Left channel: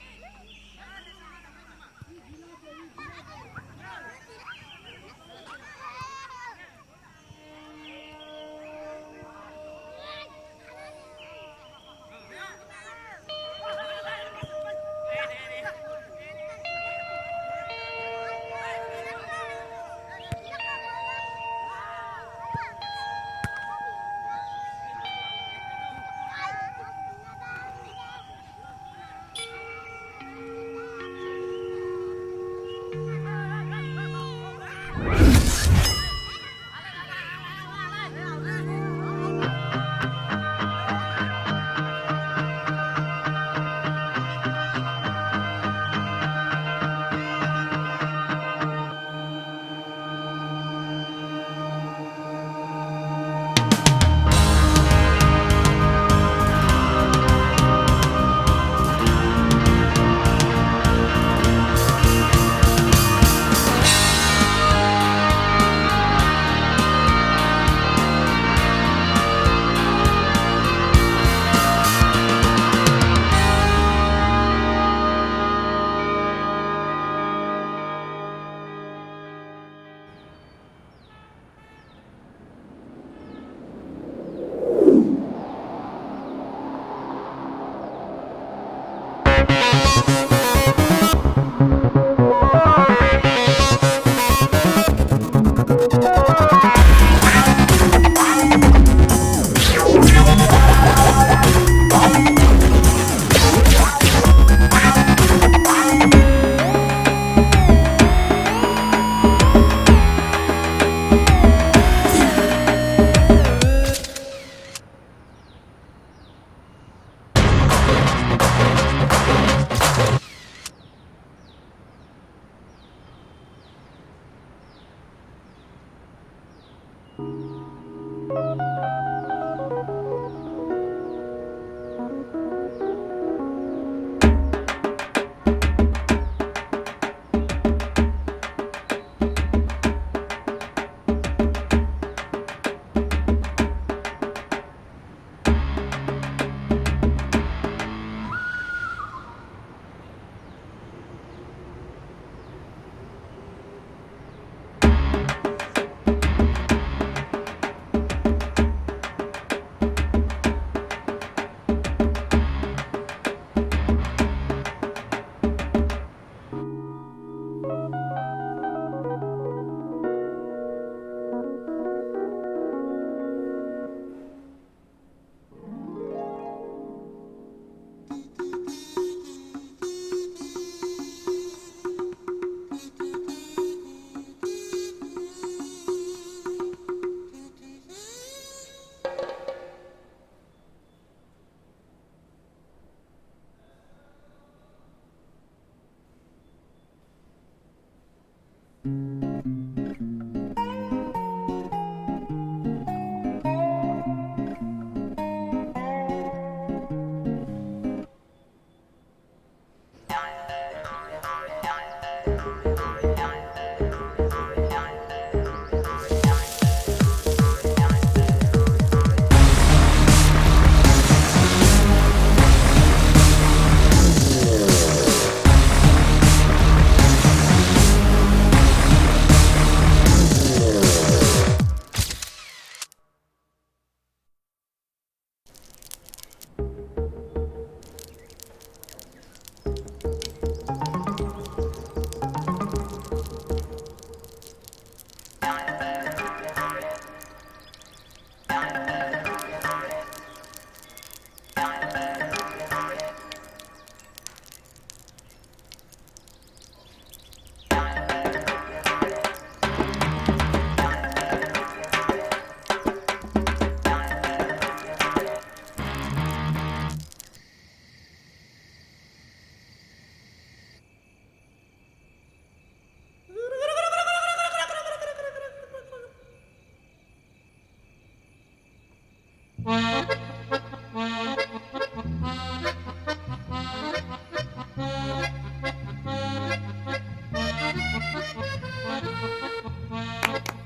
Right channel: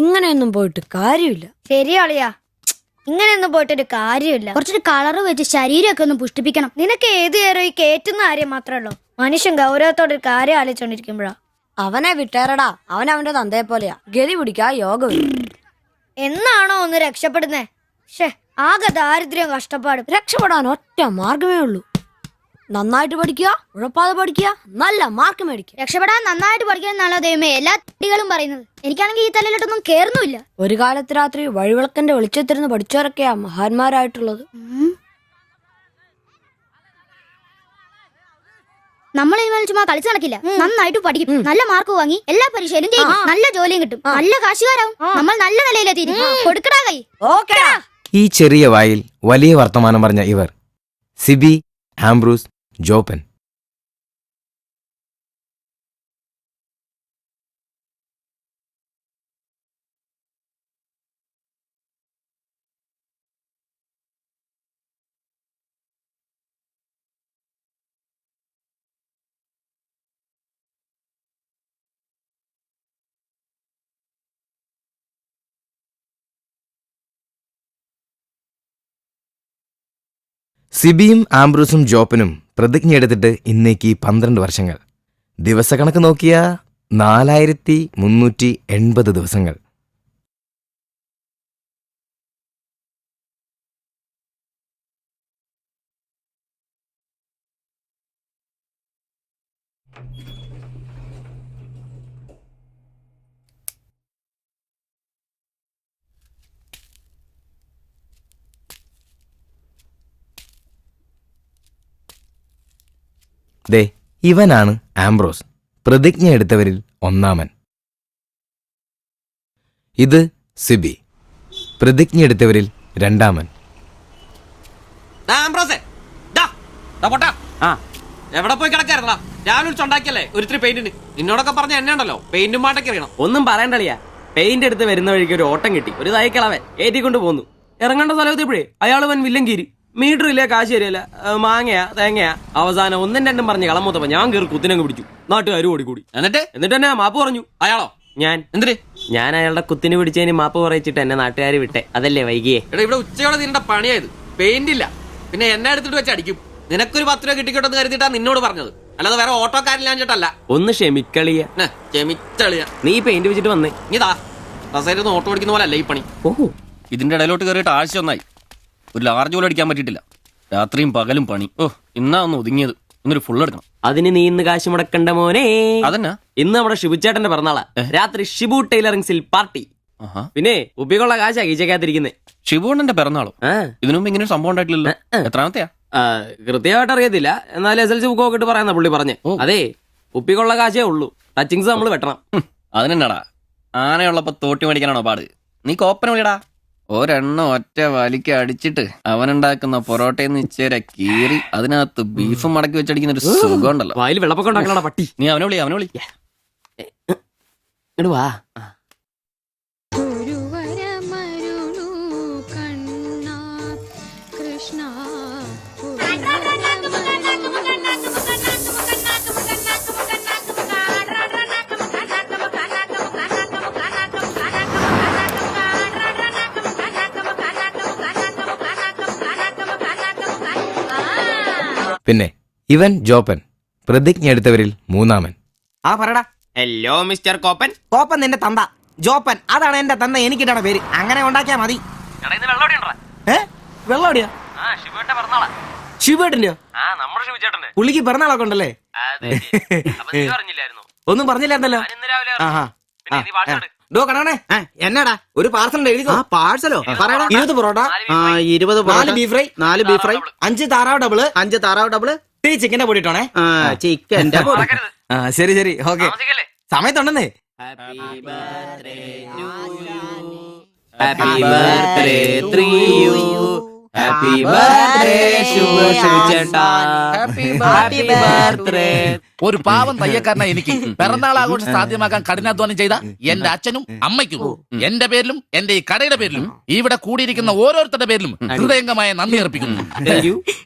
ഇങ്ങനെയൊന്നും പോയിട്ട് കാര്യമില്ല. ശരിയാളിയാ, ഇങ്ങനെയൊന്നും പോയിട്ടൊരു കാര്യമില്ല. കുറച്ചൊരു കളറ് വെച്ച് ശരീരമൊക്കെ ഒന്ന് പുഷ്ടിപ്പിക്കണം. നിനക്ക് ഏത് നേരം ഈ കേറ്റുന്ന കാര്യം മാത്രമല്ലോ. മനുഷ്യൻ ഗൗരവത്തോടൊരു കാര്യം ആലോചിച്ചോണ്ടിരിക്കുമ്പോഴാ. അവനെ വിട്ടേറടാ, അവന്റെ തന്തയെ പോലെയാ. ഗതി പിടിക്കാ യോഗം. എന്നാണോ ഒന്ന് രക്ഷപ്പെടുന്നേ? ആകെ ദാരിദ്ര്യം കഷ്ടപ്പാടും. രക്ഷപ്പെടാൻ ഒറ്റ മാർഗമേ ഉള്ളൂ. നന്നായിട്ട് പഠിക്കുക, ഉഴപ്പാതെ പഠിക്കുക, നല്ല മാർക്ക് മേടിക്കുക. രക്ഷപ്പെടാൻ നന്നായിട്ട് പഠിക്കാന്നാണോ ദൈവമേ എല്ലാ കുട്ടികളും പറയുന്നത്? എനിക്കാണെങ്കിൽ ഈ തലയിലോട്ടൊന്നും കേറുന്നുമില്ല. ഒരു കാലത്ത് രാത്രി വഴിവിളക്കന്റെ വെളിച്ചത്തിരുന്ന് പഠിച്ചവരൊക്കെയാ മഹാന്മാരായിട്ടുള്ളത്. നമ്മൾ ഇതുപോലെ ചുമ്മാ കളിച്ചു നടക്കില്ല. നന്നായിട്ട് പഠിക്കും, നല്ല മാർക്ക് വാങ്ങി എല്ലാ പരീക്ഷയിലും ജയിക്കും, നല്ല ജോലിയും കിട്ടും, നല്ല കാശുകാരാവും. നമ്മൾ നല്ല നിലയിലെത്തി കൊടുക്കടാ കൈ. ഈ ചെറിയ വായിൽ വലിയ വർത്തമാനം പറഞ്ഞ ഇവർ സിബി, ആംബ്രൂസ്, ജോപ്പൻ. സിബിയും ആംബ്രൂസും ജോപ്പനും പ്രതിജ്ഞയെടുത്തിട്ട് ഇന്നേക്ക് 12 വർഷങ്ങൾ. ദിവസക്കണക്ക് നോക്കിയ 4380 ദിവസങ്ങൾ. ഇവനാണ് ആംബ്രോസ്, പ്രതിജ്ഞ എടുത്തവരിൽ ഒന്നാമൻ. ഇത് സിബി, പ്രതിജ്ഞ എടുത്തവരിൽ രണ്ടാമൻ. എവിടെ പോയി കിടക്കായിരുന്നാ? ഞാൻ വിളിച്ചുണ്ടാക്കിയല്ലേ ഒരിത്തിരി പെയിന്റിന്. നിന്നോടൊക്കെ പറഞ്ഞ എന്നെ ഉണ്ടല്ലോ പെയിന്റും പാട്ടൊക്കെ അറിയണം. ഒന്നും പറയണ്ടളിയാ, പെയിന്റ് എടുത്ത് വരുന്ന വഴിക്ക് ഒരു ഓട്ടം കിട്ടി. ഒരു തൈക്കളവേ ഏറ്റിക്കൊണ്ട് പോന്നു. ഇറങ്ങേണ്ട സ്ഥലത്തെപ്പോഴേ അയാൾ വൻ വില്ലൻ കീരി. മീറ്റർ ഇല്ല, കാശ് തരില്ല, മാങ്ങയാ തേങ്ങയാ. അവസാനം ഒന്നും രണ്ടും പറഞ്ഞ് കളമൂത്തപ്പോ ഞാൻ കയറി കുത്തിനങ്ങ് പിടിച്ചു. നാട്ടുകാർ ഓടിക്കൂടി. എന്നിട്ട് തന്നെ മാപ്പ് പറഞ്ഞു. അയാളോ? ഞാൻ എന്തിന്? ഞാൻ അയാളുടെ കുത്തിന് പിടിച്ചതിന് മാപ്പ് പറയിച്ചിട്ട് എന്നെ നാട്ടുകാർ വിട്ടെ. അതല്ലേ വൈകിയേ? എടാ ഇവിടെ ഉച്ചയോടെ നിന്റെ പണിയായത്. പെയിന്റ് ഇല്ല, പിന്നെ എന്നെ എടുത്തിട്ട് വെച്ച് അടിക്കും. നിനക്കൊരു 10 രൂപ കിട്ടിക്കോട്ടെന്ന് കരുതിട്ടാ നിന്നോട് പറഞ്ഞത്, അല്ലാതെ വേറെ ഓട്ടോക്കാരില്ലാഞ്ഞിട്ടല്ല. ഒന്ന് ക്ഷമിക്കളിയ. ക്ഷമിച്ചളിയ. നീ പെയിന്റ് വെച്ചിട്ട് വന്നേ. ഇതാ കസേരന്ന് ഓട്ടോ അടിക്കുന്ന പോലെ അല്ല ഈ പണി. ഓഹോ, ഇതിന്റെ ഇടയിലോട്ട് കയറിയിട്ട് ആഴ്ച ഒന്നായി. ഒരു ലാർജ് പോലും അടിക്കാൻ പറ്റിയിട്ടില്ല. രാത്രിയും പകലും പണി. ഇന്നാ ഒന്ന് ഒതുങ്ങിയത്. ഇന്നൊരു ഫുൾ എടുക്കണം. അതിന് നീ ഇന്ന് കാശ് മുടക്കണ്ട മോനെ. അതന്നെ, ഇന്ന് നമ്മുടെ ഷിബുച്ചേട്ടന്റെ പിറന്നാളാ. രാത്രി ഷിബു ടൈലറിംഗ്സിൽ പാർട്ടി. പിന്നെ ഉപ്പിക്കുള്ള കാശാ കീച്ചക്കാത്തിരിക്കുന്നേ. ഷിബുണ്ണന്റെ പിറന്നാളും ഇതിനു മുമ്പ് ഇങ്ങനെ സംഭവം ഉണ്ടായിട്ടില്ലല്ലോ. എത്രാമത്തെയാ? കൃത്യമായിട്ട് അറിയത്തില്ല, എന്നാലും SLC ബുക്ക് നോക്കിട്ട് പറയാന്ന പുള്ളി പറഞ്ഞേ. അതെ, ഉപ്പിക്കുള്ള കാശേ ഉള്ളൂ, ടച്ചിങ്സ് നമ്മൾ വെട്ടണം. അതിനെന്നാടാ, ആനയുള്ളപ്പോ തോട്ടി മേടിക്കാനാണോ പാട്? നീ കോപ്പന വിളിയടാ. ഒരെണ്ണം ഒറ്റ വലിക്ക് അടിച്ചിട്ട് അവനുണ്ടാക്കുന്ന പൊറോട്ടയെന്ന് ഇച്ചേരെ കീറി അതിനകത്ത് ബീഫും മടക്കി വെച്ചടിക്കുന്ന ഒരു സുഖം ഉണ്ടല്ലോ. വായിൽ വെള്ളപ്പൊക്കം ഉണ്ടാക്കണ പട്ടി. നീ അവനെ വിളി. ഇങ്ങട് വാ. പിന്നെ ഇവൻ ജോപ്പൻ, പ്രതിജ്ഞ എടുത്തവരിൽ മൂന്നാമൻ. ആ പറടാ. Hello mister കോപ്പൻ. കോപ്പൻ നിന്റെ തന്ത, ജോപ്പൻ അതാണ് എന്റെ തന്ത, എനിക്കിട്ടാണ് പേര്. അങ്ങനെ ഉണ്ടാക്കിയാ മതി. വെള്ളോടിയാ? ശിവേട്ടന്റെയോ? പുള്ളിക്ക് പിറന്നാളൊക്കെ ഉണ്ടല്ലേ? ഒന്നും പറഞ്ഞില്ലായിരുന്നല്ലോ. കണേ എന്നാടാ ഒരു പാർസൽ എഴുതിക്കോ. പാഴ്സലോ? 20 parotta, 20 4 beef fry, 4 beef fry, 5 താറാവ് ഡബിള്, 5 താറാവ് ഡബിള്, ടീ ചിക്കന്റെ പൊടി ഇട്ടോണേ. ചിക്കന്റെ പൊടി. ശരി ശരി ഓക്കെ. സമയത്തുണ്ടെന്നേ. Happy birthday to you. Happy birthday ശുഭേട്ടാ. Happy birthday. ഒരു പാവം തയ്യക്കാരനാ എനിക്ക് പിറന്നാൾ ആഘോഷം സാധ്യമാക്കാൻ കഠിനാധ്വാനം ചെയ്ത എന്റെ അച്ഛനും അമ്മയ്ക്കും എന്റെ പേരിലും എന്റെ ഈ കടയുടെ പേരിലും ഇവിടെ കൂടിയിരിക്കുന്ന ഓരോരുത്തരുടെ പേരിലും ഹൃദയംഗമായ നന്ദി അർപ്പിക്കുന്നു.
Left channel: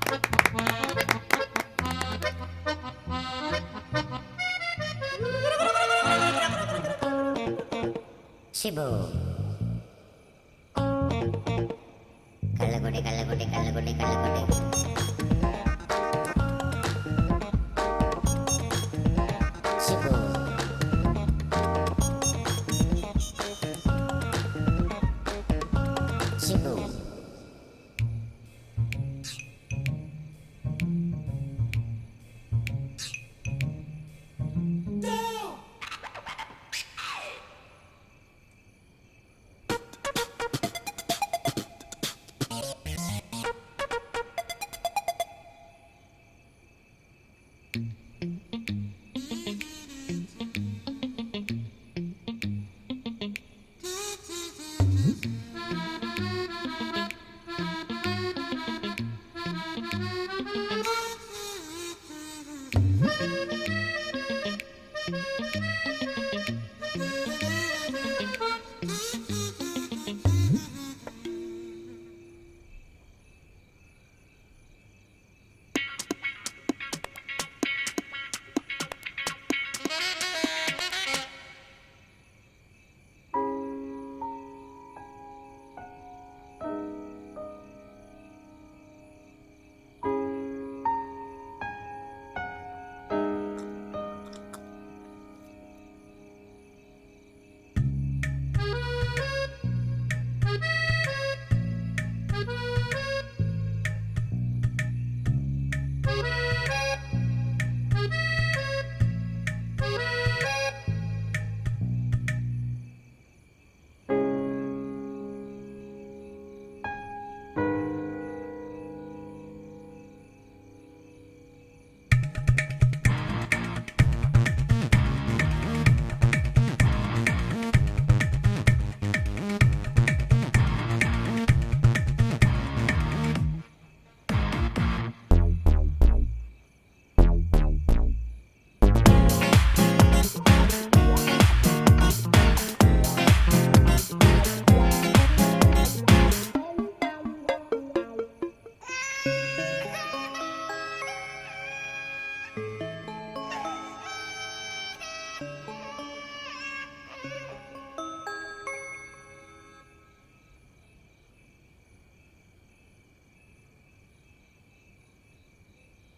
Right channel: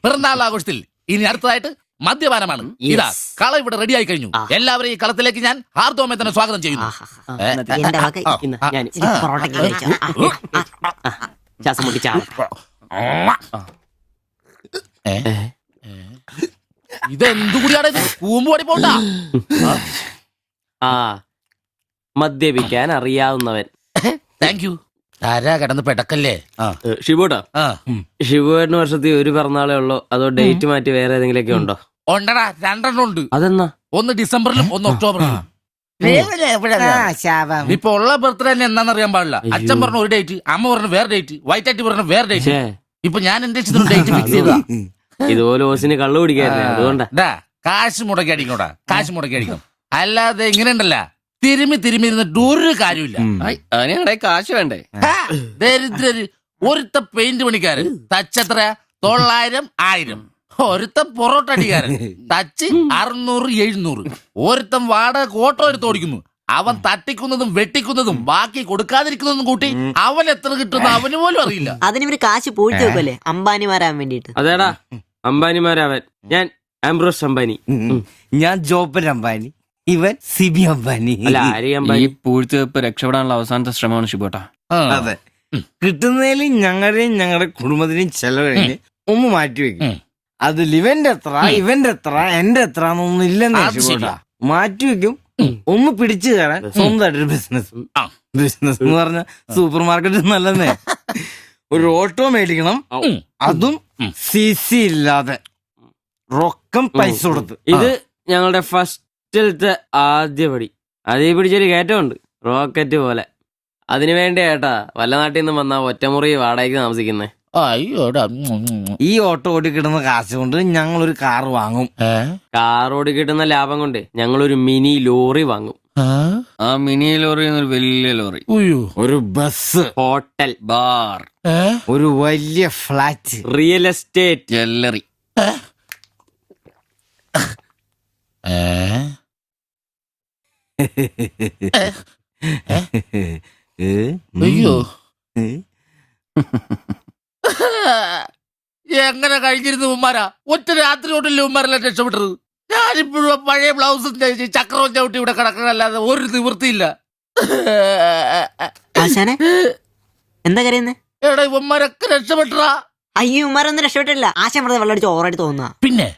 പിറന്നാൾ ആഘോഷത്തിൽ ഇനി അടുത്തതായിട്ട് മദ്യപാനമാണ്. ഇതാ കള ഇവിടെ റെഡിയായി കഴിഞ്ഞു. എല്ലാവരെയും ഈ കളത്തിലേക്ക് ഞാൻ ഹാർദവമായി തന്നെ സ്വാഗതം ചെയ്യുന്നു. ഇതെന്തു കൂടിയാണ് ഇത്? കൂമ്പുപടി പോണ്ട. ആ മദ്യപിക്കാൻ അറിയാവുന്നവൻ. Thank you. ആരാ കിടന്ന് പെടക്കല്ലേ? ഷിബുട്ടാ, ഷിബുവേട്ടന് വർഷത്തിൽ ഒരു പിറന്നാളേ ഉള്ളോ അതോ ഡേറ്റ് മാറ്റി വേറെ ഏതെങ്കിലുമൊക്കെ ഉണ്ടോ? ഉണ്ടടാ, 2 ഉണ്ട്. അതെന്നാ? ഒന്ന് ഡിസംബറിലും ഒന്ന് ഒക്ടോബറിലും. ഇപ്പൊ ഉള്ള ബർത്ത്ഡേ തന്നെ എന്താണെന്നറിയാൻ പാടില്ല. അച്ഛൻ പറഞ്ഞ ഒരു ഡേറ്റ്, അമ്മ പറഞ്ഞ വേറെ ഡേറ്റ്, വൈറ്റാറ്റി പറഞ്ഞ വേറെ ഡേറ്റ്. ഇപ്പൊ ഞാൻ എന്റെ ഇഷ്ടത്തിന് ഡേറ്റ് ഫിക്സ് ചെയ്താ. ഇതുപോലെ ഓസിന് കള്ളു കുടിക്കാറില്ല, അതുകൊണ്ടാ. കാശ് മുടക്കി അടിക്കണോടാ, കാശ് മുടക്കി അടിക്കണം. അല്ലാതെ ഇങ്ങനെ ഉണ്ടല്ല തിരുമി ഇരുന്നിട്ട് ഒരു കാര്യമില്ല. അതിനെ കാശ് വേണ്ടേ? ദരിദ്രര്. ഒരുത്ത പെയിന്റ് പണിക്കാരൻ തച്ചെത്ര 900 1000. ഒരുത്ത പൊറോട്ട അടിക്കാരൻ തച്ച് 600 700. ഒരുത്തൻ വാടക ഓട്ടോ എടുത്ത് ഓടിക്കുന്നു. അവൻ തട്ടിക്കുന്നതും വെട്ടിക്കുന്നതും ബാക്കി കൊടുക്കാതിരിക്കുന്നതും കൂട്ടി അവൻ എത്ര കിട്ടുന്ന അവന് പോലും അറിയില്ല. അതിനിവര് കാശ് പോയിട്ട് വെക്കല്ലേ അംബാനിമാരാൻ വേണ്ടിട്ട്. അതേടാ അംബാനിമാരാവൻ. ഞാൻ ആംബ്രോസ് അംബാനി. ഞാൻ ജോപ്പൻ അംബാനി, ഇവൻ സിബി അംബാനി. അല്ല ആരി ഈ അംബാനി. പൂഴ്ത്തിവെപ്പ് രക്ഷപ്പെടാനുള്ള അവസാനത്തെ ശ്രമമാണ് ഷിബോട്ടാ. അതെ, കിട്ടുന്നതിൽ ഞങ്ങളുടെയും ഞങ്ങളുടെ കുടുംബത്തിന്റെയും ചെലവ് കഴിഞ്ഞ് ഒന്ന് മാറ്റി വെക്കും. അതിൽ ഇവന്റെ എത്ര ഇവന്റെ എത്ര എന്റെ എത്ര എന്നൊന്നും ഇല്ലെന്ന് മാറ്റി വെക്കും. ഒന്ന് പിടിച്ചു തരാൻ സ്വന്തമായിട്ടൊരു ബിസിനസ്. ബിസിനസ് എന്ന് പറഞ്ഞ സൂപ്പർ മാർക്കറ്റ് നല്ലതേ. ഒരു ഓട്ടോ മേടിക്കണം, അതും CC ഇല്ലാതെ റൊക്കം പൈസ കൊടുത്ത്. ഇത് ഞങ്ങളുടെ ഫസ്റ്റിലത്തെ ആദ്യ പടി. അതേ പിടിച്ചൊരു കയറ്റമുണ്ട്, റോക്കറ്റ് പോലെ. അതിനു വേണ്ടി ഏട്ടാ വല്ല നാട്ടിൽ നിന്ന് വന്ന ഒറ്റമുറി വാടകയ്ക്ക് താമസിക്കുന്നേ. അയ്യോടാ. ഈ ഓട്ടോ ഓടി കിട്ടുന്ന കാശ് കൊണ്ട് ഞങ്ങൾ ഒരു കാർ വാങ്ങും. കാറോട് കിട്ടുന്ന ലാഭം കൊണ്ട് ഞങ്ങളൊരു മിനി ലോറി വാങ്ങും. ആ മിനി ലോറി ഒരു വലിയ ലോറി, ഒരു ബസ്, ഹോട്ടൽ, ബാർ, ഒരു വലിയ ഫ്ലാറ്റ്, റിയൽ എസ്റ്റേറ്റ്, ജ്വല്ലറി. അയ്യോ, എങ്ങനെ കഴിഞ്ഞിരുന്നു ഉമ്മാരാ? ഒറ്റ രാത്രി കൊണ്ടല്ലേ ഉമ്മാരെല്ലാം രക്ഷപ്പെട്ടത്. ഞാനിപ്പോഴും പഴയ ബ്ലൗസും ചക്രവും ചവിട്ടി ഇവിടെ കിടക്കണല്ലാതെ ഒരു നിവൃത്തിയില്ല. ആശാനെ എന്താ കരയുന്നേ? എടാ ഉമ്മാരൊക്കെ രക്ഷപ്പെട്ടാ. അയ്യോ ഉമ്മാരൊന്നും രക്ഷപ്പെട്ടില്ല. ആശാൻ വെറുതെ വെള്ളം അടിച്ച് ഓവറായിട്ട് തോന്നുക. പിന്നെ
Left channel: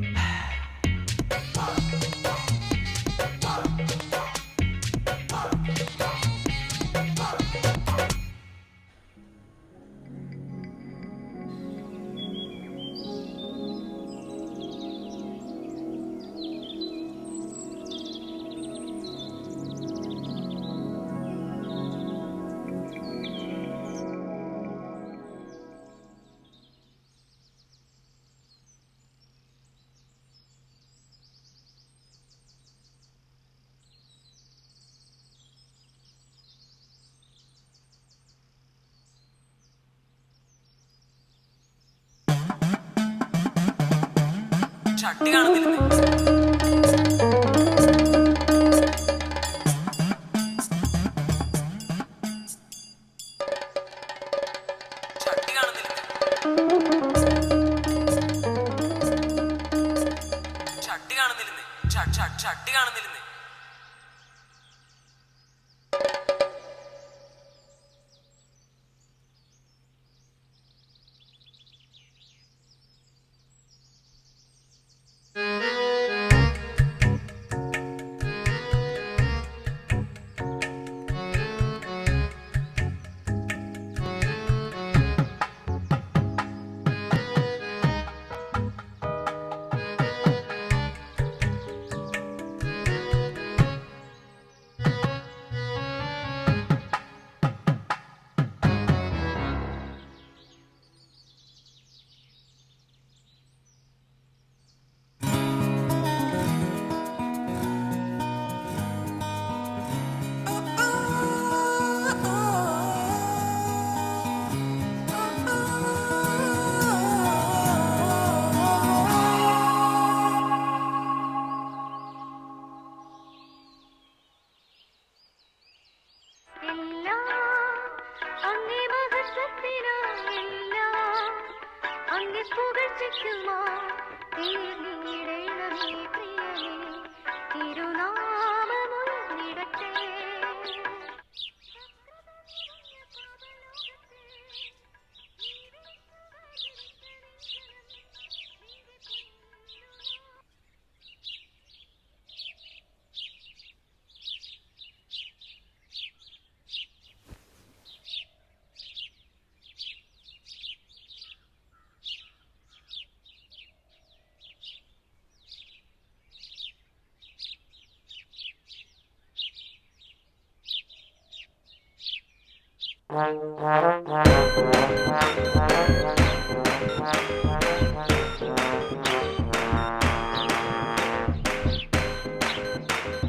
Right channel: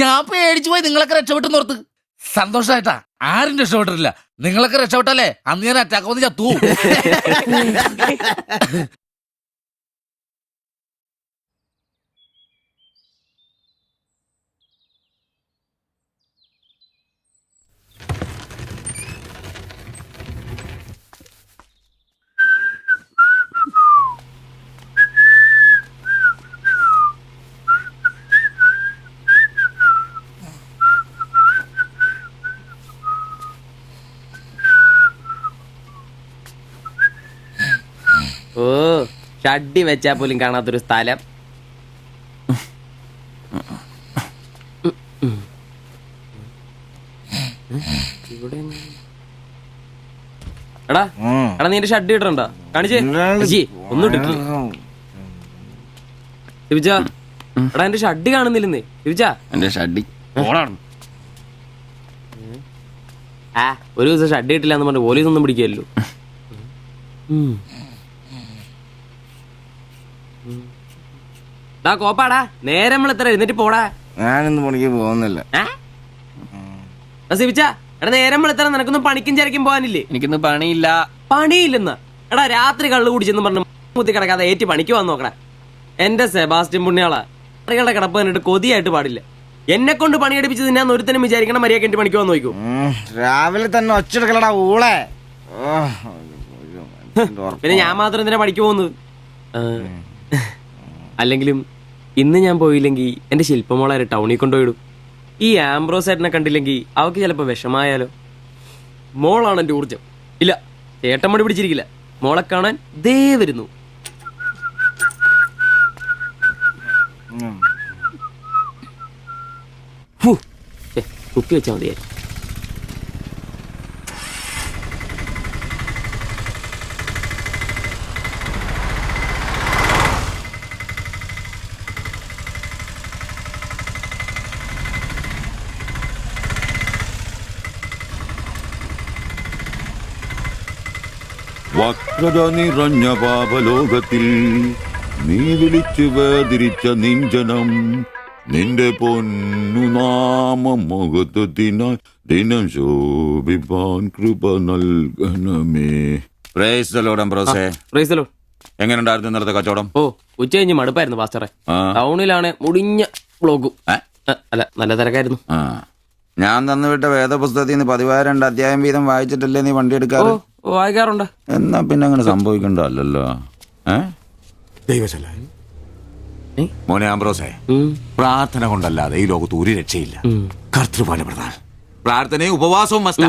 ഞാൻ പേടിച്ചു പോയി. നിങ്ങളൊക്കെ രക്ഷപ്പെട്ടെന്ന് ഓർത്ത് സന്തോഷായിട്ടാ. ആരും രക്ഷപ്പെട്ടിട്ടില്ല. നിങ്ങളൊക്കെ രക്ഷപ്പെട്ടല്ലേ അന്ന് ഞാൻ അറ്റാക്ക് വന്ന് ചത്തു. ഓ ഷഡ്ഡി വെച്ചാ പോലും കാണാത്തൊരു സ്ഥലം. എടാ എടാ നീ എന്റെ ഷഡ്ഡി ഇടണ്ടോ? കാണിച്ചേ. ഒന്നും ഇട്ടിട്ടില്ല. എടാ എന്റെ ഷഡ്ഡി കാണുന്നില്ലെന്ന്. എന്റെ ഷഡ്ഡി ആ ഒരു ദിവസം ഷഡ്ഡി ഇട്ടില്ല എന്ന് പറഞ്ഞ് പോലീസ് ഒന്നും പിടിക്കല്ലോ. കോപ്പാടാ നേരം എത്ര എഴുന്നേറ്റ് പോടാ. ഞാനിന്ന് പണിക്ക് പോകുന്നില്ല. സിവിച്ച എടാ നേരം എത്ര നിനക്കൊന്നും പണിക്കും ചരക്കും പോകാനില്ലേ? എനിക്കിന്ന് പണിയില്ല. പണിയില്ലെന്ന് എടാ രാത്രി കള്ളു കുടിച്ചെന്ന് പറഞ്ഞു കുത്തി കിടക്കാതെ ഏറ്റി പണിക്ക് വന്ന് നോക്കടാ. എന്റെ സെബാസ്റ്റ്യൻ പുണ്യാളാ, സ്ത്രീകളുടെ കിടപ്പ് കണ്ടിട്ട് കൊതിയായിട്ട് പാടില്ല. എന്നെ കൊണ്ട് പണിയെടുപ്പിച്ച് തിന്നാൻ ഒരുത്തനും വിചാരിക്കണം മര്യാദ എന്റെ പണിക്ക് വന്ന് നോക്കൂ. രാവിലെ തന്നെ ഒച്ചെടുക്കലടാ ഊളെ. പിന്നെ ഞാൻ മാത്രം എന്തിനാ പണിക്ക് പോകുന്നത്? അല്ലെങ്കിലും ഇന്ന് ഞാൻ പോയില്ലെങ്കിൽ എന്റെ ശില്പമോളെ ടൗണിൽ കൊണ്ടുപോയിടും. ഈ ആംബ്രോസ് ഏട്ടനെ കണ്ടില്ലെങ്കിൽ അവക്ക് ചിലപ്പോ വിഷമായാലോ. മോളാണ് എന്റെ ഊർജ്ജം. ഇല്ല ഏട്ടൻ മടി പിടിച്ചിരിക്കില്ല. മോളെ കാണാൻ ദേ വരുന്നു. കുത്തി വെച്ചാൽ മതിയായി. വക്രത നിറഞ്ഞ പാപലോകത്തിൽ നീ വിളിച്ചു വേദിരിച്ച നിഞ്ചനം നിന്റെ പൊന്നു നാമം മുഖത്തിനായി ദിനം ശോഭിപ്പാൻ കൃപ നൽകണമേ. പ്രൈസ് ദി ലോർഡ് അംബ്രോസേ. Praise the lord. എങ്ങനെയുണ്ടായിരുന്നു ഇന്നലത്തെ കച്ചവടം? ഓ ഉച്ച കഴിഞ്ഞ് മടുപ്പായിരുന്നു പാസ്റ്ററെ. ടൗണിലാണ് മുടിഞ്ഞ ബ്ലോഗും. അല്ല നല്ല തിരക്കായിരുന്നു. ഞാൻ തന്നുവിട്ട വേദപുസ്തകത്തിൽ നിന്ന് 12 അധ്യായം വീതം വായിച്ചിട്ടല്ലേ നീ വണ്ടി എടുക്കാറ്? വായിക്കാറുണ്ട്. എന്നാ പിന്നെ അങ്ങനെ സംഭവിക്കണ്ടല്ലോ. മോനെ ആംബ്രോസേ, പ്രാർത്ഥന കൊണ്ടല്ലാതെ ഈ ലോകത്ത് ഒരു രക്ഷയില്ല. കർത്തൃപാല പ്രധാനം. പ്രാർത്ഥനയും ഉപവാസവും മസ്റ്റാ.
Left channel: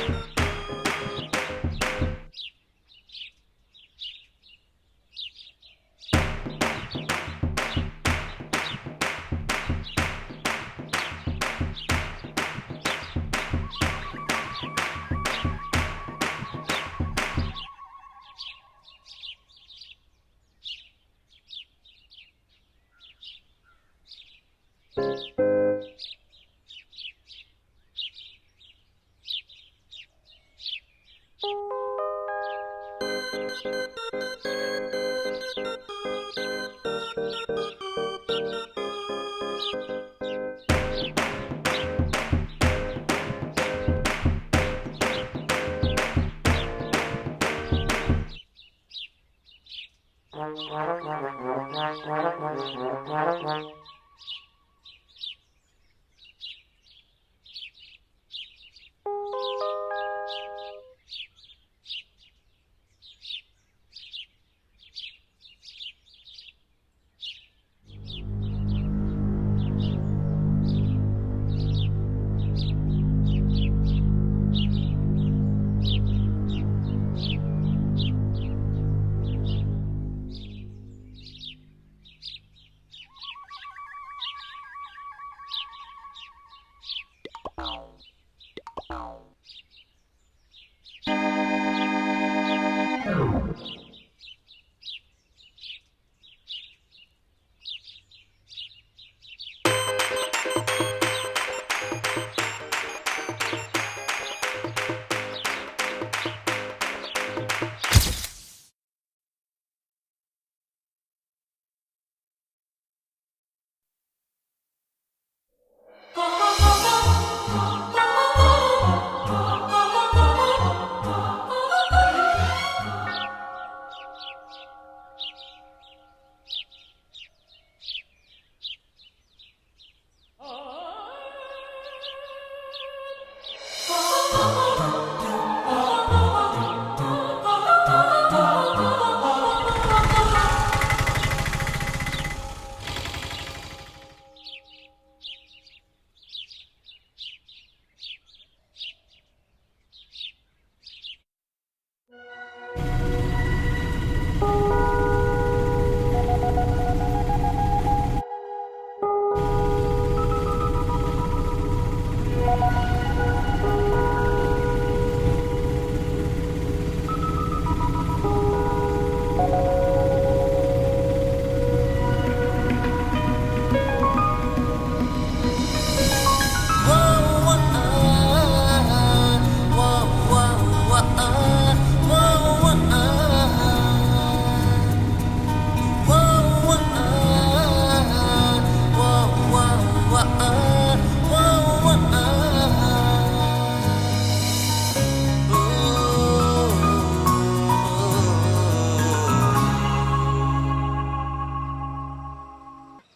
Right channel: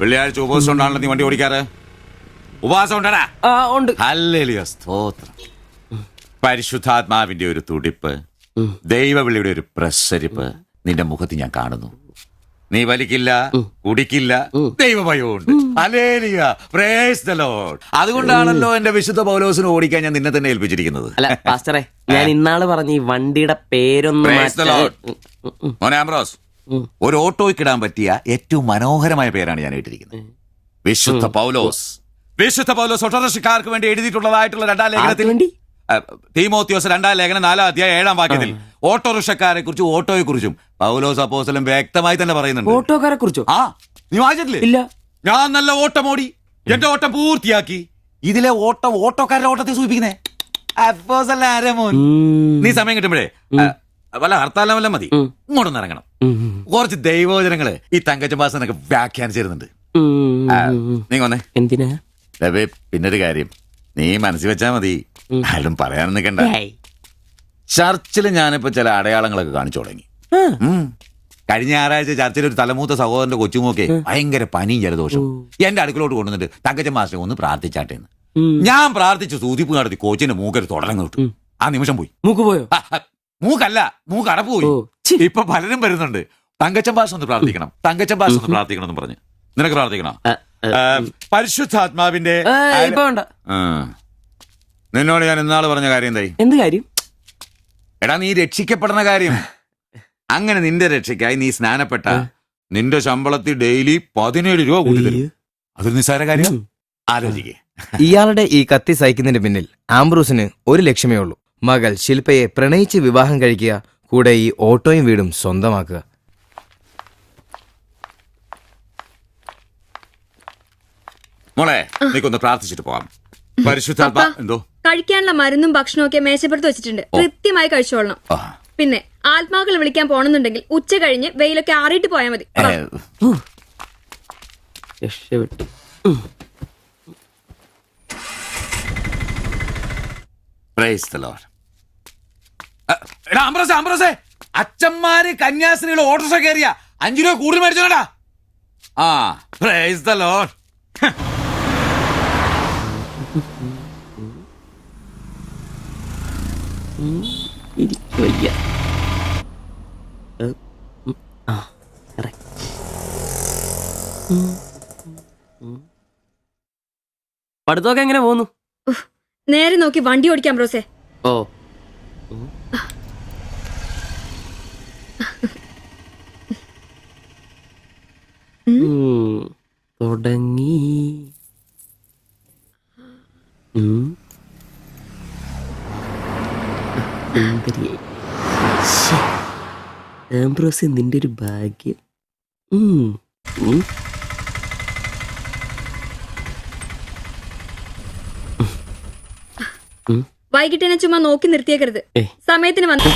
വെള്ളിയാഴ്ച ഉപവാസം ഉണ്ടാണല്ലോ നീ വണ്ടി ഓടിക്കാറ്? ഉപവാസം ഉണ്ടടാ? ഉണ്ട്. ഹല്ലേലൂയ, സ്തോത്രം. പരിശുദ്ധാത്മാവിന്റെ ഒരു തുടിപ്പ്, ദൈവവിളിയുടെ ഒരു പ്രസരിപ്പ് നിന്റെ മുഖത്ത് ഞാൻ കാണുന്നു. നീ വലിക്കില്ല, കുടിക്കില്ല, ദൈവഭയമുണ്ട്. Hallelujah, praise the lord. അതുകൊണ്ടാണല്ലോ എന്റെ വിശുദ്ധ പൗലോസിനെ ഓടിക്കാൻ ഞാൻ നിന്നെ തന്നെ ഏൽപ്പിച്ചിരിക്കുന്നത്. അല്ല പാസ്റ്ററെ, ഞാൻ ഇന്നാള് പറഞ്ഞ ഈ വണ്ടിയുടെ പേരൊന്നും മോനെ ആംബ്രോസ്, ഒരു ഓട്ടോയ്ക്കിടാൻ പറ്റിയ ഏറ്റവും മനോഹരമായ പേരാണ് ഞാൻ ഇട്ടിരിക്കുന്നത്. വിശുദ്ധ പൗലോസ്. വിശുദ്ധ പൗലോസ് ഓട്ടോറിക്ഷക്കാർക്ക് വേണ്ടി എഴുതിയിട്ടുള്ളതായിട്ടുള്ള 2-ാം ലേഖനത്തിൽ, തീമോത്തിയോസ് 2-ാം ലേഖനം 4-ാം അധ്യായം 7-ാം വാക്യത്തിൽ ഓട്ടോറിക്ഷക്കാരെ കുറിച്ചും ഓട്ടോയെ കുറിച്ചും പൗലോസ് അപ്പോസ്തലൻ വ്യക്തമായി തന്നെ പറയുന്നുണ്ട്. ഓട്ടോക്കാരെ കുറിച്ചോ? നീ വായിച്ചിട്ടില്ലേ? ഇല്ല. ഞാൻ നല്ല ഓട്ടം ഓടി, എന്റെ ഓട്ടം പൂർത്തിയാക്കി. ഇതിലെ ഓട്ടം ഓട്ടോക്കാരുടെ ഓട്ടത്തെ സൂചിപ്പിക്കുന്നേ. നീ സമയം കിട്ടുമ്പോഴേ വല്ല ഹർത്താലം വല്ല മതി, ഇങ്ങോട്ടൊന്ന് ഇറങ്ങണം. കുറച്ച് ദൈവവചനങ്ങള് ഈ തങ്കച്ചമ്പാസനൊക്കെ വ്യാഖ്യാനിച്ചിരുന്നുണ്ട്. നീ വന്നേ. എന്തിനാ? പിന്നൊരു കാര്യം നീ മനസ്സിൽ വെച്ചാ മതി, ആരും പറയാൻ നിൽക്കണ്ട. ചർച്ചിൽ ഞാനിപ്പോ ചില അടയാളങ്ങളൊക്കെ കാണിച്ചു തുടങ്ങി. കഴിഞ്ഞ ഞായറാഴ്ച ചർച്ചിൽ ഒരു തലമൂത്ത സഹോദരന്റെ കൊച്ചുമോക്കെ ഭയങ്കര പനിയും ജലദോഷം എന്റെ അടുക്കളോട്ട് കൊണ്ടുവന്നിട്ട് തങ്കച്ചൻ മാസ്റ്റർ ഒന്ന് പ്രാർത്ഥിച്ചാട്ടെ. ഞാൻ പ്രാർത്ഥിച്ചു, സൂതിപ്പ് നടത്തി കോച്ചിന്റെ മൂക്കൊരു തുടങ്ങി കിട്ടും. ആ നിമിഷം പോയി. മൂക്ക് പോയോ? മൂക്കല്ല, മൂക്ക് അടപ്പ് പോയി. ഇപ്പൊ പലരും വരുന്നുണ്ട്, തങ്കച്ചൻ ഭാഷ ഒന്ന് പ്രാർത്ഥിക്കണം, തങ്കച്ചൻ ഭാഷ ഒന്ന് പ്രാർത്ഥിക്കണം എന്ന് പറഞ്ഞു. നിനക്ക് പ്രാർത്ഥിക്കണം? പരിശുദ്ധാത്മാവിന്റെ നിന്നോട് ഞാൻ ഇന്നാള് പറഞ്ഞ കാര്യം എന്തായി? എന്ത് കാര്യം? എടാ നീ രക്ഷിക്കപ്പെടുന്ന കാര്യം. അങ്ങനെ നിന്റെ രക്ഷയ്ക്കായി നീ സ്നാനപ്പെട്ട നിന്റെ ശമ്പളത്തിൽ ഡെയിലി 17 രൂപ കൂടി തരും. ഒരു നിസ്സാര കാര്യം ആലോചിക്കുക. ഇയാളുടെ ഈ കത്തി സഹിക്കുന്നതിന് പിന്നിൽ ആംബ്രൂസിന് ഒരു ലക്ഷ്യമേ ഉള്ളൂ: മകൾ ശില്പയെ പ്രണയിച്ച് വിവാഹം കഴിക്കുക, കൂടെ ഈ ഓട്ടോയും വീടും സ്വന്തമാക്കുക. മോളെ നീക്കൊന്ന് പ്രാർത്ഥിച്ചിട്ട് പോവാം. പരിശുദ്ധാത്മാ. എന്തോ? കഴിക്കാനുള്ള മരുന്നും ഭക്ഷണവും ഒക്കെ മേശപ്പുറത്ത് വെച്ചിട്ടുണ്ട്, കൃത്യമായി കഴിച്ചോളണം. പിന്നെ ആത്മാക്കൾ വിളിക്കാൻ പോണെന്നുണ്ടെങ്കിൽ ഉച്ച കഴിഞ്ഞ് വെയിലൊക്കെ ആറിയിട്ട് പോയാൽ മതി. അച്ഛന്മാര് കന്യാസ്ത്രീകൾ ഓട്ടോറിക്ഷ കയറിയ 5 രൂപ കൂടുതൽ മേടിച്ചോടാ. Price the Lord. പഠിത്തമൊക്കെ എങ്ങനെ പോകുന്നു? നേരെ നോക്കി വണ്ടി ഓടിക്കാം ബ്രോസേ. ഓ സിലിണ്ടർ ഒരു ഭാഗ്യം. വൈകിട്ട് എന്നെ ചുമ്മാ നോക്കി നിർത്തിയേക്കരുത്. ഏയ്. സമയത്തിന് വന്നു.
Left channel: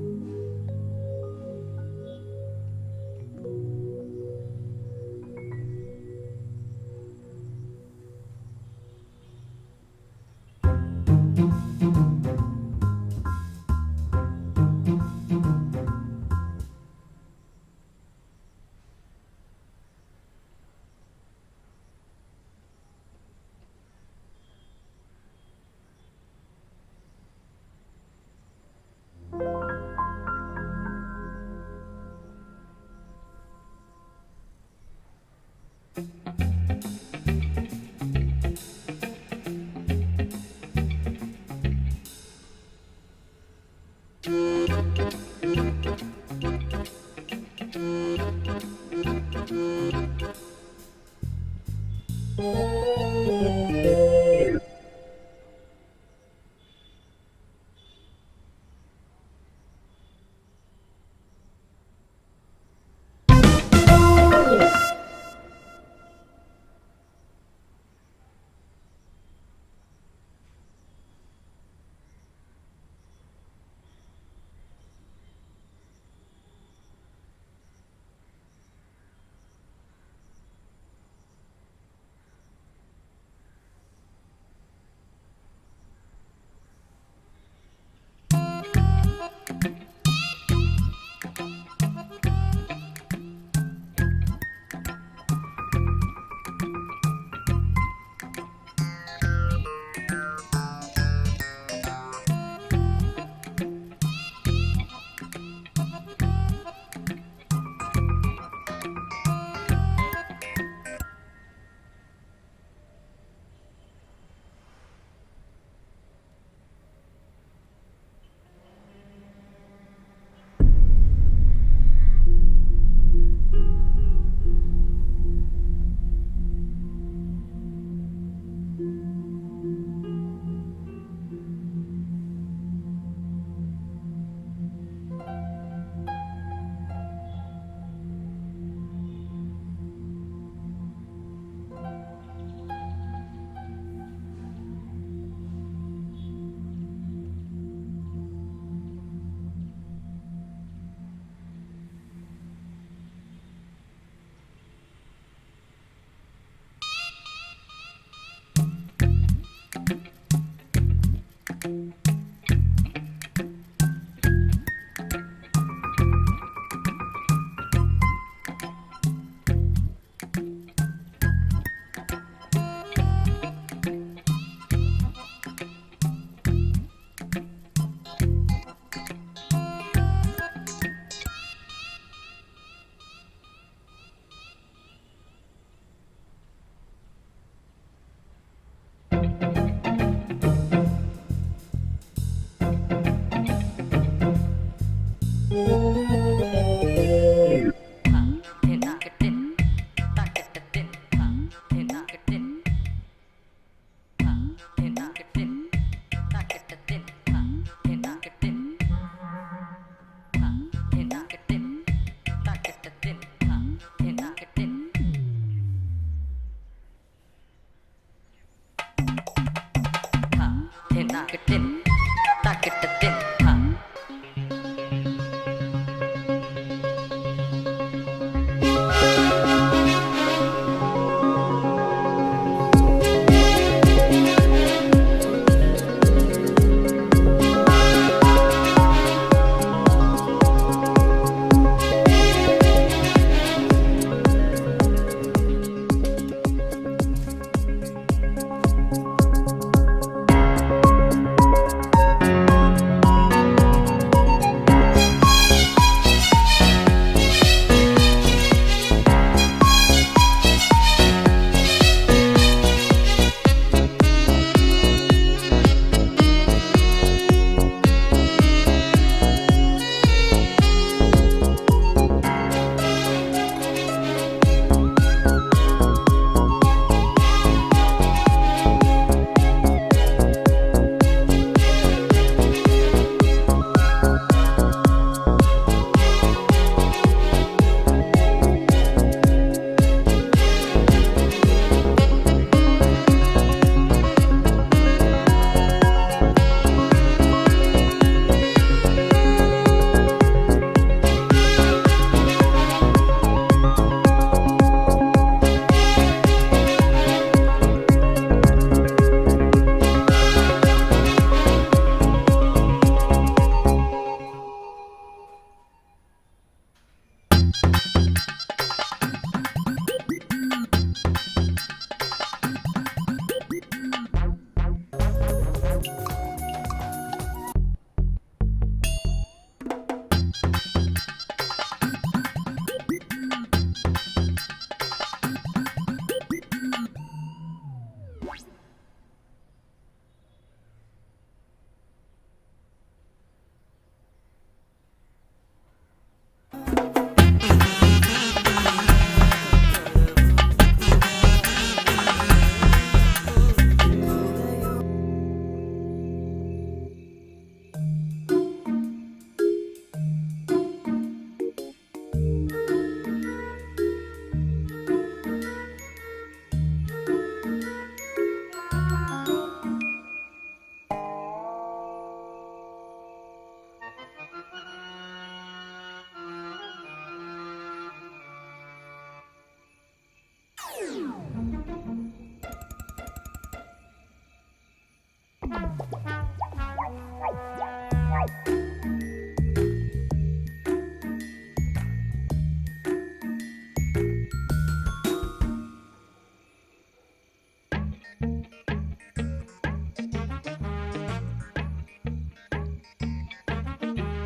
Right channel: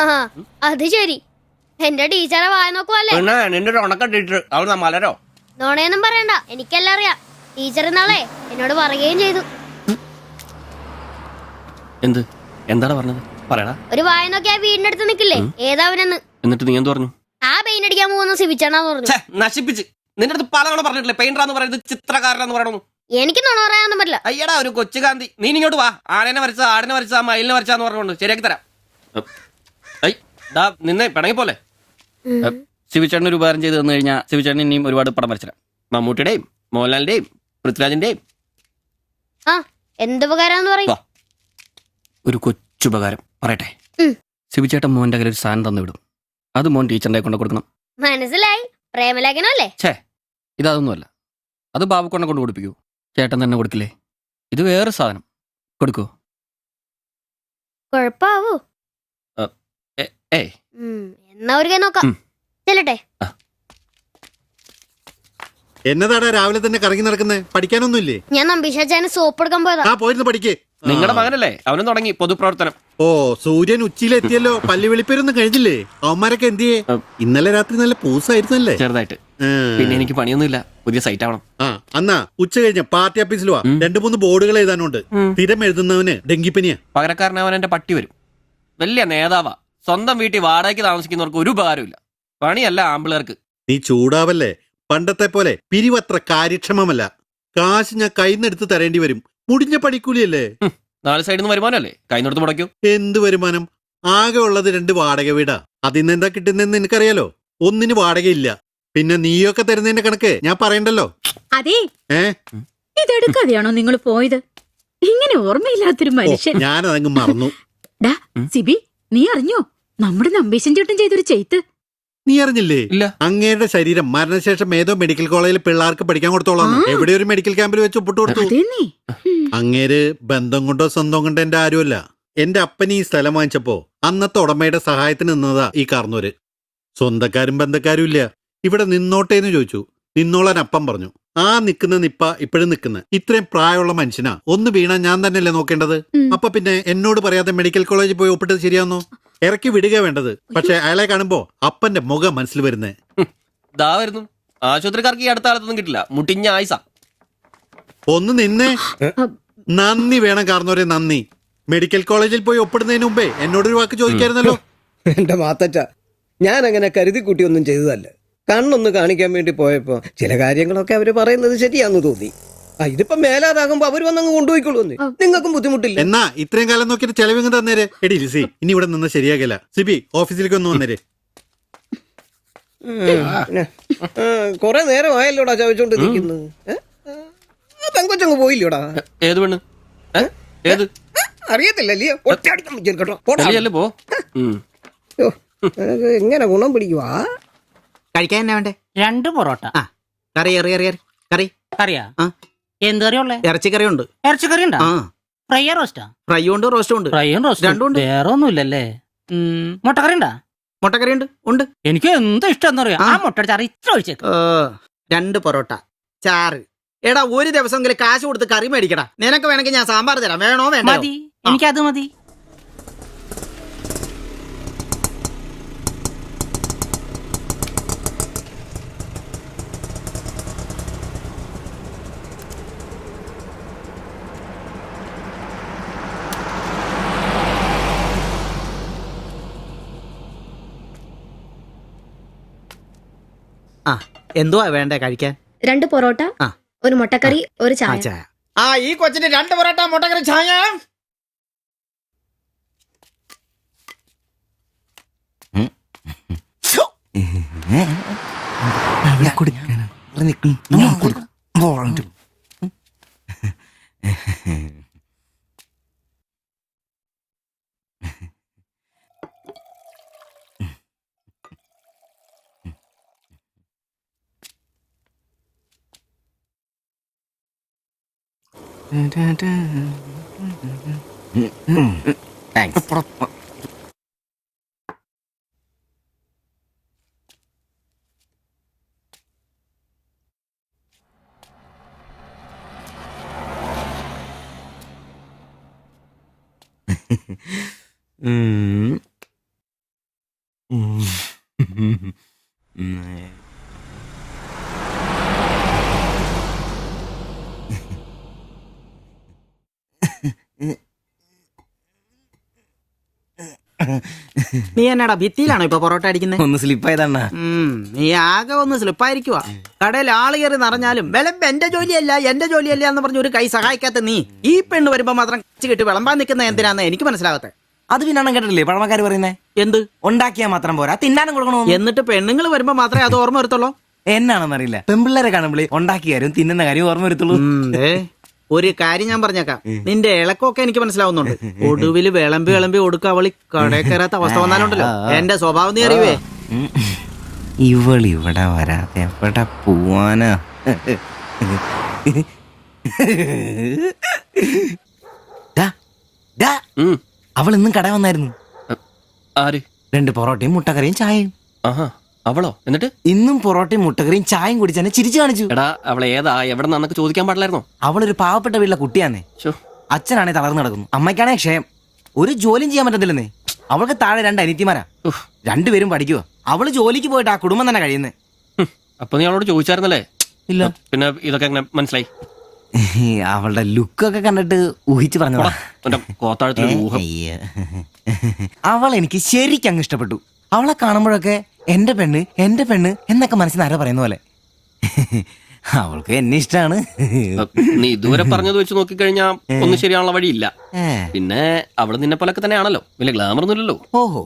ആ, അത് ശരി. എന്റെ ടീച്ചറെ വായ നോക്കുവല്ലേ? പിന്നെ നിന്റെ ഒരു ഉണക്കം ടീച്ചർ അവിടെ മലരോ നോണയൊന്നും പറയണ്ട, എനിക്കെല്ലാം അറിയാം. ടീച്ചർ നാളെ എന്നോട് പറയുകയും ചെയ്തു. എന്ത് എന്താണ് പറഞ്ഞത് പറയടാ. ഒരു വായ നോക്കി ആ വീടിന്റെ അടുത്ത് നിക്കില്ലേ, ഏതാവനെന്ന്. എന്നിട്ട് നീ എന്ത് പറഞ്ഞു? ആ പെയിന്റ് അടിക്കാൻ പോകുന്ന സിവിച്ചാണെന്ന് പറഞ്ഞു. നശിപ്പിച്ച് നിന്റെ അടുത്ത് പലതവണ പറഞ്ഞിട്ടില്ലേ പെയിന്ററാന്ന് പറയുന്നത് ചിത്രകാരനാന്ന് പറയണു. എനിക്ക് നുണ പറയാനൊന്നും പറ്റില്ല. അയ്യടാ ഒരു കൊച്ചു കാന്തി നീ ഇങ്ങോട്ട് വാ. ആനേനെ വരച്ച ആടിനെ വരച്ച മയിലിനെ വരച്ചാന്ന് പറഞ്ഞുകൊണ്ട് ശരിയാക്കി തരാം. നിന്നെ പിണങ്ങി പോലെ ശിവചേട്ടൻ ഒരു ഉപകാരം ചെയ്ത് തന്നു കഴിഞ്ഞാൽ ശിവചേട്ടൻ ഇനിയും ഒരുപാട് പടം വരച്ചിടാം. മമ്മൂട്ടിയുടെയും മോഹൻലാലിന്റെയും പൃഥ്വിരാജിന്റെയും. ആ, എന്ത് ഉപകാരാന്ന് പറയും? ഒരു കൊച്ചുപകാരം പറയട്ടെ. ശിവചേട്ടൻ മോന്റെ കയ്യിൽ ഒരു സാധനം തന്നു വിടും. അത് മോൻ ടീച്ചറിന്റെ കൊണ്ട് കൊടുക്കണം. മനസ്സിലായി, പ്രേമലേഖനല്ലേ? ഛേ ഇതൊന്നുമല്ല. അത് ബാബുക്കൊണ്ടെ കൊണ്ട് കൊടുപ്പിക്കൂ. ചേട്ടൻ തന്നെ കൊടുക്കില്ലേ? ഇത് വേറെ സാധനം. കൊടുക്കൂ. കൊഴപ്പാവൂ? എന്നാ ഒരു കൈ നോക്കാം. ചെല്ലട്ടെ. എന്നതാടാ രാവിലെ തന്നെ കറങ്ങി നടക്കുന്നേ? പഠിക്കാനൊന്നുമില്ലേ? ഞാൻ നമ്പീശാച്ചാന് സോപ്പ് എടുക്കാൻ പോയതാ. ആ പോയിരുന്നു പഠിക്കേ. നിങ്ങളുടെ മകനല്ലേ, അവനും തുടങ്ങി പൊതുപ്രവർത്തനം. ഓ, സൂര്യൻ ഉച്ചയിലെത്തിയല്ലോ. പല്ലി വെളിപ്പേരൊന്നും കഴിഞ്ഞില്ലേ? അവന്മാരൊക്കെ എന്തിയേ? ഇന്നലെ രാത്രി നല്ല പൂസായിരുന്നല്ലേ? ചെറുതായിട്ട്. പിന്നെ എനിക്ക് പണിയൊന്നുമില്ല, പുതിയ സൈറ്റ് ആവണം. ആ, എന്നാ ഉച്ച കഴിഞ്ഞ പാർട്ടി ഓഫീസിൽ വാ. 2-3 ബോർഡുകൾ എഴുതാനുണ്ട്. സ്ഥിരം എഴുതുന്നവന് ഡെങ്കിപ്പനിയാ. പകരക്കാരനവൻ എന്റെ പട്ടി വരും. വലിയ നേതാവാ. സ്വന്തം വീട്ടിൽ വാടകയ്ക്ക് താമസിക്കുന്നവർക്ക് ഒരു ഉപകാരമില്ല. പണിയല്ല ആമ്പിളേർക്ക്. നീ ചൂടാവല്ലേ? പണ്ടത്തെ പോലെ പിരിവത്ര കാര്യക്ഷമമല്ല. കാശ് ഞാൻ കൈന്നെടുത്ത് തരേണ്ടി വരും. മുടിഞ്ഞ പണിക്കൂലിയല്ലേ? 4 സൈഡിൽ നിന്ന് വരുമാനമല്ലേ, കൈനോടത്ത് മുടക്കൂ. എന്ത് വരുമാനം? ആകെ ഉള്ളത് 2 വാടക വീടാ. അതിന്ന് എന്താ കിട്ടുന്നെന്ന് എനിക്കറിയാലോ. ഒന്നിന് വാടകയില്ല. പിന്നെ നീയൊക്കെ തരുന്നതിന്റെ കണക്ക് ഞാൻ പറയണ്ടല്ലോ. അതെ, ഇതെടുക്കാതെയാണോ നിങ്ങൾ പോയത്? ഇങ്ങനെ ഓർമ്മയില്ലാത്തൊരു മനുഷ്യൻ. ഞാനതങ്ങ് മറന്നു. സിബി, നീ അറിഞ്ഞോ നമ്മുടെ നമ്പീശൻ ചേട്ടൻ ചെയ്തൊരു ചെയ്ത്ത്? നീ അറിഞ്ഞില്ലേ? ഇല്ല. അങ്ങയുടെ ശരീരം മരണശേഷം ഏതോ മെഡിക്കൽ കോളേജിൽ പിള്ളേർക്ക് പഠിക്കാൻ കൊടുത്തോളാം. എവിടെ ഒരു മെഡിക്കൽ ക്യാമ്പിൽ വെച്ച് ഒപ്പിട്ട് കൊടുത്തു. അങ്ങേര് ബന്ധം കൊണ്ടോ സ്വന്തം കൊണ്ടോ എന്റെ ആരുമല്ല. എന്റെ അപ്പൻ ഈ സ്ഥലം വാങ്ങിച്ചപ്പോ അന്നത്തെ ഉടമയുടെ സഹായത്തിന് നിന്നതാ ഈ കാർന്നൂര്. സ്വന്തക്കാരും ബന്ധക്കാരും ഇല്ല. ഇവിടെ നിന്നോട്ടെ എന്ന് ചോദിച്ചു. നിന്നോളാൻ അപ്പം പറഞ്ഞു. ആ നിക്കുന്ന നിപ്പ ഇപ്പോഴും നിക്കുന്ന ഇത്രയും പ്രായമുള്ള മനുഷ്യനാ. ഒന്ന് വീണാ ഞാൻ തന്നെയല്ലേ നോക്കേണ്ടത്? അപ്പൊ പിന്നെ എന്നോട് പറയാതെ മെഡിക്കൽ കോളേജിൽ പോയി ഒപ്പിട്ടത് ശരിയാന്നോ? ഇറക്കി വിടുക വേണ്ടത്. പക്ഷെ അയാളെ കാണുമ്പോ അപ്പന്റെ മുഖം മനസ്സിൽ വരുന്നേ. ദാ വരുന്നു. ആശുപത്രിക്കാർക്ക് ഈ അടുത്ത കാലത്തൊന്നും കിട്ടില്ല. മുട്ടിഞ്ഞ ആയിസ. ഒന്ന് നിന്നേ. നന്ദി വേണം കാർന്നോരെ, നന്ദി. മെഡിക്കൽ കോളേജിൽ പോയി ഒപ്പിടുന്നതിന് മുമ്പേ എന്നോടൊരു വാക്ക് ചോദിക്കായിരുന്നല്ലോ. എന്റെ മാത്തച്ച, ഞാൻ അങ്ങനെ കരുതി കൂട്ടിയൊന്നും ചെയ്തതല്ല. കണ്ണൊന്ന് കാണിക്കാൻ വേണ്ടി പോയപ്പോ ചില കാര്യങ്ങളൊക്കെ അവര് പറയുന്നത് ശരിയാന്ന് തോന്നി. ഇതിപ്പോ മേലാതാകുമ്പോ അവര് വന്നങ്ങ് കൊണ്ടുപോയിക്കൊള്ളൂ. നിങ്ങൾക്കും ബുദ്ധിമുട്ടില്ല. എന്നാ ഇത്രയും കാലം നോക്കിയിട്ട് ചെലവിങ് തന്നേരെ. എടി ലിസി, ഇനി ഇവിടെ നിന്ന് ശരിയാകില്ല. സിബി, ഓഫീസിലേക്ക് ഒന്ന് വന്നേരെ. കൊറേ നേരം ആയല്ലോടാ ചോദിച്ചോണ്ട് നിൽക്കുന്നത്. പെങ്കൊച്ചങ്ങ് പോയില്ലോടാ. ഏത് പെണ്ണ്? ഏത് അറിയത്തില്ലല്ലേ? പോ. എങ്ങനെ ഗുണം പിടിക്കുവാ? കഴിക്കാൻ എന്നാ വേണ്ടേ? 2 പൊറോട്ട. കറി കറി കറിയാ? എന്ത് കറിയുള്ളേ? ഇറച്ചിക്കറി ഉണ്ട്. ഇറച്ചിക്കറി ഉണ്ടാ? ഫ്രൈ റോസ്റ്റാ? ഫ്രൈ ഉണ്ട്, റോസ്റ്റും ഉണ്ട്. ഫ്രൈയും റോസ്റ്റും രണ്ടും ഉണ്ട്. വേറെ ഒന്നുമില്ലല്ലേ? മുട്ടക്കറി ഉണ്ടാ? മുട്ടക്കറി ഉണ്ട്. ഉണ്ട്. എനിക്ക് എന്ത് ഇഷ്ടം അറിയാം. ആ മുട്ട ചാറ് ഇത്ര ഒഴിച്ചത്. 2 പൊറോട്ട, ചാറ്. എടാ, ഒരു ദിവസമെങ്കിലും കാശ് കൊടുത്ത് കറി മേടിക്കണം. നിനക്ക് വേണമെങ്കിൽ ഞാൻ സാമ്പാർ തരാം. വേണോ? വേണ്ട. മതി, എനിക്കത് മതി. എന്തുവാ വേണ്ടേ കഴിക്കാൻ? 2 പൊറോട്ട, ഒരു മുട്ടക്കറി, ഒരു ചായ. ഈ കൊച്ചിന് 2 പൊറോട്ട, മുട്ടക്കറി, ചായ. നീ എന്നാടാ ഭിത്തിയിലാണോ ഇപ്പൊ പൊറോട്ട അടിക്കുന്നത്? ഒന്ന് സ്ലിപ്പായതണ്ണ. നീ ആകെ ഒന്ന് സ്ലിപ്പായിരിക്കുവാ. കടയിൽ ആള് കയറി നിറഞ്ഞാലും വിളമ്പ് എന്റെ ജോലിയല്ല എന്ന് പറഞ്ഞ് ഒരു കൈ സഹായിക്കാത്ത നീ ഈ പെണ്ണ് വരുമ്പോ മാത്രം കെട്ടി വിളമ്പാൻ നിൽക്കുന്ന എന്തിനാന്ന് എനിക്ക് മനസ്സിലാകത്തെ. അത് പിന്നെ കേട്ടില്ലേ പഴമക്കാര് പറയുന്നേ? എന്ത് ഉണ്ടാക്കിയാ മാത്രം പോരാ, തിന്നാനും കൊടുക്കണോ. എന്നിട്ട് പെണ്ണുങ്ങൾ വരുമ്പോ മാത്രമേ അത് ഓർമ്മ വരുത്തുള്ളൂ. എന്നാണെന്നറിയില്ല, പെൺപിള്ളേരെ കാണുമ്പോൾ ഉണ്ടാക്കിയ കാര്യം തിന്നുന്ന കാര്യം ഓർമ്മ വരുത്തുള്ളൂ. ഒരു കാര്യം ഞാൻ പറഞ്ഞേക്കാം, നിന്റെ ഇളക്കമൊക്കെ എനിക്ക് മനസ്സിലാവുന്നുണ്ട്. ഒടുവിൽ വിളമ്പി കൊടുക്ക അവളി കടയിൽ കയറാത്ത അവസ്ഥ വന്നാലുണ്ടല്ലോ എന്റെ സ്വഭാവം നീ അറിയുവേ. ഇവള് ഇവിടെ വരാൻ എവിടെ പോവാനാ? അവൾ ഇന്നും കട വന്നായിരുന്നു. ആര്? 2 പൊറോട്ടയും മുട്ടക്കറിയും ചായയും. അവളോ? എന്നിട്ട് ഇന്നും പൊറോട്ടയും മുട്ടക്കറിയും ചായയും കുടിച്ചെന്നെ ചിരിച്ചു കാണിച്ചു. എടാ അവളെ ഏതാ എവിടെ നിന്നൊക്കെ ചോദിക്കാൻ പാടില്ലായിരുന്നോ? അവളൊരു പാവപ്പെട്ട വീട്ടിലെ കുട്ടിയാന്നേ. അച്ഛനാണെ തളർന്നു കിടക്കുന്നു, അമ്മയ്ക്കാണെ ക്ഷയം. ഒരു ജോലിയും ചെയ്യാൻ പറ്റത്തില്ലെന്നേ. അവൾക്ക് താഴെ 2 അനിയത്തിമാരാ, 2 പേരും പഠിക്കുക. അവള് ജോലിക്ക് പോയിട്ട് ആ കുടുംബം തന്നെ കഴിയുന്നേ. അപ്പൊ നീ അവളോട് ചോദിച്ചായിരുന്നല്ലേ? ഇല്ല. പിന്നെ ഇതൊക്കെ എങ്ങനെ മനസ്സിലായി? അവളുടെ ലുക്കൊക്കെ കണ്ടിട്ട് ഊഹിച്ചു പറഞ്ഞതാ. അവൾ എനിക്ക് ശരിക്കും അങ്ങ് ഇഷ്ടപ്പെട്ടു. അവളെ കാണുമ്പോഴൊക്കെ എന്റെ പെണ്ണ് എന്നൊക്കെ മനസ്സിൽ ആരോ പറയുന്ന പോലെ. അവൾക്ക് എന്നെ ഇഷ്ടമാണ്. നീ ഇതുവരെ പറഞ്ഞത് വെച്ച് നോക്കിക്കഴിഞ്ഞാ ഒന്നും ശരിയാണുള്ള വഴിയില്ല. പിന്നെ അവള് നിന്നെ പോലൊക്കെ തന്നെയാണല്ലോ, വലിയ ഗ്ലാമർ ഒന്നുമില്ലല്ലോ. ഓഹോ,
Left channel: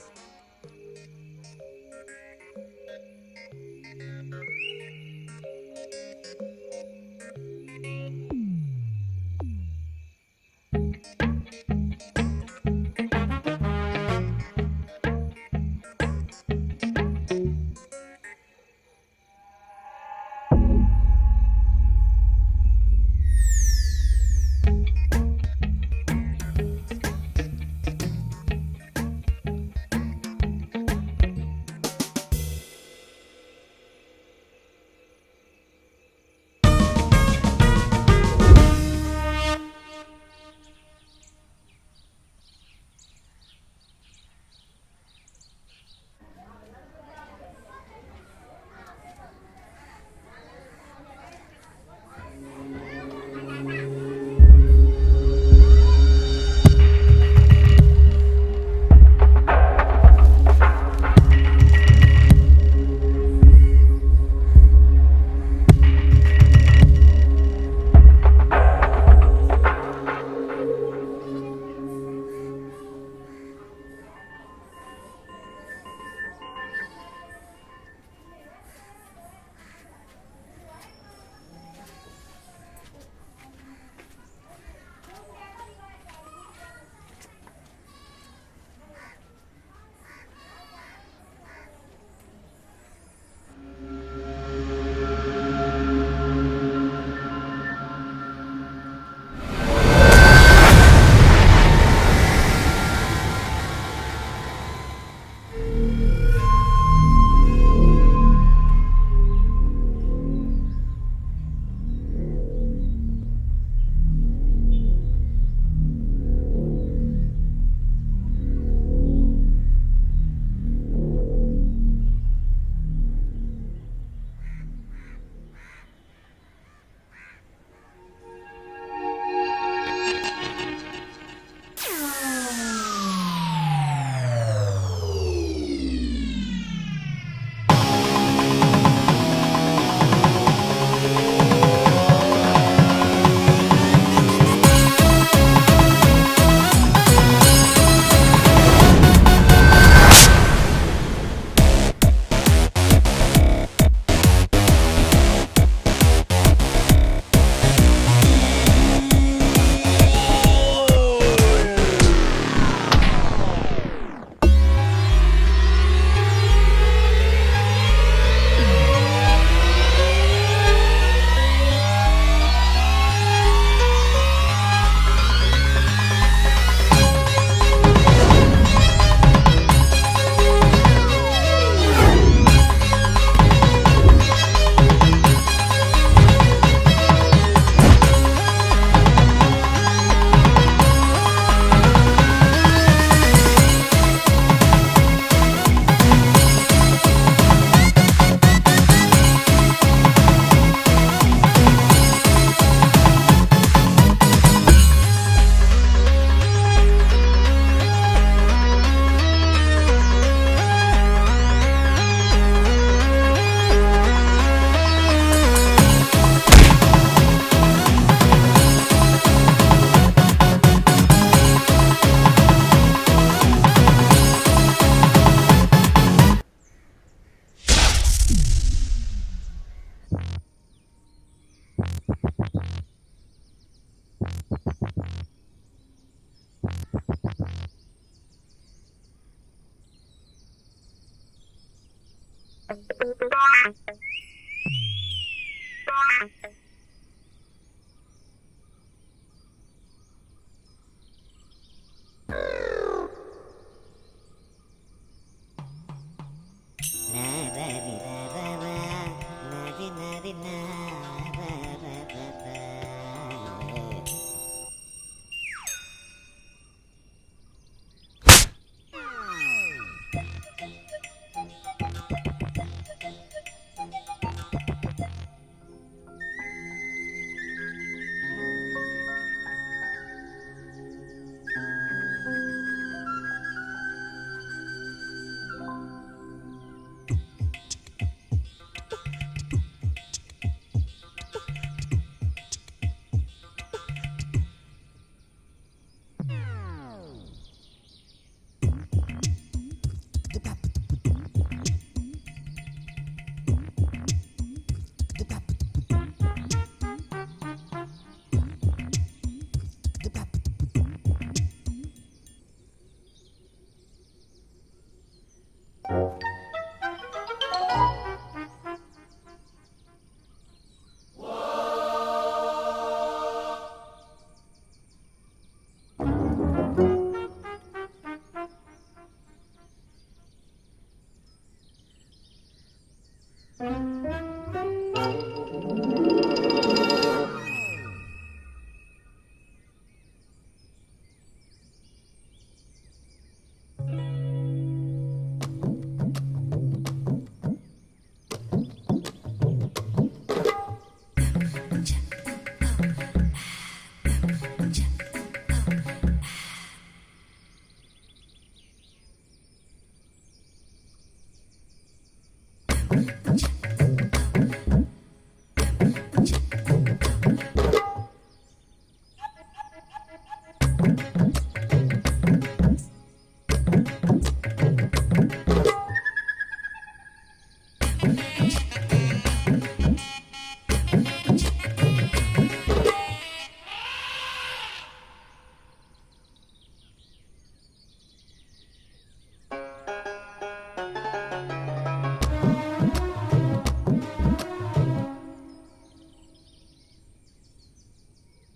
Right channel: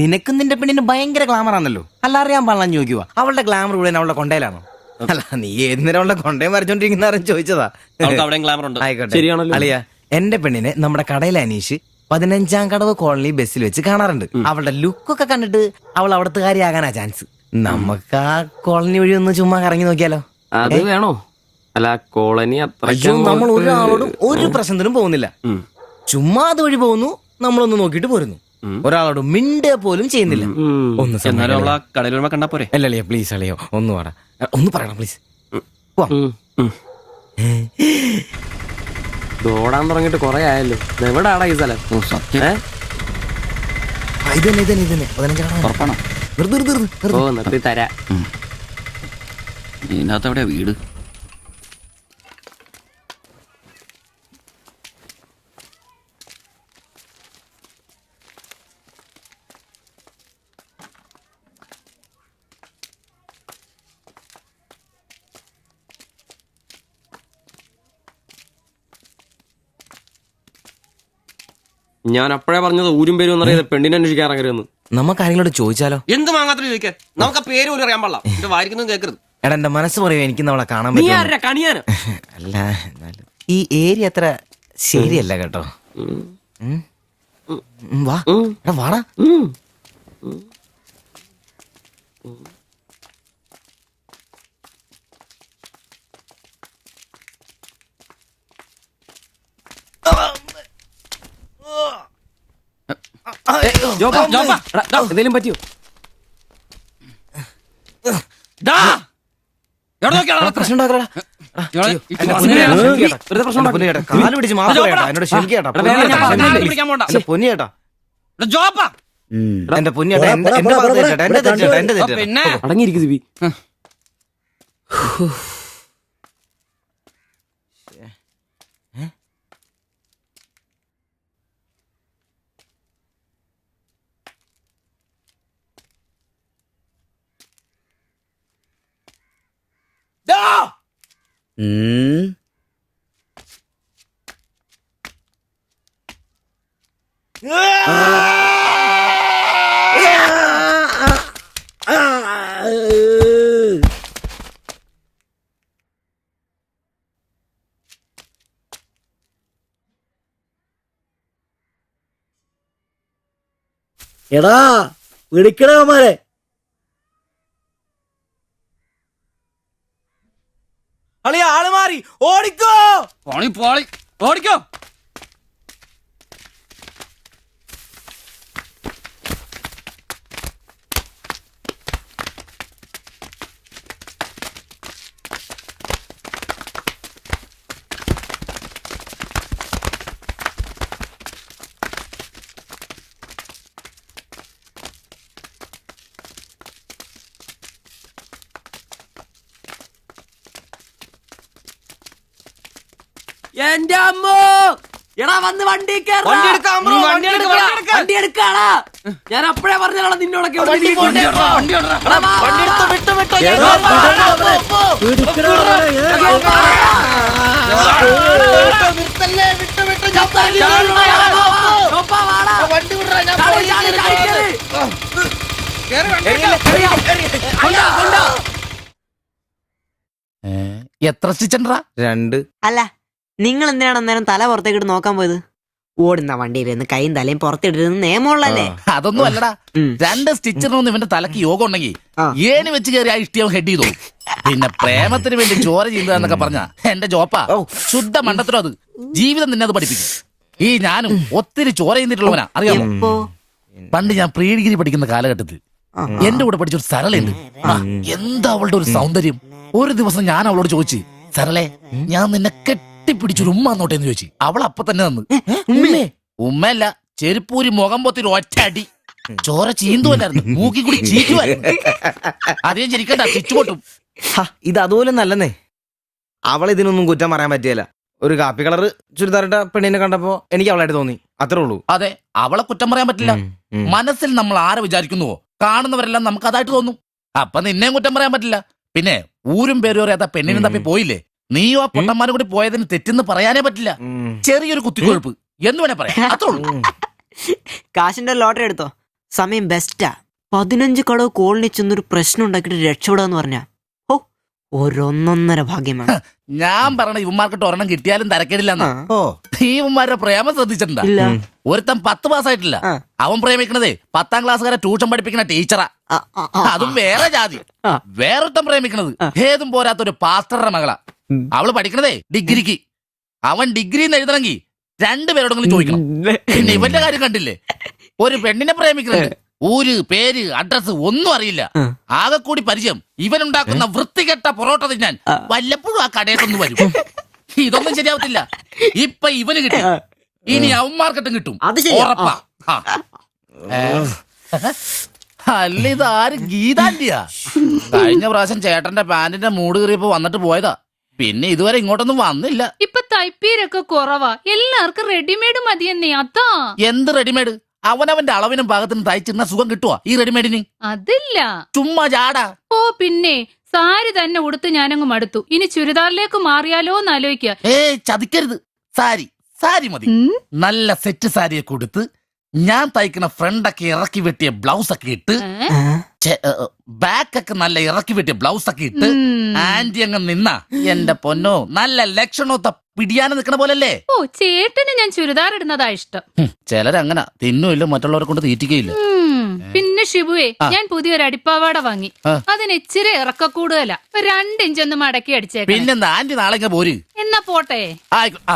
നിനക്കും നിന്റെ പെണ്ണിന് ഭയങ്കര ഗ്ലാമർ ആണല്ലോ. അല്ല അറിയാൻ പാടില്ല ചോദിക്കുക, അവളുടെ ഗ്ലാമർ മുഴുവൻ അവളുടെ കൊണ്ടയിലാണോ? അല്ല, നീ ഏതിനേരം അവളുടെ കൊണ്ടയും വരച്ചോണ്ടിരിക്കുന്ന ചോദിച്ചതാ. ആയിക്കോട്ടെ, അളിയ, എന്റെ പെണ്ണിനെ നമ്മുടെ കടയിലെ അനീഷ് 15-ാം കടവ് കോളനി ബസ്സിൽ വെച്ച് കാണാറുണ്ട്. അവളുടെ ലുക്കൊക്കെ കണ്ടിട്ട് അവൾ അവിടുത്തെ കാര്യമാകാനാ ചാൻസ്. നമുക്ക് ആ കോളനി വഴി ഒന്ന് ചുമ്മാ കറങ്ങി നോക്കിയാലോ? അത് വേണോ? അല്ല, കോളനി നമ്മൾ ഒരാളോടും ഒരു പ്രശ്നത്തിനും പോകുന്നില്ല. ചുമ്മാ അത് വഴി പോകുന്നു, നമ്മളൊന്ന് നോക്കിയിട്ട് പോരുന്നു. ഒരാളോട് മിണ്ട പോലും ചെയ്യുന്നില്ല. അല്ലല്ലേ, പ്ലീസ് അളിയോ, ഒന്ന് പറയണം പ്ലീസ്. ഓടാൻ തുടങ്ങിട്ട് കൊറേ ആയല്ലോ. എവിടാടാ ഈ സ്ഥലം? നിർത്തി തരാ. ഇതിനകത്ത് എവിടെയാ വീട്? ഞാൻ അപ്പോഴേ പറഞ്ഞത് ഊരും പേരും എന്നറിയാതെ പെണ്ണിനെ അന്വേഷിക്കാൻ ഇറങ്ങരുതെന്ന്. നമുക്ക് ആരെങ്കിലും ചോദിച്ചാലോ? എന്ത് വാങ്ങാത്ത ചോദിക്കാൻ? നമുക്ക് ആ പേര് പോലും അറിയാൻ പാടില്ല. വായിക്കുന്നത് കേൾക്കരുത്. എടാ, എന്റെ മനസ്സ് പറയും എനിക്ക് നമ്മളെ കാണാൻ നീ പറ്റും. ആരാ കണിയാനോ? അല്ല, ഈ ഏരിയ അത്ര ശരിയല്ല കേട്ടോ. വാ, എടാ വാടാ. എന്തേലും പറ്റിയോ? പ്രശ്നം ഉണ്ടാക്കടാ. കാല് പിടിച്ച് എന്നോട് ക്ഷമിക്കേട്ടാ. പൊന്നിയേട്ടാ, എന്റെ പൊന്നിയേട്ടാ, എന്റെ ഭാഗത്ത് എന്റെ തെറ്റാ. അടങ്ങിയിരിക്കും സിബി. എടാ, ഇടിക്കണമാരെ ആള് മാറി. ഓടിക്കോ, ഓടിക്കോ. വണ്ടി എടുക്കാളാ. ഞാൻ അപ്പഴേ പറഞ്ഞാണ് നിന്നോടൊക്കെ എത്ര സ്റ്റിച്ചണ്ടാ? 2. അല്ല നിങ്ങൾ എന്തിനാണ് അന്നേരം തല പുറത്തേക്കിട്ട് നോക്കാൻ പോയത്? ഓടുന്ന വണ്ടിയിലിരുന്ന് കൈയും തലയും പുറത്തിട്ടിരുന്ന് നിയമമുള്ളല്ലേ? അതൊന്നും അല്ലടാ. 2 സ്റ്റിച്ചറിനൊന്നും ഇവന്റെ തലക്ക് യോഗം ഉണ്ടെങ്കിൽ ഏണി വെച്ച് കയറി ആ ഇഷ്ടിയവൻ ഹെഡ് ചെയ്തു. പിന്നെ പ്രേമത്തിന് വേണ്ടി ചോര ചെയ്യുന്നതൊക്കെ പറഞ്ഞ എന്റെ ജോപ്പാ ശുദ്ധ മണ്ടത്തിലോ അത്. ജീവിതം നിന്നെ അത് പഠിപ്പിക്കും. ഈ ഞാനും ഒത്തിരി ചോര ചെയ്യുന്നിട്ടുള്ളവനാ, അറിയാമോ? പണ്ട് ഞാൻ പ്രീ ഡിഗ്രി പഠിക്കുന്ന കാലഘട്ടത്തിൽ എന്റെ കൂടെ പഠിച്ചൊരു സരളയുണ്ട്. എന്താ അവളുടെ ഒരു സൗന്ദര്യം! ഒരു ദിവസം ഞാൻ അവളോട് ചോദിച്ചു, സരളെ ഞാൻ നിന്നെ കെട്ടിപ്പിടിച്ചൊരു ഉമ്മ എന്നോട്ടെ എന്ന് ചോദിച്ചു. അവൾ അപ്പൊ തന്നെ തന്നു. ഉമ്മയല്ല, ചെരുപ്പൂരി മുഖം പൊത്തിരി ഒറ്റ അടി. ചോര ചീന്തുവല്ലായിരുന്നു, മൂക്കി കൂടി ചീറ്റുവായിരുന്നു. അധികം ചിരിക്കണ്ട, ചുറ്റുപൊട്ടും. ഇത് അതുപോലെ നല്ലെന്നേ. അവളിതിനൊന്നും കുറ്റം പറയാൻ പറ്റിയല്ല. ഒരു കാപ്പി കളർ ചുരിദാറിട്ട പെണ്ണിനെ കണ്ടപ്പോ എനിക്ക് അവളായിട്ട് തോന്നി, അത്രേ ഉള്ളൂ. അതെ, അവളെ കുറ്റം പറയാൻ പറ്റില്ല. മനസ്സിൽ നമ്മൾ ആരെ വിചാരിക്കുന്നുവോ കാണുന്നവരെല്ലാം നമുക്ക് അതായിട്ട് തോന്നും. അപ്പൊ നിന്നെയും കുറ്റം പറയാൻ പറ്റില്ല. പിന്നെ ഊരും പേരും അറിയാത്ത പെണ്ണിനും തപ്പി പോയില്ലേ? നീയും ആ പൊട്ടന്മാരും കൂടി പോയതിന് തെറ്റെന്ന് പറയാനേ പറ്റില്ല. ചെറിയൊരു കുത്തിക്കൊഴുപ്പ് എന്ന് വേണേ പറയാം, അത്രേ ഉള്ളൂ. കാശിന്റെ ലോട്ടറി എടുത്തോ, സമയം ബെസ്റ്റാ. 15 കടവ് കോളിനി ചെന്നൊരു പ്രശ്നം ഉണ്ടാക്കിട്ട് രക്ഷപ്പെടാന്ന് പറഞ്ഞ ഒരൊന്നൊന്നര ഭാഗ്യമാണ്. ഞാൻ പറഞ്ഞ ഇവന്മാർക്കിട്ട് ഒരെണ്ണം കിട്ടിയാലും തരക്കേടില്ലെന്നാ. ഈ ഇവന്മാരുടെ പ്രേമം ശ്രദ്ധിച്ചിട്ടുണ്ടാ? ഒരുത്തൻ 10 പാസ്സായിട്ടില്ല. അവൻ പ്രേമിക്കണതേ 10ാം ക്ലാസ്സുകാരെ ട്യൂഷൻ പഠിപ്പിക്കുന്ന ടീച്ചറാ. അതും വേറെ ജാതി. വേറൊരുത്തൻ പ്രേമിക്കണത് ഏതും പോരാത്ത ഒരു പാസ്റ്ററുടെ മകളാ. അവള് പഠിക്കണതേ ഡിഗ്രിക്ക്. അവൻ ഡിഗ്രി എഴുതണമെങ്കിൽ 2 പേരോടെങ്കിലും ചോദിക്കണം. പിന്നെ ഇവന്റെ കാര്യം കണ്ടില്ലേ? ഒരു പെണ്ണിനെ പ്രേമിക്കുന്നത് ഊര് പേര് അഡ്രസ് ഒന്നും അറിയില്ല. ആകെ കൂടി പരിചയം ഇവനുണ്ടാക്കുന്ന വൃത്തികെട്ട പൊറോട്ട തിന്നാൻ വല്ലപ്പോഴും ആ കടയിലൊന്നും വരും. ഇതൊന്നും ശരിയാവത്തില്ല. ഇപ്പൊ ഇവന് കിട്ടി, ഇനി അവന്മാർക്കിട്ടും കിട്ടും, ഉറപ്പാ. അല്ല, ഇതാര് ഗീതാന്റിയാ? കഴിഞ്ഞ പ്രാവശ്യം ചേട്ടന്റെ പാന്റിന്റെ മൂട് കയറിയപ്പോ വന്നിട്ട് പോയതാ. പിന്നെ ഇതുവരെ ഇങ്ങോട്ടൊന്നും വന്നില്ല. ഇപ്പൊ തയ്പ്പീരൊക്കെ കുറവാ, എല്ലാവർക്കും റെഡിമെയ്ഡ് മതിയെന്നേ. അതാ. എന്ത് റെഡിമെയ്ഡ്? അവനവന്റെ അളവിനും പാകത്തിനും തയ്ച്ചിരുന്ന സുഖം കിട്ടുവാ ഈ റെഡിമെയ്ഡിന്? അതില്ല, ചുമ്മാ ജാടാ. ഓ പിന്നെ സാരി തന്നെ ഉടുത്ത് ഞാനങ്ങ് മടുത്തു. ഇനി ചുരിദാറിലേക്ക് മാറിയാലോ എന്ന് ആലോചിക്കുക. ചതിക്കരുത്. സാരി സാരി മതി. നല്ല സെറ്റ് സാരിയൊക്കെ കൊടുത്ത് ഞാൻ തയ്ക്കുന്ന ഫ്രണ്ടൊക്കെ ഇറക്കി വെട്ടിയ ബ്ലൗസ് ഒക്കെ ഇട്ട്, ബാക്കൊക്കെ നല്ല ഇറക്കി വെട്ടിയ ബ്ലൗസ് ഒക്കെ ഇട്ട് ആന്റി അങ്ങ് നിന്ന എന്റെ പൊന്നോ നല്ല ലക്ഷണോ പിടിയാനും നിക്കണ പോലല്ലേ. ഓ, ചേട്ടന് ഞാൻ ചുരിദാർ ഇടുന്നതാ ഇഷ്ടം. ചിലരങ്ങനെ തിന്നുമില്ല, മറ്റുള്ളവരെ കൊണ്ട് തീറ്റിക്കയില്ല. പിന്നെ ഷിബുവേ, ഞാൻ പുതിയൊരു അടിപ്പാവാട വാങ്ങി. അതിന് ഇച്ചിരി ഇറക്ക കൂടുതലാ. 2 ഇഞ്ച് ഒന്ന് മടക്കി അടിച്ചേക്കാം. പിന്നെന്താ ആന്റി നാളെ പോര്. എന്നാ പോട്ടെ.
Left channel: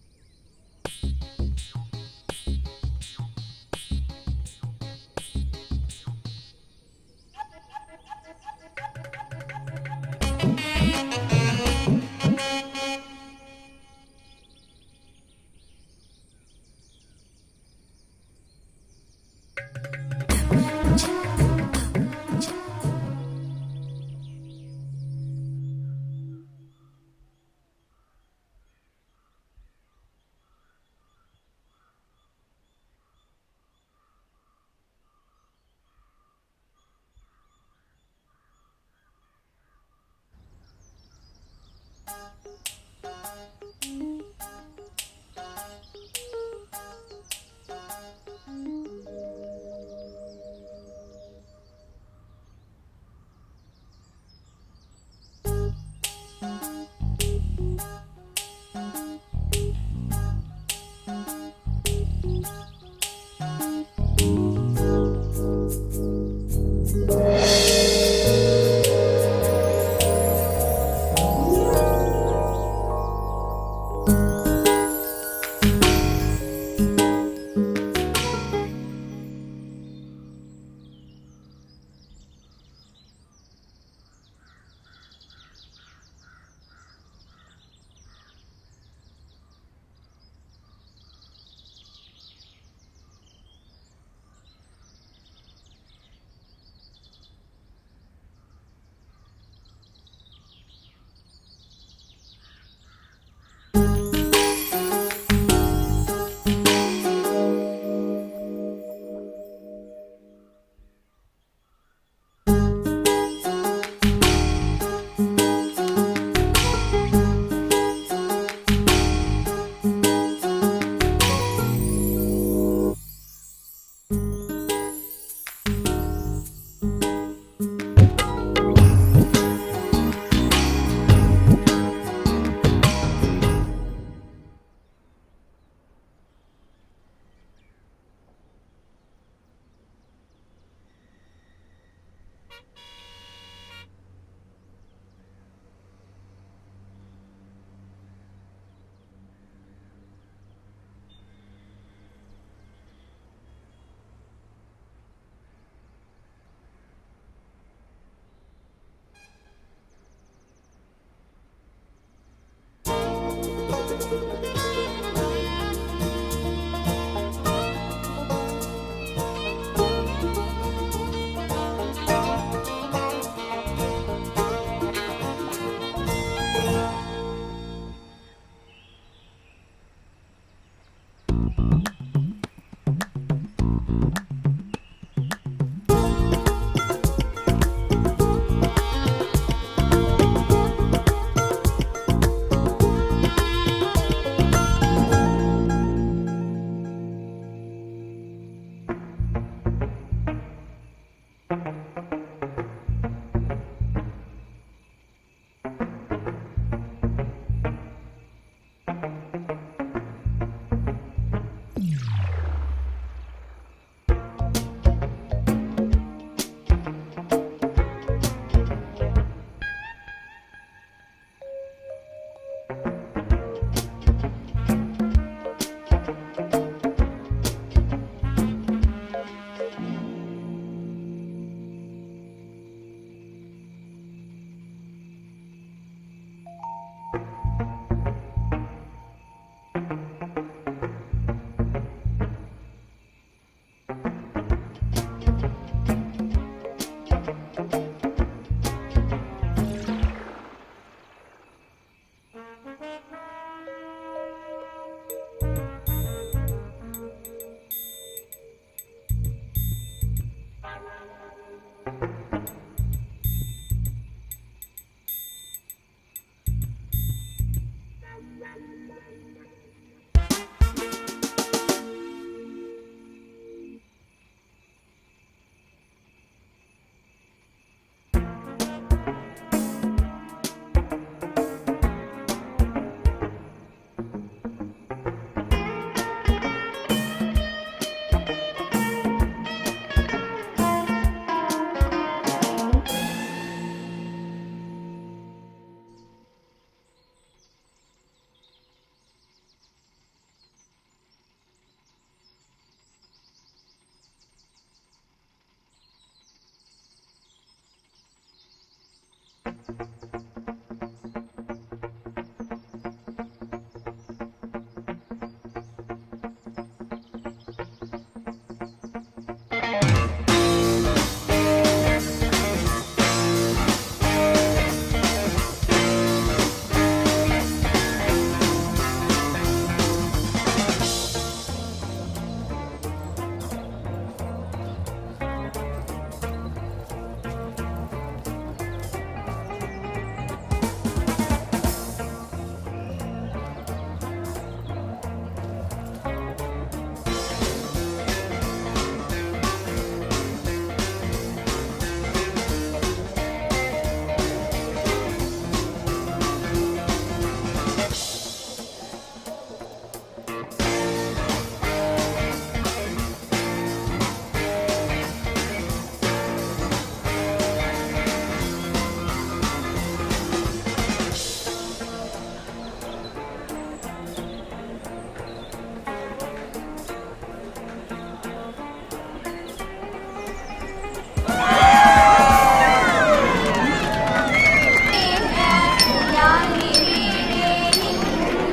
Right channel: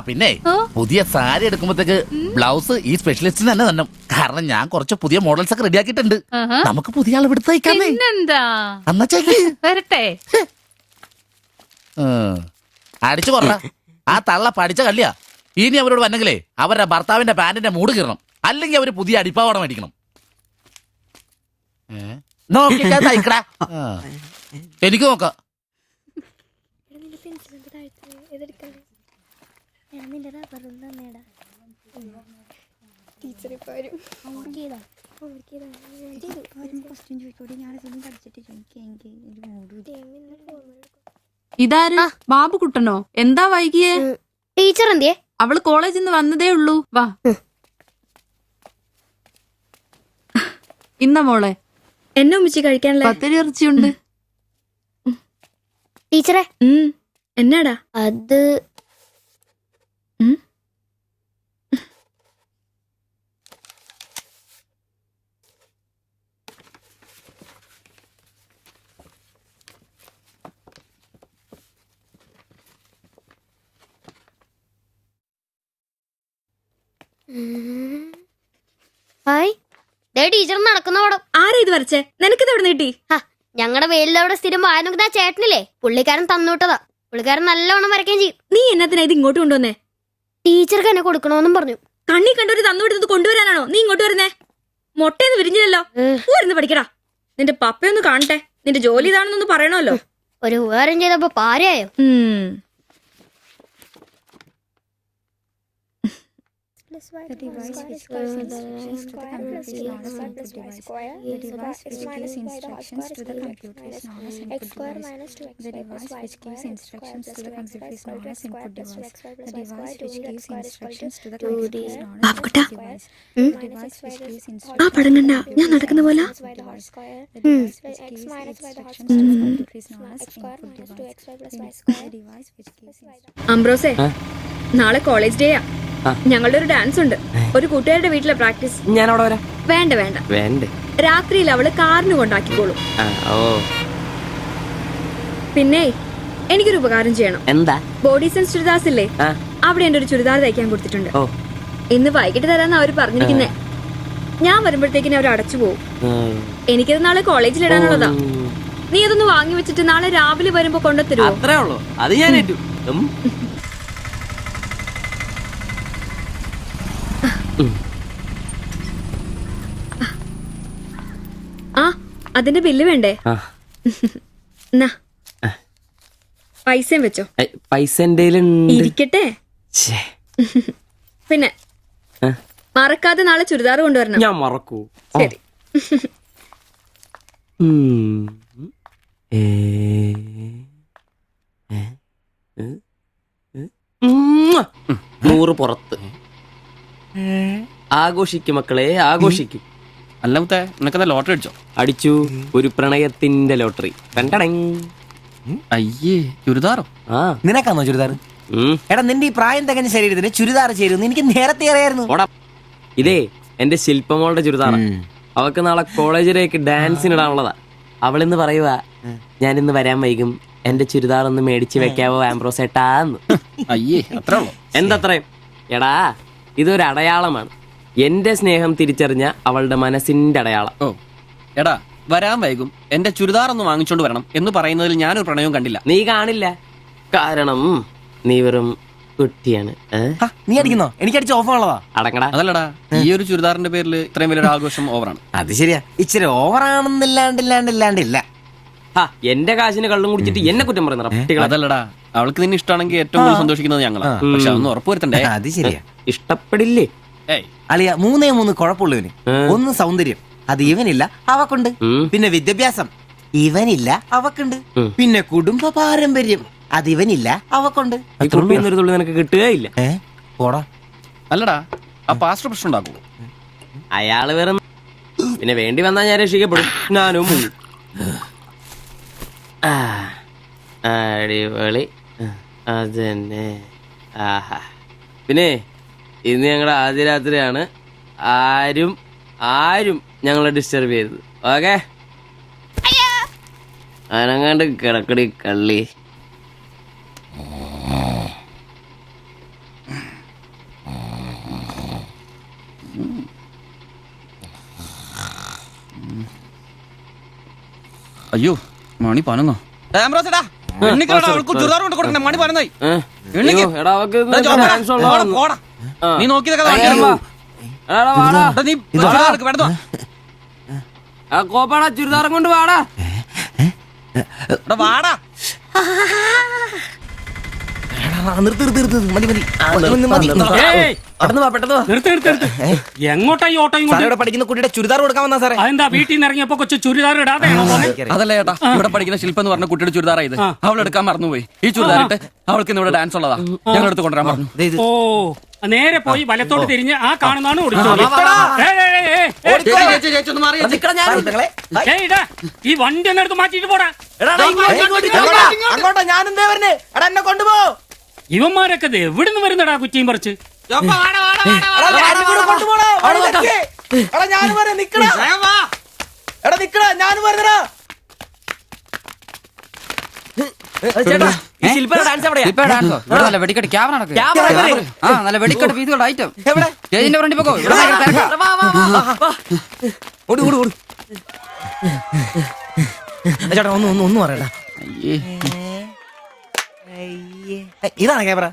പിന്നെ പുതിയ സാരി എടുക്കുമ്പോഴത്തേക്ക് ബ്ലൗസ് ഈ സ്പെഷ്യലിസ്റ്റിന് തന്നെ തന്നെ. കാരണം ഞാൻ കുറച്ച് പുതിയ മോഡൽസ് ഒക്കെ റെഡിയാക്കിയിട്ടുണ്ട്. നമുക്ക് പുതിയ ആൾ എടുത്ത് തയ്ക്കാം. പിന്നെന്താ, വരട്ടെ. അടിച്ചു കൊറ. ആ തള്ള പഠിച്ച കള്ളിയാ. ഇനി അവരോട് വന്നെങ്കിലേ അവരുടെ ഭർത്താവിന്റെ പാന്റിന്റെ മൂട് കീറണം, അല്ലെങ്കിൽ അവര് പുതിയ അടിപ്പാവാട മേടിക്കണം. നോക്കിക്കാ തയ്ക്കടാ. എനിക്ക് നോക്കാം. ഇതാര്? ബാബുക്കുട്ടനോ? എന്താ വൈകിയേ? ടീച്ചർ എന്തിയെ? അവള് കോളേജിൽ നിന്ന് വന്നതേ ഉള്ളൂ. വാ. ഇന്ന മോളെ എന്നെ ഉമ്മിച്ച് കഴിക്കാനുള്ള പത്തിരി ഇറച്ചിയുണ്ട്. ടീച്ചറെ എന്നാടാ അത്? ടീച്ചർ നടക്കുന്ന പടം. ആരാ ഇത് വരച്ചേ? നിനക്കിത് എവിടെ നീട്ടി? ഞങ്ങളുടെ വെയിലവിടെ സ്ഥിരം വായനക്ക് ചേട്ടനില്ലേ, പുള്ളിക്കാരൻ തന്നുവിട്ടതാ. പുള്ളിക്കാരൻ നല്ലവണ്ണം വരയ്ക്കുകയും ചെയ്യും. നീ എന്നത്തിനാ ഇത് ഇങ്ങോട്ട് കൊണ്ടുവന്നേ? ടീച്ചർക്ക് എന്നെ കൊടുക്കണോന്നും പറഞ്ഞു. കണ്ണി കണ്ടൊരു തന്നുവിട്ടത് കൊണ്ടുവരാനാണോ നീ ഇങ്ങോട്ട് വരുന്നേ? മുട്ടയൊന്നും വിരിഞ്ഞില്ലല്ലോ. ഊരുന്ന് പഠിക്കടാ. നിന്റെ പപ്പയൊന്ന് കാണട്ടെ. നിന്റെ ജോലി ഇതാണെന്നൊന്ന് പറയണമല്ലോ. ഒരു ഉപകാരം ചെയ്തപ്പോ പാരയായോ? ബാബുക്കുട്ട ആ പടം കണ്ട ഞാൻ നടക്കുന്ന പോലെ അംബ്രോസേ നാളെ കോളേജ് ഡേയാ. ഞങ്ങളുടെ ഒരു ഡാൻസ് ഉണ്ട്. ഒരു കൂട്ടുകാരുടെ വീട്ടിലെ പ്രാക്ടീസ്. ഞാൻ അവിടെ വരാം. വേണ്ട വേണ്ട വേണ്ടേ? രാത്രിയിൽ അവള് കാറിന് കൊണ്ടാക്കിക്കോളും. ഓ പിന്നെ എനിക്കൊരു ഉപകാരം ചെയ്യണം. എന്താ? ബോഡി സെൻസ് ചുരിദാർസ് ഇല്ലേ, അവിടെ എന്റെ ഒരു ചുരിദാർ തയ്ക്കാൻ കൊടുത്തിട്ടുണ്ട്. ഇന്ന് വൈകിട്ട് തരാന്ന് അവര് പറഞ്ഞിരിക്കുന്നേ. ഞാൻ വരുമ്പോഴത്തേക്കിന് അവർ അടച്ചു പോകും. എനിക്കത് നാളെ കോളേജിൽ ഇടാനുള്ളതാ. നീ അതൊന്ന് വാങ്ങി വെച്ചിട്ട് നാളെ രാവിലെ വരുമ്പോ കൊണ്ടുത്തരുമോ? അത്രേ ഉള്ളൂ. അത് ഞാൻ ഏറ്റു. ആ അതിന്റെ ബില്ല് വേണ്ടേ? എന്നാ പൈസയും വെച്ചോ. പൈസ ഇരിക്കട്ടെ. പിന്നെ മറക്കാതെ നാളെ ചുരിദാർ കൊണ്ടുവരണം. ഞാൻ മറക്കൂ. ശരി. നൂറ് പുറത്ത്. ആഘോഷിക്കും മക്കളെ, ആഘോഷിക്കും. അല്ല മുത്തേ, നിനക്കതാ ലോട്ടറി അടിച്ചോ? അടിച്ചു. ഒരു പ്രണയത്തിന്റെ ലോട്ടറി. അയ്യേ, ചുരിദാറോ? നിനക്കാന്നോ ചുരിദാർ? എടാ നിന്റെ ഈ പ്രായം തികഞ്ഞ ശരീരത്തിന് ചുരിദാർ ചേരുന്നു എനിക്ക് നേരത്തെ അറിയായിരുന്നു. ഇതേ എന്റെ ശില്പമോളുടെ ചുരിദാറ. അവൾക്ക് നാളെ കോളേജിലേക്ക് ഡാൻസിനിടാനുള്ളതാ. അവളിന്ന് പറയുക, ഞാനിന്ന് വരാൻ വൈകും, എന്റെ ചുരിദാർ ഒന്ന് മേടിച്ചു വെക്കാവോ ആംബ്രോസേട്ടാന്ന്. അയ്യേ, അത്ര എന്തത്രയും? എടാ ഇതൊരു അടയാളമാണ്. എന്റെ സ്നേഹം തിരിച്ചറിഞ്ഞ അവളുടെ മനസ്സിന്റെ അടയാളം. ഓ എടാ, വരാൻ വൈകും, എന്റെ ചുരിദാർ ഒന്ന് വാങ്ങിച്ചോണ്ട് വരണം എന്ന് പറയുന്നതിൽ ഞാനൊരു പ്രണയവും കണ്ടില്ല. നീ കാണില്ല, കാരണം നീ വെറും കുട്ടിയാണ്. നീ അടിക്കുന്നോ? എനിക്ക് അടിച്ച ഓഫറുള്ളതാ. അടങ്ങടാ. അതല്ലടാ, ഈ ഒരു ചുരിദാറിന്റെ പേരിൽ ഇത്രയും വലിയൊരു ആഘോഷം ഓവറാണ്. അത് ശരിയാ, ഇച്ചിരി ഓവറാണെന്നില്ലാണ്ടില്ല. എന്റെ കാശിന് കള്ളും കുടിച്ചിട്ട് എന്നെ കുറ്റം പറയുന്ന. അതല്ലടാ, അവൾക്ക് നിന്നെ ഇഷ്ടമാണെങ്കിൽ ഏറ്റവും കൂടുതൽ സന്തോഷിക്കുന്നത് ഞങ്ങളാ. പക്ഷെ അതൊന്ന് ഉറപ്പുവരുത്തണ്ടേ? അത് ശരിയാ. ഇഷ്ടപ്പെടില്ലേ അളിയ? 3 കുഴപ്പമുള്ളവന്. ഒന്ന് സൗന്ദര്യം, അത് ഇവനില്ല അവക്കുണ്ട്. പിന്നെ വിദ്യാഭ്യാസം, ഇവനില്ല അവക്കുണ്ട്. പിന്നെ കുടുംബ പാരമ്പര്യം, അത് ഇവനില്ല അവക്കുണ്ട്. ഒരു തുള്ളി നിനക്ക് കിട്ടുകയില്ല. അല്ലടാ, ആ പാസ്റ്റർ പ്രശ്നം ഉണ്ടാക്കും. അയാള് വേറെ. പിന്നെ വേണ്ടി വന്നാൽ ഞാൻ രക്ഷിക്കപ്പെടും. ഞാനും അടിപൊളി. അതന്നെ. പിന്നെ ഇന്ന് ഞങ്ങളുടെ ആദ്യ രാത്രിയാണ്. ആരും ഞങ്ങളെ ഡിസ്റ്റർബ് ചെയ്തത്. ഓക്കെ, അനങ്ങാണ്ട് കിടക്കടി കള്ളി. അയ്യോ, മണി 11. നീ നോക്കിയതൊക്കെ ചുരിദാറും കൊണ്ട് വാടാ. എങ്ങോട്ടാ ഈ ഓട്ടോ? പഠിക്കുന്ന കുട്ടിയുടെ ചുരിദാർ കൊടുക്കാൻ വന്നാ സാറേ. അതെന്താ വീട്ടിൽ നിന്ന് ഇറങ്ങിയപ്പോ കൊച്ചു ചുരിദാർ ഇടാതെ? അതല്ല ചേട്ടാ, ഇവിടെ പഠിക്കുന്ന ശില്പം എന്ന് പറഞ്ഞ കുട്ടിയുടെ ചുരിദാർ ഇത് അവൾ എടുക്കാൻ മറന്നുപോയി. ഈ ചുരിദാർ ഇട്ട് അവൾക്ക് ഇന്ന് ഇവിടെ ഡാൻസ് ഉള്ളതാ. ഞങ്ങൾ എടുത്ത് കൊണ്ടുവരാൻ പറഞ്ഞു. ഓ, നേരെ പോയി വലത്തോട്ട് തിരിഞ്ഞ് ആ കാണുന്നതാണ് ഈ വണ്ടി ഒന്ന് എടുത്ത് മാറ്റിട്ട് പോടാ. ഇവന്മാരൊക്കെ എവിടുന്ന് വരുന്നടാ കുറ്റിയും പറിച്ച്? വെടിക്കെട്ട് ക്യാമറ നല്ല വെടിക്കെട്ട് പീസുകളുടെ ഐറ്റം സ്റ്റേജിന്റെ ഫ്രണ്ടിൽ പോകോ. ഒന്നും പറയാം. ഇതാണ് ക്യാമറ.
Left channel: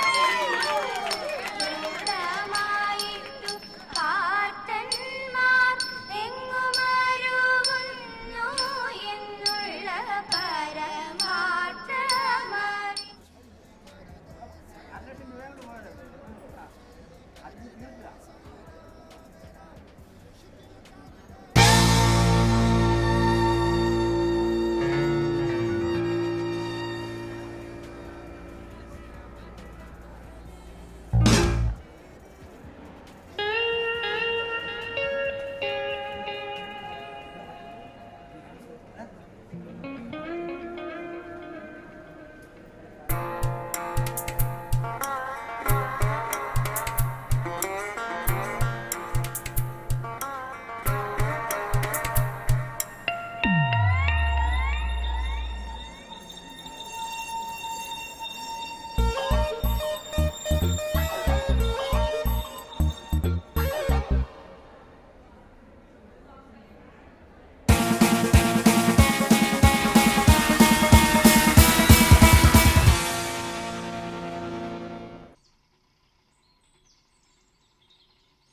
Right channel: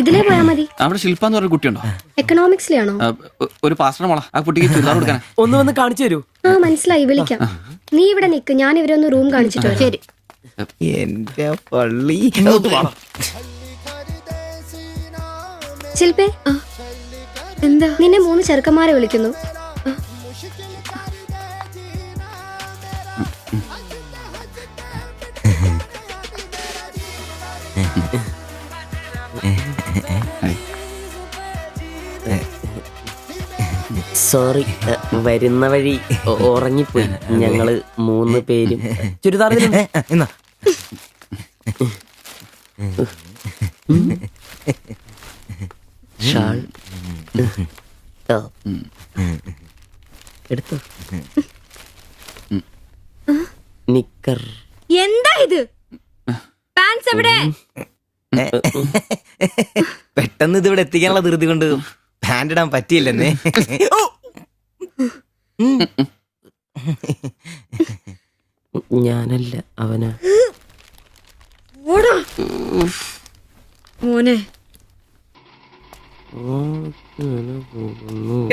ഇതിലേ പോയാ മതി. അവിടെ ശില്പ എന്ന് പറഞ്ഞ കുട്ടിയുണ്ടോ? എക്കണോമിക്സിലാണോ? ഒരു പാസ്റ്റർ മോളാ. ആ കുട്ടിക്ക് ചുരിദാർ കൊടുക്കാൻ ഒന്ന് വന്ന് കാണിച്ചു തരൂ. മനസ്സിലായി, വിളിക്കാം. നീ ഇവിടെ നിക്ക്, ഞാൻ ഇവരൊന്ന് റൂം കാണിച്ചിട്ടോ. ശരി. എന്റെ പള്ളി. ശില്പേ എന്താ? നിന്നെ 3 ചെറുക്കന്മാരെ വിളിക്കുന്നു. സോറി, വരുന്ന വഴി ഉറങ്ങിപ്പോയി. ഞങ്ങള് 3 പേരും ചുരിദാർ എന്നാ ഷാൾ എടുത്തു, നിക്കർ. എന്താ ഇത്? പാൻസ് എവിടെ? പെട്ടെന്ന് ഇതിവിടെ എത്തിക്കാനുള്ള ധൃതി കൊണ്ട് ഹാൻഡ് ഇടാൻ പറ്റിയില്ലെന്നേ. മോനെ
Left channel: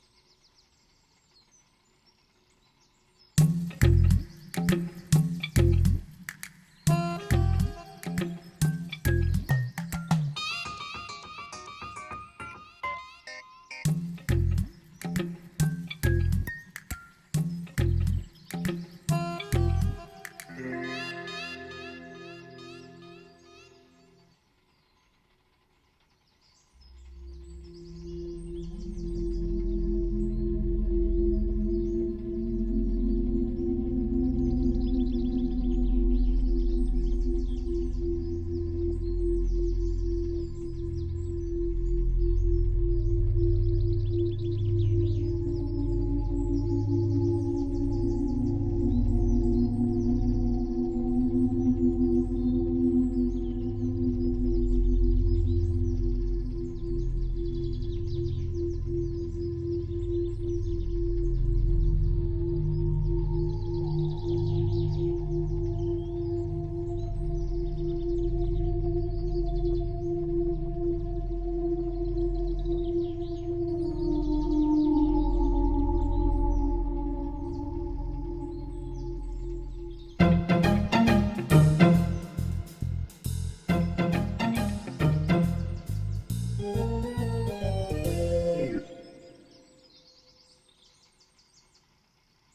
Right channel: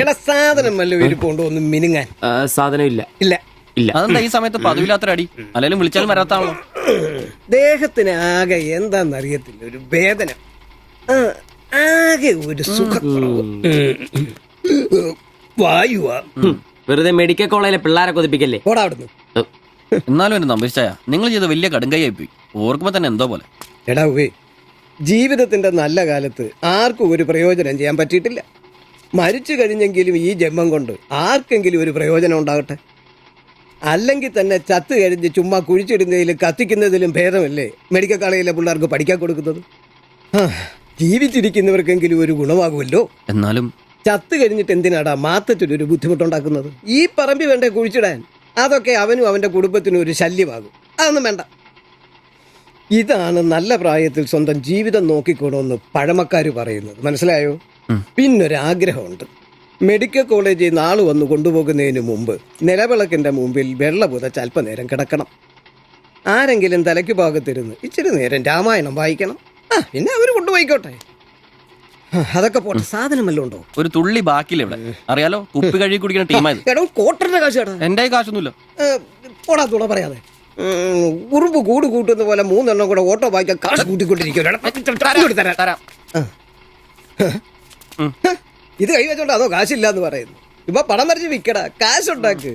എടാ സാധനം വല്ല ഇരിപ്പുണ്ടോ ഒന്ന് മിനുങ്ങാൻ? സാധനം ഇല്ല. ഇല്ല ഇല്ല. അതെന്താ ഈ സമയത്ത് പതിവില്ലാത്തൊരടി? അല്ലെങ്കിലും വിളിച്ചാലും വരാത്താണല്ലോ. ദേഹത്തിന് ആകെ എന്താന്നറിയത്തില്ല, ഒരു വേദന, ആകെ ഒരു സുഖക്കുറവ്. വായുവാ. വെറുതെ മെഡിക്കൽ കോളേജിലെ പിള്ളേരെ കൊതിപ്പിക്കല്ലേ. പോടാ അവിടുന്ന്. എന്നാലും എന്റെ നമ്പീശായ നിങ്ങൾ ചെയ്ത വലിയ കടുങ്കയായി പോയി. ഓർക്കുമ്പോ തന്നെ എന്തോ പോലെ. എടാ ഉവേ, ജീവിതത്തിന്റെ നല്ല കാലത്ത് ആർക്കും ഒരു പ്രയോജനം ചെയ്യാൻ പറ്റിയിട്ടില്ല. മരിച്ചു കഴിഞ്ഞെങ്കിലും ഈ ജന്മം കൊണ്ട് ആർക്കെങ്കിലും ഒരു പ്രയോജനം ഉണ്ടാകട്ടെ. അല്ലെങ്കിൽ തന്നെ ചത്ത് കഴിഞ്ഞ് ചുമ്മാ കുഴിച്ചിടുന്നതിലും കത്തിക്കുന്നതിലും ഭേദമല്ലേ മെഡിക്കൽ കോളേജിലെ പിള്ളേർക്ക് പഠിക്കാൻ കൊടുക്കുന്നത്. ജീവിച്ചിരിക്കുന്നവർക്കെങ്കിലും ഒരു ഗുണമാകുമല്ലോ. എന്നാലും ചത്ത് കഴിഞ്ഞിട്ട് എന്തിനാടാ മാത്തച്ചൊരു ബുദ്ധിമുട്ടുണ്ടാക്കുന്നത്? ഈ പറമ്പി വേണ്ടേ കുഴിച്ചിടാൻ? അതൊക്കെ അവനും അവന്റെ കുടുംബത്തിനും ഒരു ശല്യമാകും. അതൊന്നും വേണ്ട. ഇതാണ് നല്ല പ്രായത്തിൽ സ്വന്തം ജീവിതം നോക്കിക്കോണമെന്ന് പഴമക്കാര് പറയുന്നത്. മനസ്സിലായോ? പിന്നൊരാഗ്രഹമുണ്ട്. മെഡിക്കൽ കോളേജിൽ നാള് വന്ന് കൊണ്ടുപോകുന്നതിന് മുമ്പ് നിലവിളക്കിന്റെ മുമ്പിൽ വെള്ള പുതച്ച് അല്പനേരം കിടക്കണം. ആരെങ്കിലും തലയ്ക്ക് ഭാഗത്തിരുന്ന് ഇച്ചിരി നേരം രാമായണം വായിക്കണം. പിന്നെ അവര് കൊണ്ടുപോയിക്കോട്ടെ. അതൊക്കെ പോട്ടെ, സാധനം വല്ലതും ഉണ്ടോ? ഒരു തുള്ളി ബാക്കിയില്ല ഇവിടെ. അറിയാലോ, കുപ്പി കഴുകി കുടിക്കുന്ന ടീമായത്. എടോ കോട്ടറിന്റെ കാശ് കേട്ടോ. എന്റെ കാശൊന്നുമില്ല. പോടാ തുണ പറയാതെ. ഉറുമ്പ് കൂട് കൂട്ടുന്ന പോലെ 3 എണ്ണം കൂടെ ഓട്ടോ വായിക്കാൻ കാശ് കൂട്ടിക്കൊണ്ടിരിക്കും. ഇത് കൈവച്ചോണ്ട് അതോ കാശില്ലാന്ന് പറയുന്നു. ഇപ്പൊ പണം വരച്ച് വിക്കടാ, കാശുണ്ടാക്ക്.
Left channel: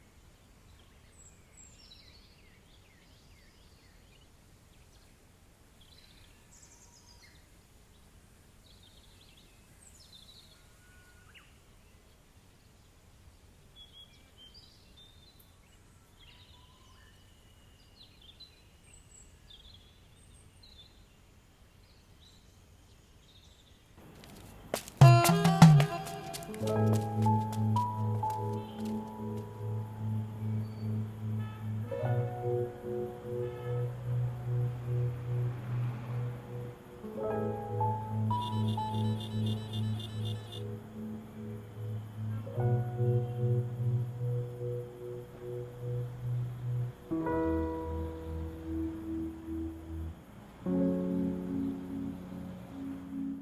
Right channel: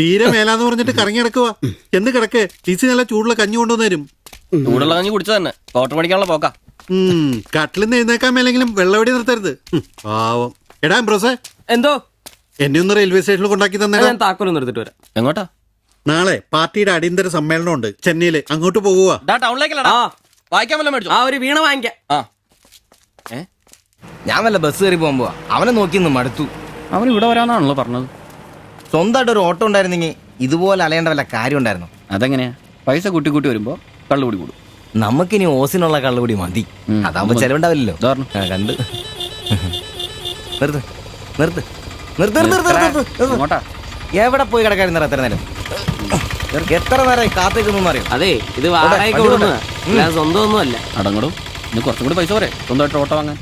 തീരെ മേലാന്ന് പറഞ്ഞിട്ട് കറങ്ങി കിടക്കുക. എന്ന് കിടക്ക്, ടീച്ചി നല്ല ചൂടുള്ള കഞ്ഞി കൊണ്ടുവന്നരും. ചൂടുള്ള കഞ്ഞി കുടിച്ചു തന്നെ കോട്ടർ പഠിക്കാനുള്ള പോക്കാ. കട്ടിലിന്ന് എഴുന്നേക്കാൻ മേലെങ്കിലും വെള്ളവടി നിർത്തരുത്. പാവം. എടാ ബ്രോസേ, എന്തോ എന്നെ ഒന്ന് റെയിൽവേ സ്റ്റേഷനിൽ കൊണ്ടാക്കി തന്നെ. ഞാൻ താക്കോലൊന്നും എടുത്തിട്ട് വരാം. എങ്ങോട്ടാ? നാളെ പാർട്ടിയുടെ അടിയന്തര സമ്മേളനം ഉണ്ട് ചെന്നൈയില്. അങ്ങോട്ട് പോകുക. ടൗണിലേക്കല്ലടാ. വായിക്കാൻ വല്ല മേടിച്ചു. ആ ഒരു വീണ വാങ്ങിക്കാം. ഞാൻ വല്ല ബസ് കയറി പോകുമ്പോ അവനെ നോക്കി മടുത്തു. അവൻ ഇവിടെ വരാന്നാണല്ലോ പറഞ്ഞത്. സ്വന്തമായിട്ട് ഒരു ഓട്ടോ ഉണ്ടായിരുന്നെങ്കിൽ ഇതുപോലെ അലയേണ്ട വല്ല കാര്യം ഉണ്ടായിരുന്നു. അതെങ്ങനെയാ? പൈസ കൂട്ടി കൂട്ടി വരുമ്പോ കള്ളുകൂടി കൂടും. നമുക്കിനി ഓസിനുള്ള കള്ളുകൂടി മതി. അതാവുമ്പോ ചെലവുണ്ടാവില്ലല്ലോ. കണ്ട് നിർത്ത് നിർത്ത് നിർത്ത് നിർത്ത്. എവിടെ പോയി കിടക്കാരുന്ന എത്ര നേരം? എത്ര നേരം കാത്തേക്കൊന്നും അറിയാം. അതെ, ഇത് വാടകയ്ക്ക് കൊടുക്കുന്നതാ, സ്വന്തം ഒന്നും അല്ല. അടങ്ങടും. ഇനി കുറച്ചും കൂടി പൈസ പോരെ സ്വന്തമായിട്ട് ഓട്ടോ വാങ്ങാൻ.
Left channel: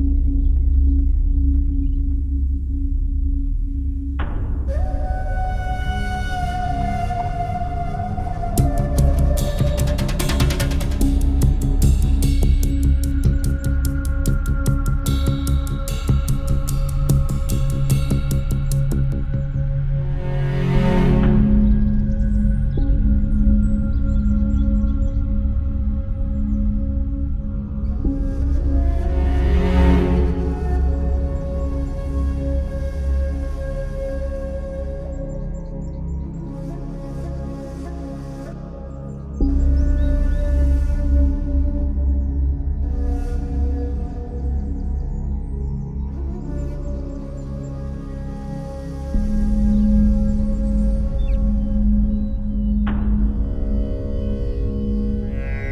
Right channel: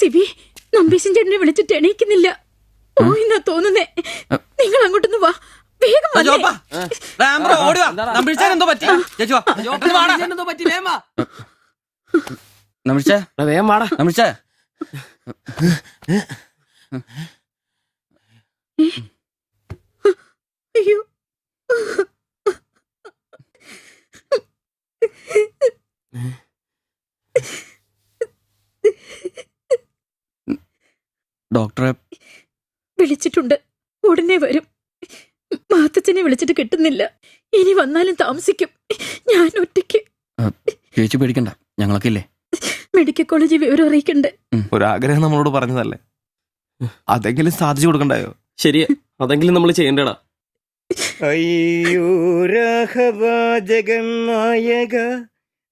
സിബി, നമ്പീശൻ ചേട്ടനെ വിളിച്ചിട്ട് എണീക്കുന്നില്ല. പോയിന്നാ തോന്നുന്നേ. നിങ്ങൾ അങ്ങോട്ടൊന്ന് വാ, വേഗം വന്നേ. അയ്യോ, ഡോക്ടറെ വിളിച്ചിട്ടുണ്ട്, ഉടനെ വരും. മാത്തച്ഛനെ വിളിച്ചിട്ട് കിട്ടുന്നില്ല. ഇനി വന്നാലും താമസിക്കും. ഞാൻ ഒറ്റയ്ക്ക്. ചേച്ചി പേടിക്കണ്ട, ഞങ്ങളൊക്കെ ഇല്ലേ. മെഡിക്കൽ കോളേജിൽ വിവരം അറിയിക്കണ്ടേ? ഒരാഗ്രഹം നമ്മളോട് പറഞ്ഞതല്ലേ, അതെങ്കിലും സാധിച്ചു കൊടുക്കണ്ടായോ? ശരിയാ, അതെങ്കിലും നമ്മൾ ചെയ്യണ്ടടാ. അയ്യോ ജഗന്നായക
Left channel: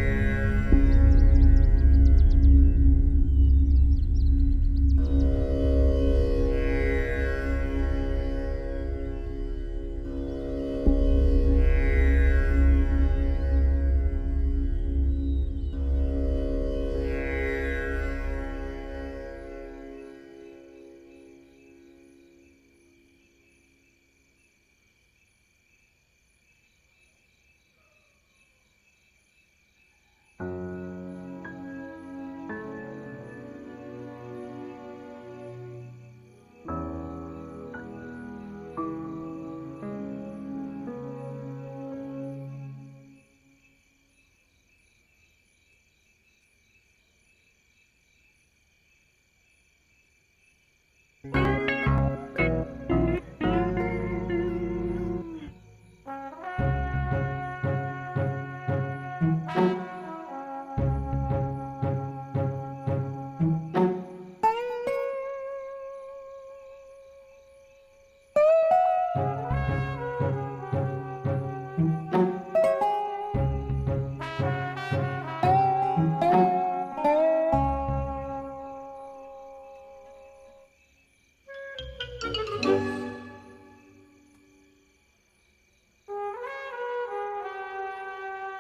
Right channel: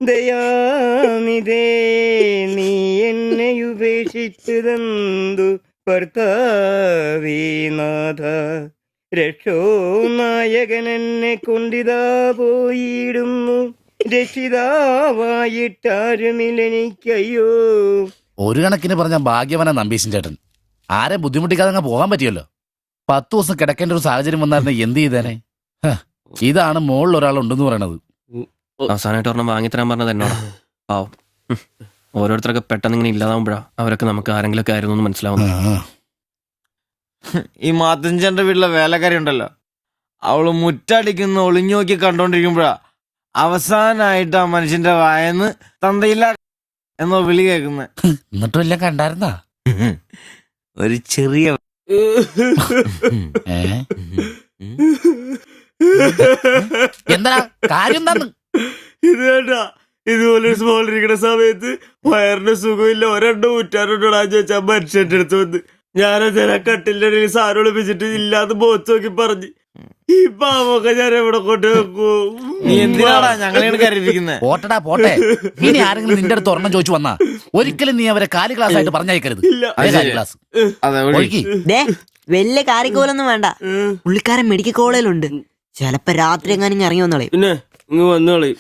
ദയാനിധേ, നീ എന്നെ ഉപേക്ഷിച്ചതെന്തു ഭർത്താവീനാഥ. രക്ഷോ നായകൻ എന്നെ കൊണ്ടിതാ പോയിടുന്നു, രക്ഷിതാവായിട്ടാരുമില്ലെനിക്കയ്യോ. ഒരു കണക്കിന് പറഞ്ഞ ഭാഗ്യവന നമ്പീശൻ ചേട്ടൻ. ആരെ ബുദ്ധിമുട്ടിക്കാതെ അങ്ങ് പോകാൻ പറ്റിയല്ലോ. 10 ദിവസം കിടക്കേണ്ട ഒരു സാഹചര്യം വന്നായിരുന്നു എന്ത് ചെയ്തേനെ. ഇതാണ് മുകളിൽ ഒരാളുണ്ടെന്ന് പറയണത്. അവസാനമായിട്ട് ഒരെണ്ണം വാങ്ങിത്തരാൻ പറഞ്ഞത് എന്നോടാ. പാവം. ഓരോരുത്തരൊക്കെ പെട്ടെന്ന് ഇങ്ങനെ ഇല്ലാതാവുമ്പോഴാ അവരൊക്കെ നമുക്ക് ആരെങ്കിലൊക്കെ ആയിരുന്നു എന്ന് മനസ്സിലാവുന്നത്. ഈ മാത്തഞ്ചന്റെ വീട്ടിലെ വേലക്കാരി ഉണ്ടല്ലോ, അവള് മുറ്റടിക്കുന്ന ഒളിഞ്ഞു നോക്കി കണ്ടോണ്ടിരിക്കുമ്പോഴാ അവസാനായിട്ട് ആ മനുഷ്യന്റെ വായന്ന് തന്തയില്ല എന്നോ വിളി കേൾക്കുന്ന. എന്നിട്ടും എല്ലാം കണ്ടായിരുന്നാ? ഒരു ചെറിയ എന്താ കാര്യം എന്താന്ന്? ഇത് വേണ്ട, ഇതുപോലെ സ്മോളിരിക്കുന്ന സമയത്ത് വയറിന് സുഖമില്ല, ഒരെണ്ണം ഊറ്റാറുണ്ടോടാ ചോദിച്ചാ മനുഷ്യന്റെ അടുത്ത് വന്ന് ഞാനതിനെ കട്ടിലിന്റെ ഇടയിൽ സാരം ഒളിപ്പിച്ചിട്ട് ഇല്ലാതെ ബോത്ത് നോക്കി പറഞ്ഞു, ഈ പാവൊക്കെ ഞാൻ എവിടെ കൊണ്ട് വെക്കൂ? നീ എന്തിനാടാ ഞങ്ങളെയാണ് കരുതിയിരിക്കുന്നത്? പോട്ടടാ പോട്ടെ. ഇനി ആരെങ്കിലും നിന്റെ അടുത്ത് ഒരെണ്ണം ചോദിച്ചു വന്നാ ഒരിക്കലും നീ അവരെ കാലി ക്ലാസ് ആയിട്ട് പറഞ്ഞയക്കരുത്. ക്ലാസ് വലിയ കാര്യക്കോലൊന്നും വേണ്ട, പുള്ളിക്കാരൻ മെഡിക്കൽ കോളേജിലുണ്ട്. ചിലപ്പോ രാത്രി എങ്ങാനും ഇറങ്ങി വന്നോളെ. പിന്നെ ഇങ്ങ് വന്നോളി.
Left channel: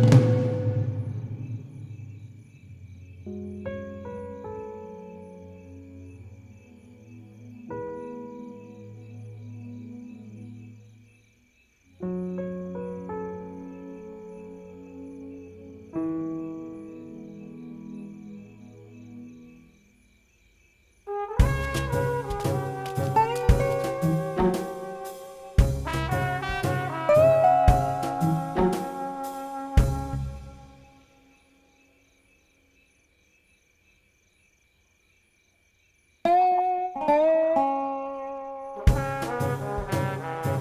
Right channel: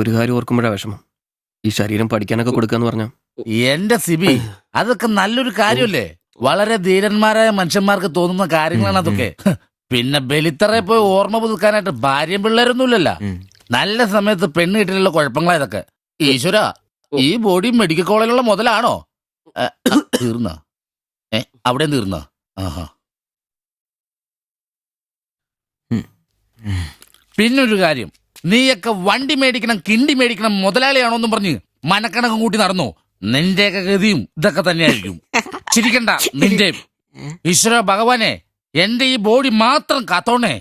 ഒരു കാര്യം ഓർക്കുമ്പോഴാ വിഷമം. ഈ ശരീരം പഠിക്കാനൊക്കെ കൊടുക്കാന്ന് പറഞ്ഞ എന്റെ സിബി, അതൊക്കെ നല്ലൊരു കാര്യമല്ലേ? വളരെ ധീരന്മാരായ മനുഷ്യന്മാർക്ക് തോന്നുന്ന കാര്യങ്ങളാണ് അതൊക്കെ. പിന്നെ ബലിത്തറെ പോയി ഓർമ്മ പുതുക്കാനായിട്ട് ഭാര്യയും പിള്ളേരൊന്നുമില്ലല്ലോ. നല്ല സമയത്ത് പെണ്ണ് കിട്ടിയുള്ള കുഴപ്പങ്ങളാ ഇതൊക്കെ. ഈശ്വര, ഈ ബോഡി മെഡിക്കൽ കോളേജിലുള്ള മുതലാണോ? തീർന്ന അവിടെ തീർന്ന. പിന്നൊരു കാര്യം, നീയൊക്കെ വണ്ടി മേടിക്കണം, കിണ്ടി മേടിക്കണം, മുതലാളിയാണോന്നും പറഞ്ഞ് മനക്കണക്കം കൂട്ടി നടന്നു. നിന്റെയൊക്കെ ഗതിയും ഇതൊക്കെ തന്നെയായിരിക്കും. ചിരിക്കണ്ട നിന്റെ. ഈശ്വര ഭഗവാനെ, എന്റെ ഈ ബോഡി മാത്രം കാത്തോണേ.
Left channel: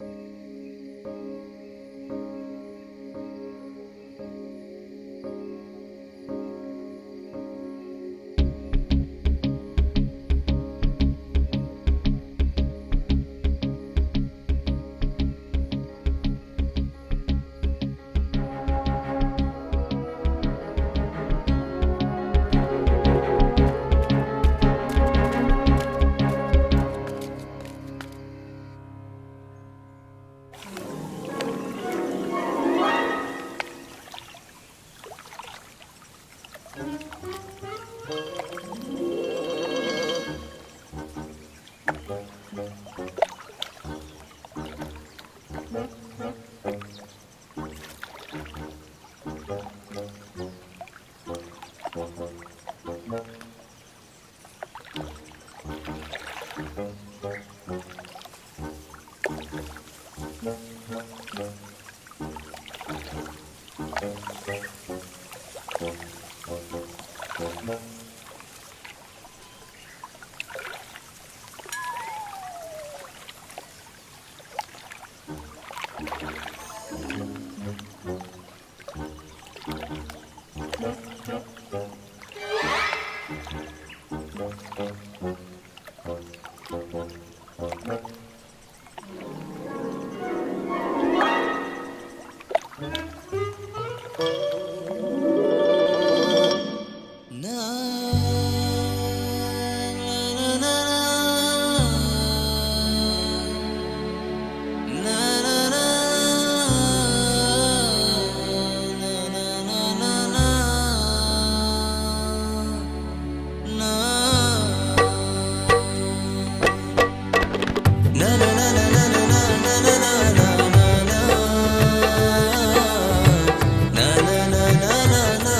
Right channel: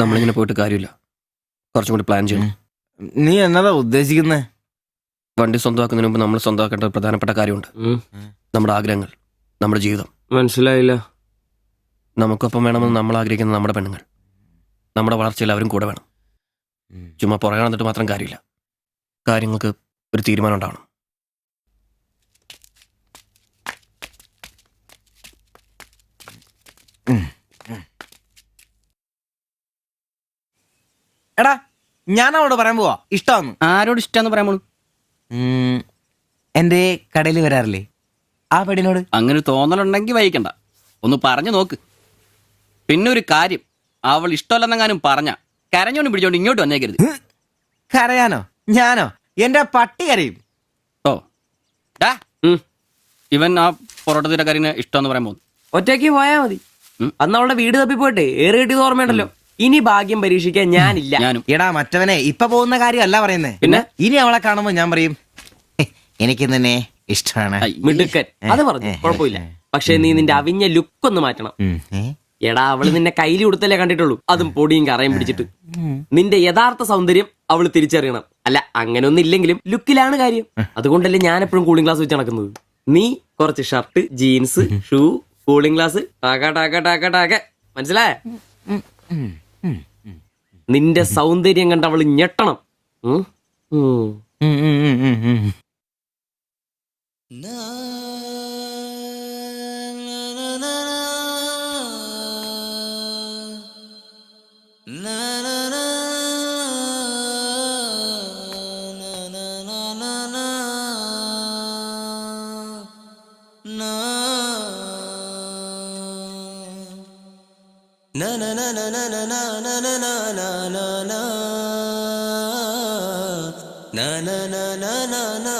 നമ്മളിങ്ങനെ പോയിട്ട് കാര്യമില്ല, കുറച്ചും കൂടി പ്ലാൻ ചെയ്യണം. നീ എന്നതാ ഉദ്ദേശിക്കുന്നേ? വണ്ടി സ്വന്തമാക്കുന്നതിന് മുമ്പ് നമ്മൾ സ്വന്തമാക്കേണ്ട ഒരു പ്രധാനപ്പെട്ട കാര്യമുണ്ട്. നമ്മുടെ ആഗ്രഹങ്ങൾ, നമ്മുടെ ജീവിതം. മനസ്സിലായില്ല. നമുക്കൊപ്പം വേണമെന്ന് നമ്മൾ ആഗ്രഹിക്കുന്ന നമ്മുടെ പെണ്ണുങ്ങൾ. നമ്മുടെ വളർച്ചയിൽ അവരും കൂടെ വേണം. ചുമ്മാ പുറകെ നടന്നിട്ട് മാത്രം കാര്യമില്ല. കാര്യങ്ങൾക്ക് ഒരു തീരുമാനം ഉണ്ടാവണം. എടാ, ഞാൻ അവളോട് പറയാൻ പോവാ ഇഷ്ടം. ആരോട് ഇഷ്ടമെന്ന് പറയാൻ പോണു? എന്റെ കടയിൽ വരാറില്ലേ ആ പെടിനോട്? അങ്ങനെ തോന്നലുണ്ടെങ്കിൽ വൈകണ്ട, ഒന്ന് പറഞ്ഞു നോക്ക്. പിന്നെ ഒരു കാര്യം, അവൾ ഇഷ്ടമല്ലെന്നെങ്ങാനും പറഞ്ഞ കരഞ്ഞോണ്ട് പിടിച്ചോണ്ട് ഇങ്ങോട്ട് വന്നേക്കരുത്. കരയാനോ? ഞാനോ? എന്റെ പട്ടി കരയും. ഓ, ഇവൻ ആ പൊറോട്ടത്തിന്റെ കാര്യം ഇഷ്ടമെന്ന് പറയാൻ പോകുന്നു. ഒറ്റയ്ക്ക് പോയാ മതി. അന്ന് അവളുടെ വീട് തപ്പി പോട്ടെ, ഏറെ കിട്ടിയത് ഓർമ്മയുണ്ടല്ലോ. ഇനി ഭാഗ്യം പരീക്ഷിക്കാൻ ഞാനില്ല. എടാ മറ്റവനെ, ഇപ്പൊ പോകുന്ന കാര്യമല്ല പറയുന്നേ. പിന്നെ ഇനി അവളെ കാണുമ്പോ ഞാൻ പറയും, എനിക്ക് തന്നെ ഇഷ്ടമാണ്. മിടുക്കൻ, അത് പറഞ്ഞു കുഴപ്പമില്ല. പക്ഷെ നീ നിന്റെ അവിഞ്ഞ ലുക്ക് ഒന്ന് മാറ്റണം. എടാ, അവള് നിന്നെ കയ്യിൽ കൊടുത്തല്ലേ കണ്ടിട്ടുള്ളൂ, അതും പൊടിയും കറയും പിടിച്ചിട്ട്. നിന്റെ യഥാർത്ഥ സൗന്ദര്യം അവള് തിരിച്ചറിയണം. അല്ല, അങ്ങനെയൊന്നും ഇല്ലെങ്കിലും ലുക്കിലാണ് കാര്യം. അതുകൊണ്ടല്ലേ ഞാൻ എപ്പോഴും കൂളിംഗ് ഗ്ലാസ് വെച്ച് നടക്കുന്നത്. നീ കുറച്ച് shirt, jeans, shoe, cooling glass, മനസ്സിലായ? നിന്റെ സൗന്ദര്യം കണ്ട് അവള് ഞെട്ടണം. na na na na na na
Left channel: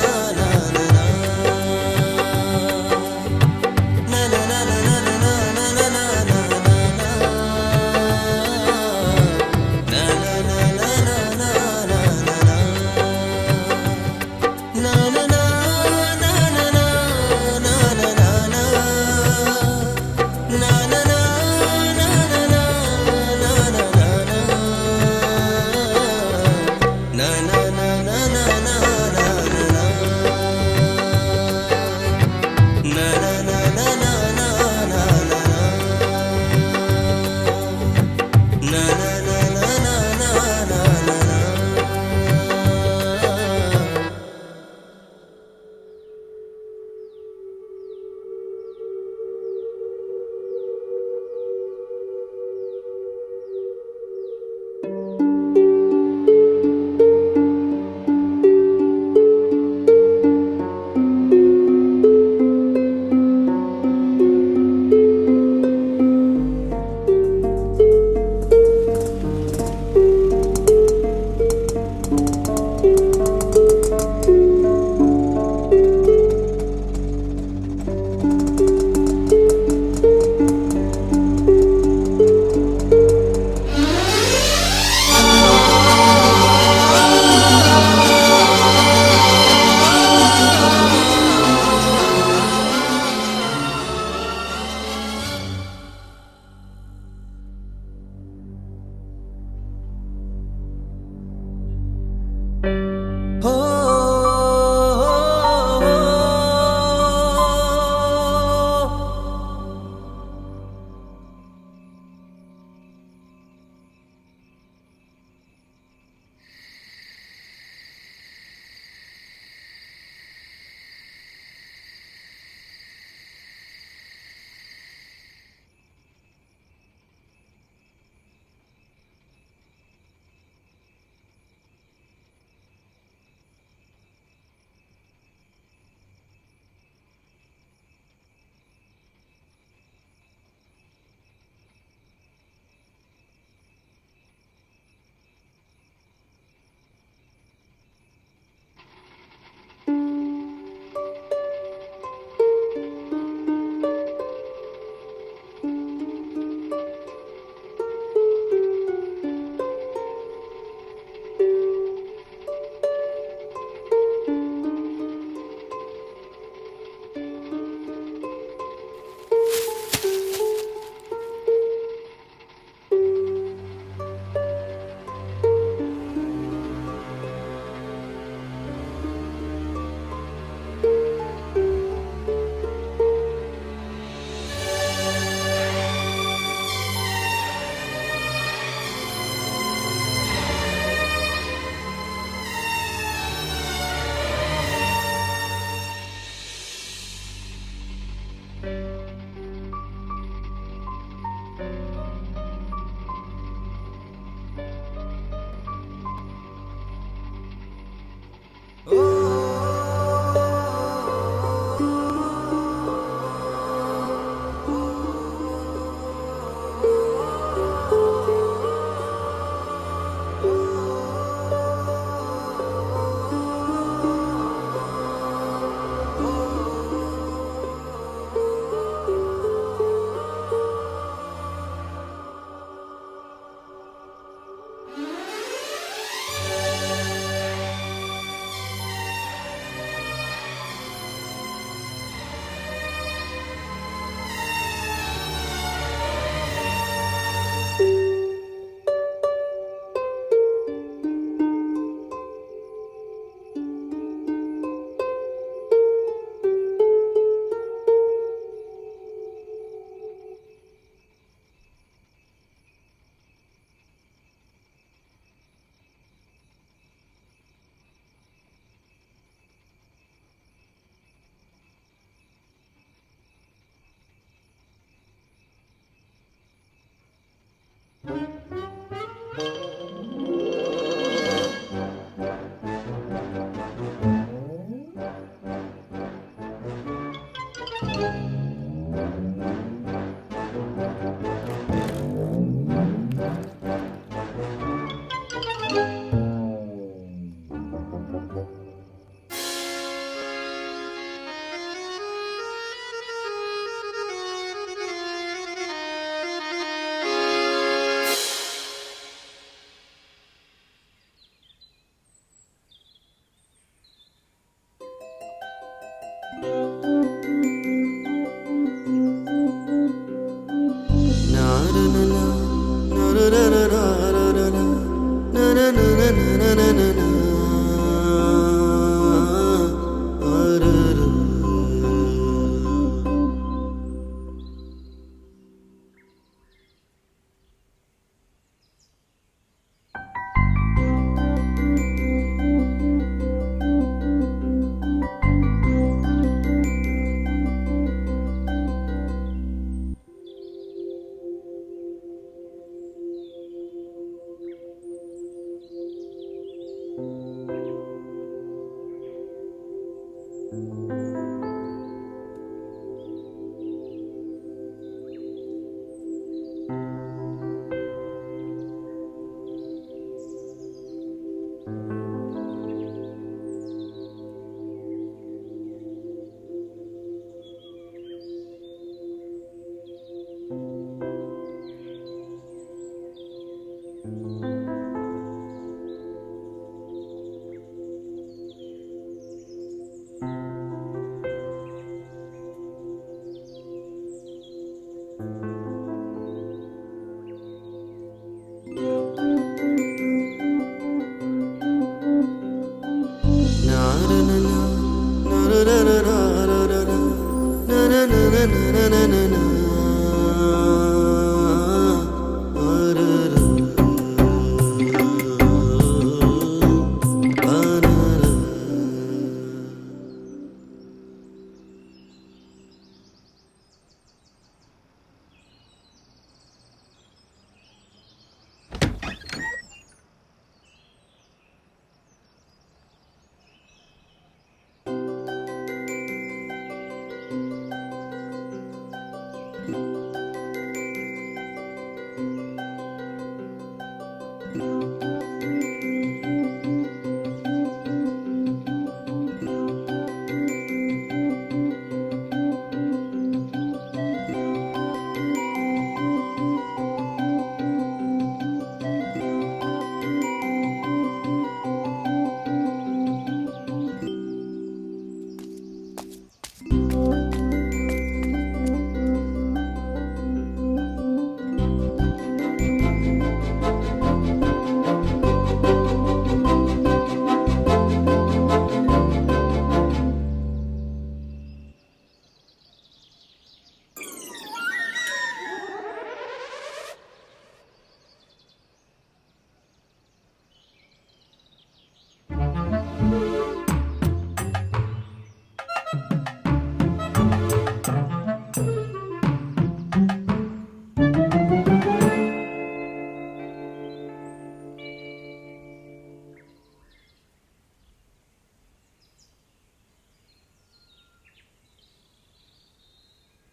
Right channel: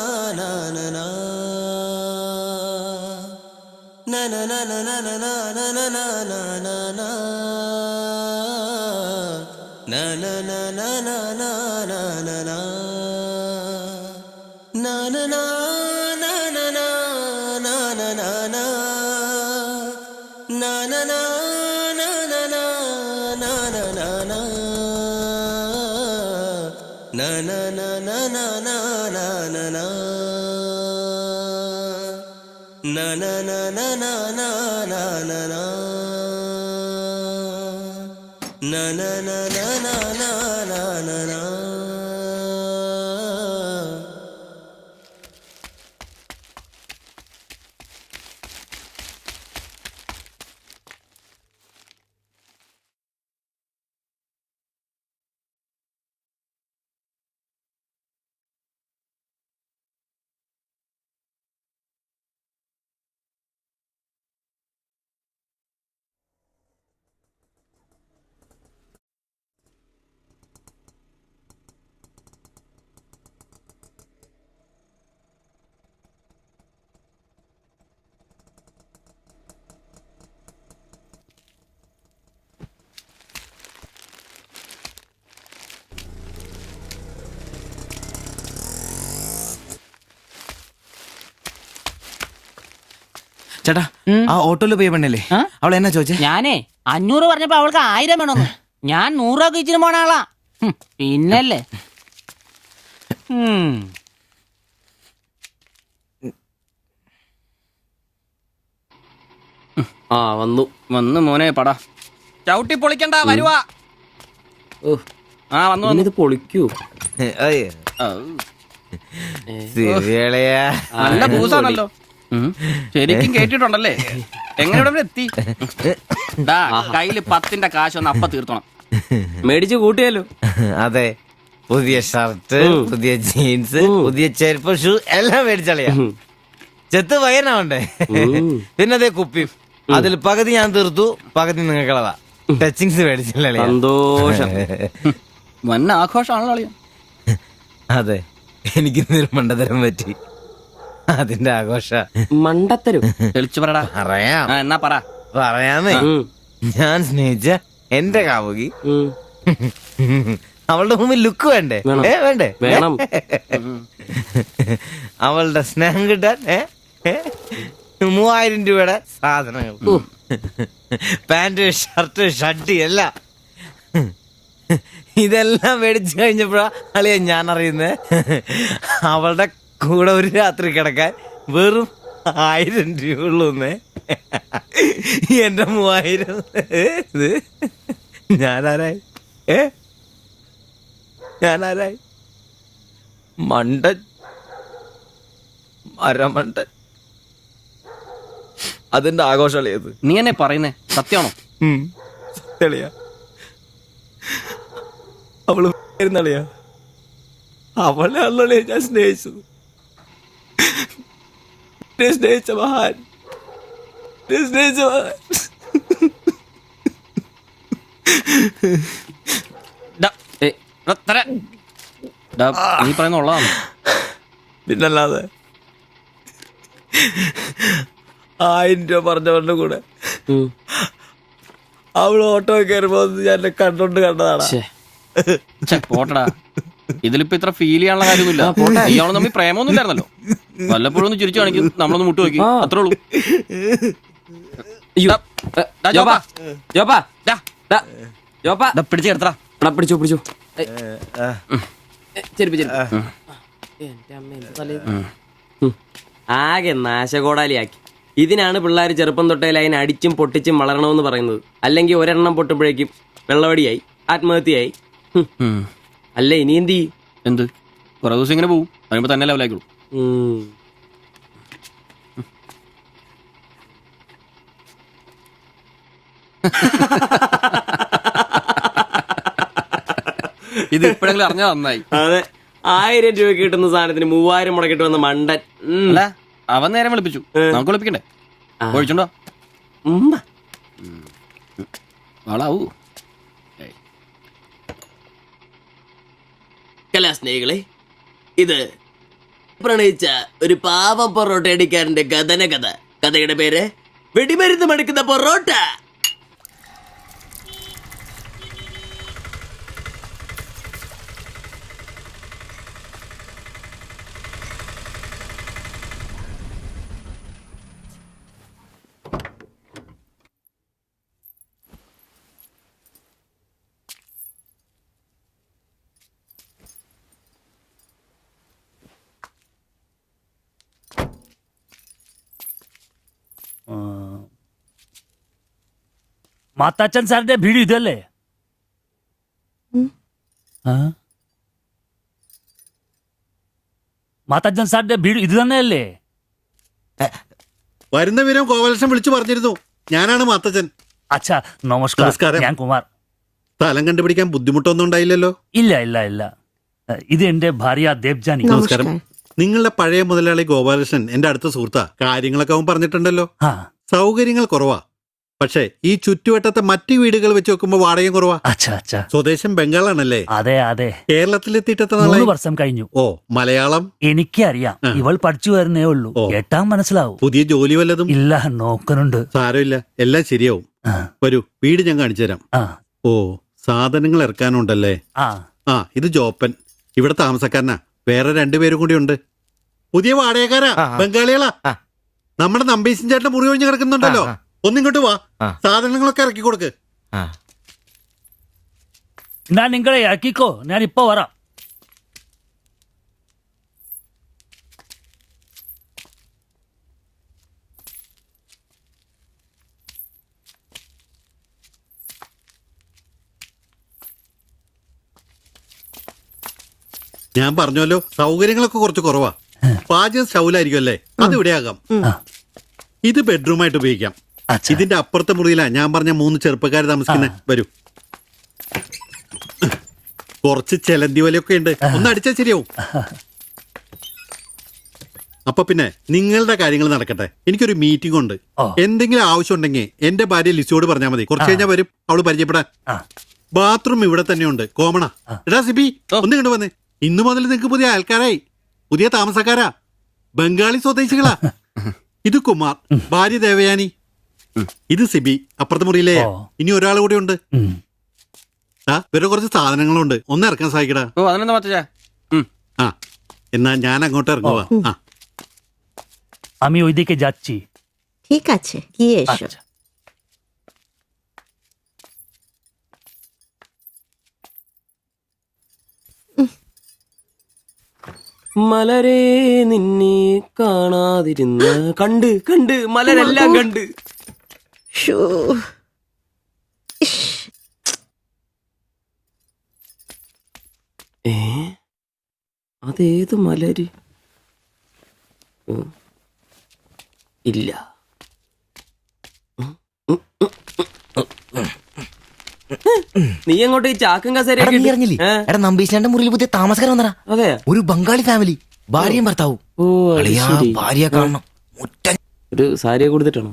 ആ ഓട്ടോയിൽ പോയ പെണ്ണല്ലേ അവൾ എന്നാ ചോദിച്ചേ? ഞാനേ 500 പറഞ്ഞപ്പോ അവൾക്ക് 1000 വേണമെന്ന്. ഞാൻ 100 രൂപ ഇച്ചിരി പോണ ആളാ. പിന്നല്ലേ ആ വന്നു വന്ന് മോനെ പടാ ചവിട്ടി പൊളിക്കണ്ട വരുവാ. ആ വന്നു വന്നു. ഇത് പൊളിക്കൂ. അയ്യേ. ശരിയളയാ. നല്ല പൂസാണല്ലോ. ശരിക്കും കേട്ടിട്ടുണ്ടല്ലേ? എങ്ങനെ ഇവിടെ വരെ എത്തി? ദാ, കയ്യില് 10ന്റെ കാശ് ഒന്ന് അപ്പ തീർത്തോണം. മേടിച്ച് കൂട്ടിയല്ലോ. അതെ, പുതിയ ഷർട്ട്, പുതിയ ജീൻസ്, പുതിയ ചെരുപ്പ്, ഷൂ എല്ലാം മേടിച്ചളയാ. ചെത്ത് വയനാവണ്ടേ? പിന്നെ അതേ കുപ്പിയും. അതിൽ പകുതി ഞാൻ തീർത്തു, പകുതി നിങ്ങൾക്കുള്ളതാ. ടച്ചിങ്സ് മേടിച്ചല്ലേ? സന്തോഷം. വന്ന ആഘോഷമാണല്ലോ അളിയാ. അതെ, എനിക്ക് മണ്ടതരം പറ്റി. അതിന്റെ ആഘോഷ. മണ്ടത്തരും തെളിച്ചു പറടാ. അറിയാം. എന്നാ പറ. പറയാമേ. ഞാൻ സ്നേഹിച്ച എന്റെ കാമുകി അവളുടെ മുമ്പിൽ ലുക്ക് വേണ്ടേ? വേണ്ടേ? വേണം. അവളുടെ സ്നേഹം കിട്ടാൻ 3000 രൂപയുടെ സാധനങ്ങൾ, പാന്റ്, ഷർട്ട്, ഷഡ്ഡി എല്ലാം. ഇതെല്ലാം മേടിച്ചു കഴിഞ്ഞപ്പോഴാ അളിയ ഞാൻ അറിയുന്നത് അവളുടെ കൂടെ ഒരു രാത്രി കിടക്കാൻ വെറും 1000 രൂപ ഉള്ളൂന്നേ. എന്റെ 3000 ഞാനാരായി? ഞാനാരായി? മണ്ടൻ, അരമണ്ടൻ. അതിന്റെ ആഘോഷളിയത്. നീ എന്നെ പറയുന്നേ സത്യമാണോ? തെളിയാ. അവള് ളിയാ. അവളെ അല്ലേ ഞാൻ സ്നേഹിച്ചു. സ്നേഹിച്ച മഹാൻ, സ്നേഹിച്ച മഹാൻ. നീ പറയുന്ന ഉള്ളതാണ്. പിന്നല്ലാതെ 1000 രൂപ പറഞ്ഞവരുടെ കൂടെ അവള് ഓട്ടോ കയറുമ്പോ ഞാൻ കണ്ടോണ്ട് കണ്ടതാണ്. പോട്ടടാ, ഇതിലിപ്പോ ഇത്ര ഫീൽ ചെയ്യാനുള്ള കാര്യമില്ല. ഇയാള് തമ്മിൽ പ്രേമൊന്നും ഇല്ലായിരുന്നല്ലോ. വല്ലപ്പോഴും ഒന്ന് ചിരിച്ചു കാണിക്കും, നമ്മളൊന്ന് മുട്ടു നോക്കി, അത്രേ ഉള്ളൂ. പിടിച്ചു കിടത്തടാ. പിടിച്ചു പിടിച്ചു. ആകെ നാശകോടാലിയാക്കി. ഇതിനാണ് പിള്ളേർ ചെറുപ്പം തൊട്ടേ അതിനെ അടിച്ചും പൊട്ടിച്ചും വളരണമെന്ന് പറയുന്നത്. അല്ലെങ്കിൽ ഒരെണ്ണം പൊട്ടുമ്പോഴേക്കും വെള്ളവടിയായി, ആത്മഹത്യയായി. അല്ല ഇനി എന്ത് ചെയ്യും? എന്ത് കുറെ ദിവസം ഇങ്ങനെ പോവും, കഴിയുമ്പോ തന്നെ ലെവലായിക്കോളൂ. ഇത് ഇപ്പോഴെങ്കിലും അറിഞ്ഞാ നന്നായി. അതെ, 1000 രൂപ കിട്ടുന്ന സാധനത്തിന് 3000 മുടക്കിട്ട് വന്ന മണ്ടൻ. അല്ല, അവൻ നേരം വിളിപ്പിച്ചു, നമുക്ക് വിളിപ്പിക്കണ്ടേ? ഒഴിച്ചുണ്ടോ? ആളാവൂ. കലാസ്നേഹികളെ, ഇത് പ്രണയിച്ച ഒരു പാവം പൊറോട്ട അടിക്കാരന്റെ കഥന കഥ. കഥയുടെ പേര് വെടിമരുന്ന് മടുക്കുന്ന പൊറോട്ട. മാത്താച്ചൻ സാറിന്റെ വീട് ഇതല്ലേ? മാത്താച്ചൻ സാറിന്റെ വീട് ഇത് തന്നെയല്ലേ? വരുന്ന വിവരം കോവലക്ഷൻ വിളിച്ചു പറഞ്ഞിരുന്നു. ഞാനാണ് മാത്തച്ചൻ. അച്ഛാ നമസ്കാരം. ഞാൻ കുമാർ. സ്ഥലം കണ്ടുപിടിക്കാൻ ബുദ്ധിമുട്ടൊന്നും ഉണ്ടായില്ലല്ലോ? ഇല്ല ഇല്ല ഇല്ല. ഇത് എന്റെ ഭാര്യ ദേവ്ജാനി. നമസ്കാരം. നിങ്ങളുടെ പഴയ മുതലാളി ഗോപാലകൃഷ്ണൻ എന്റെ അടുത്ത സുഹൃത്താ. കാര്യങ്ങളൊക്കെ അവൻ പറഞ്ഞിട്ടുണ്ടല്ലോ. സൗകര്യങ്ങൾ കുറവാ, പക്ഷേ ഈ ചുറ്റുവട്ടത്തെ മറ്റു വീടുകൾ വെച്ച് നോക്കുമ്പോ വാടകയും കുറവാ. സ്വദേശം ബംഗാളാണല്ലേ? അതെ അതെ. കേരളത്തിലെത്തിയിട്ട് 3 വർഷം കഴിഞ്ഞു. ഓ, മലയാളം എനിക്കറിയാം. ഇവൾ പഠിച്ചു വരുന്നേ ഉള്ളൂ. കേട്ടാ മനസ്സിലാവും. പുതിയ ജോലി വല്ലതും? ഇല്ല, നോക്കുന്നുണ്ട്. സാരമില്ല, എല്ലാം ശരിയാവും. വരൂ, വീട് ഞാൻ കാണിച്ചു തരാം. ഓ, സാധനങ്ങൾ ഇറക്കാനുണ്ടല്ലേ? ആ, ഇത് ജോപ്പൻ, ഇവിടെ താമസക്കാരനാ. വേറെ 2 പേരും കൂടി ഉണ്ട്. പുതിയ വാടകക്കാരാ, ബംഗാളികളാ. നമ്മുടെ നമ്പീശൻ ചേട്ടൻ മുറി ഒഴിഞ്ഞ് കിടക്കുന്നുണ്ടല്ലോ, ഒന്നിങ്ങോട്ട് വാ, സാധനങ്ങളൊക്കെ ഇറക്കി കൊടുക്ക്. ഞാൻ നിങ്ങളെ ഇറക്കിക്കോ, ഞാൻ ഇപ്പൊ വരാം. ഞാൻ പറഞ്ഞല്ലോ സൗകര്യങ്ങളൊക്കെ കുറച്ച് കുറവാ. പാചകം സ്റ്റൗലായിരിക്കും അല്ലേ, അത് ഇവിടെ ആകാം. ഇത് ബെഡ്റൂമായിട്ട് ഉപയോഗിക്കാം. ഇതിന്റെ അപ്പുറത്തെ മുറിയിലാ ഞാൻ പറഞ്ഞ 3 ചെറുപ്പക്കാർ താമസിക്കുന്നത്. വരൂ. കുറച്ച് ചെലന്തി വലയൊക്കെ ഉണ്ട്, ഒന്ന് അടിച്ചാൽ ശരിയാവും. അപ്പൊ പിന്നെ നിങ്ങളുടെ കാര്യങ്ങൾ നടക്കട്ടെ, എനിക്കൊരു മീറ്റിംഗ് ഉണ്ട്. എന്തെങ്കിലും ആവശ്യം ഉണ്ടെങ്കിൽ എന്റെ ഭാര്യ ലിസിയോട് പറഞ്ഞാൽ മതി, കുറച്ച് കഴിഞ്ഞാൽ വരും അവള് പരിചയപ്പെടാൻ. ബാത്റൂം ഇവിടെ തന്നെയുണ്ട്, കോമണാ. എടാ സിബി, ഒന്ന് കണ്ടു വന്നേ. ഇന്നു മുതൽ നിങ്ങൾക്ക് പുതിയ ആൾക്കാരായി, പുതിയ താമസക്കാരാ, ബംഗാളി സ്വദേശികളാ. ഇത് കുമാർ, ഭാര്യ ദേവയാനി. ഇത് സിബി, അപ്പുറത്തെ മുറിയിലെ. ഇനി ഒരാൾ കൂടി ഉണ്ട്. വേറെ കുറച്ച് സാധനങ്ങളുണ്ട്, ഒന്ന് ഇറക്കാൻ സഹായിക്കടാ. ആ, എന്നാ ഞാൻ അങ്ങോട്ട് ഇറങ്ങുവാ. আমি ওইদিকে যাচ্ছি। ঠিক আছে, গিয়ে এসো। മലരെ നിന്നെ കാണാതിരുന്ന് കണ്ട് കണ്ട് മലരെല്ലാം കണ്ട്. അതേത് മലര്? ഇല്ല. നീ അങ്ങോട്ട് ഈ ചാക്കും കസേരയൊക്കെ എടാ നമ്പീശന്റെ മുറിയിൽ പുതിയ താമസക്കാരൻ വന്നടാ. അതെ, ഒരു ബംഗാളി ഫാമിലി, ഭാര്യയും ഭർത്താവും. ഭാര്യ കാണണം. ഒരു സാരിയെ കൊടുത്തിട്ടാണോ?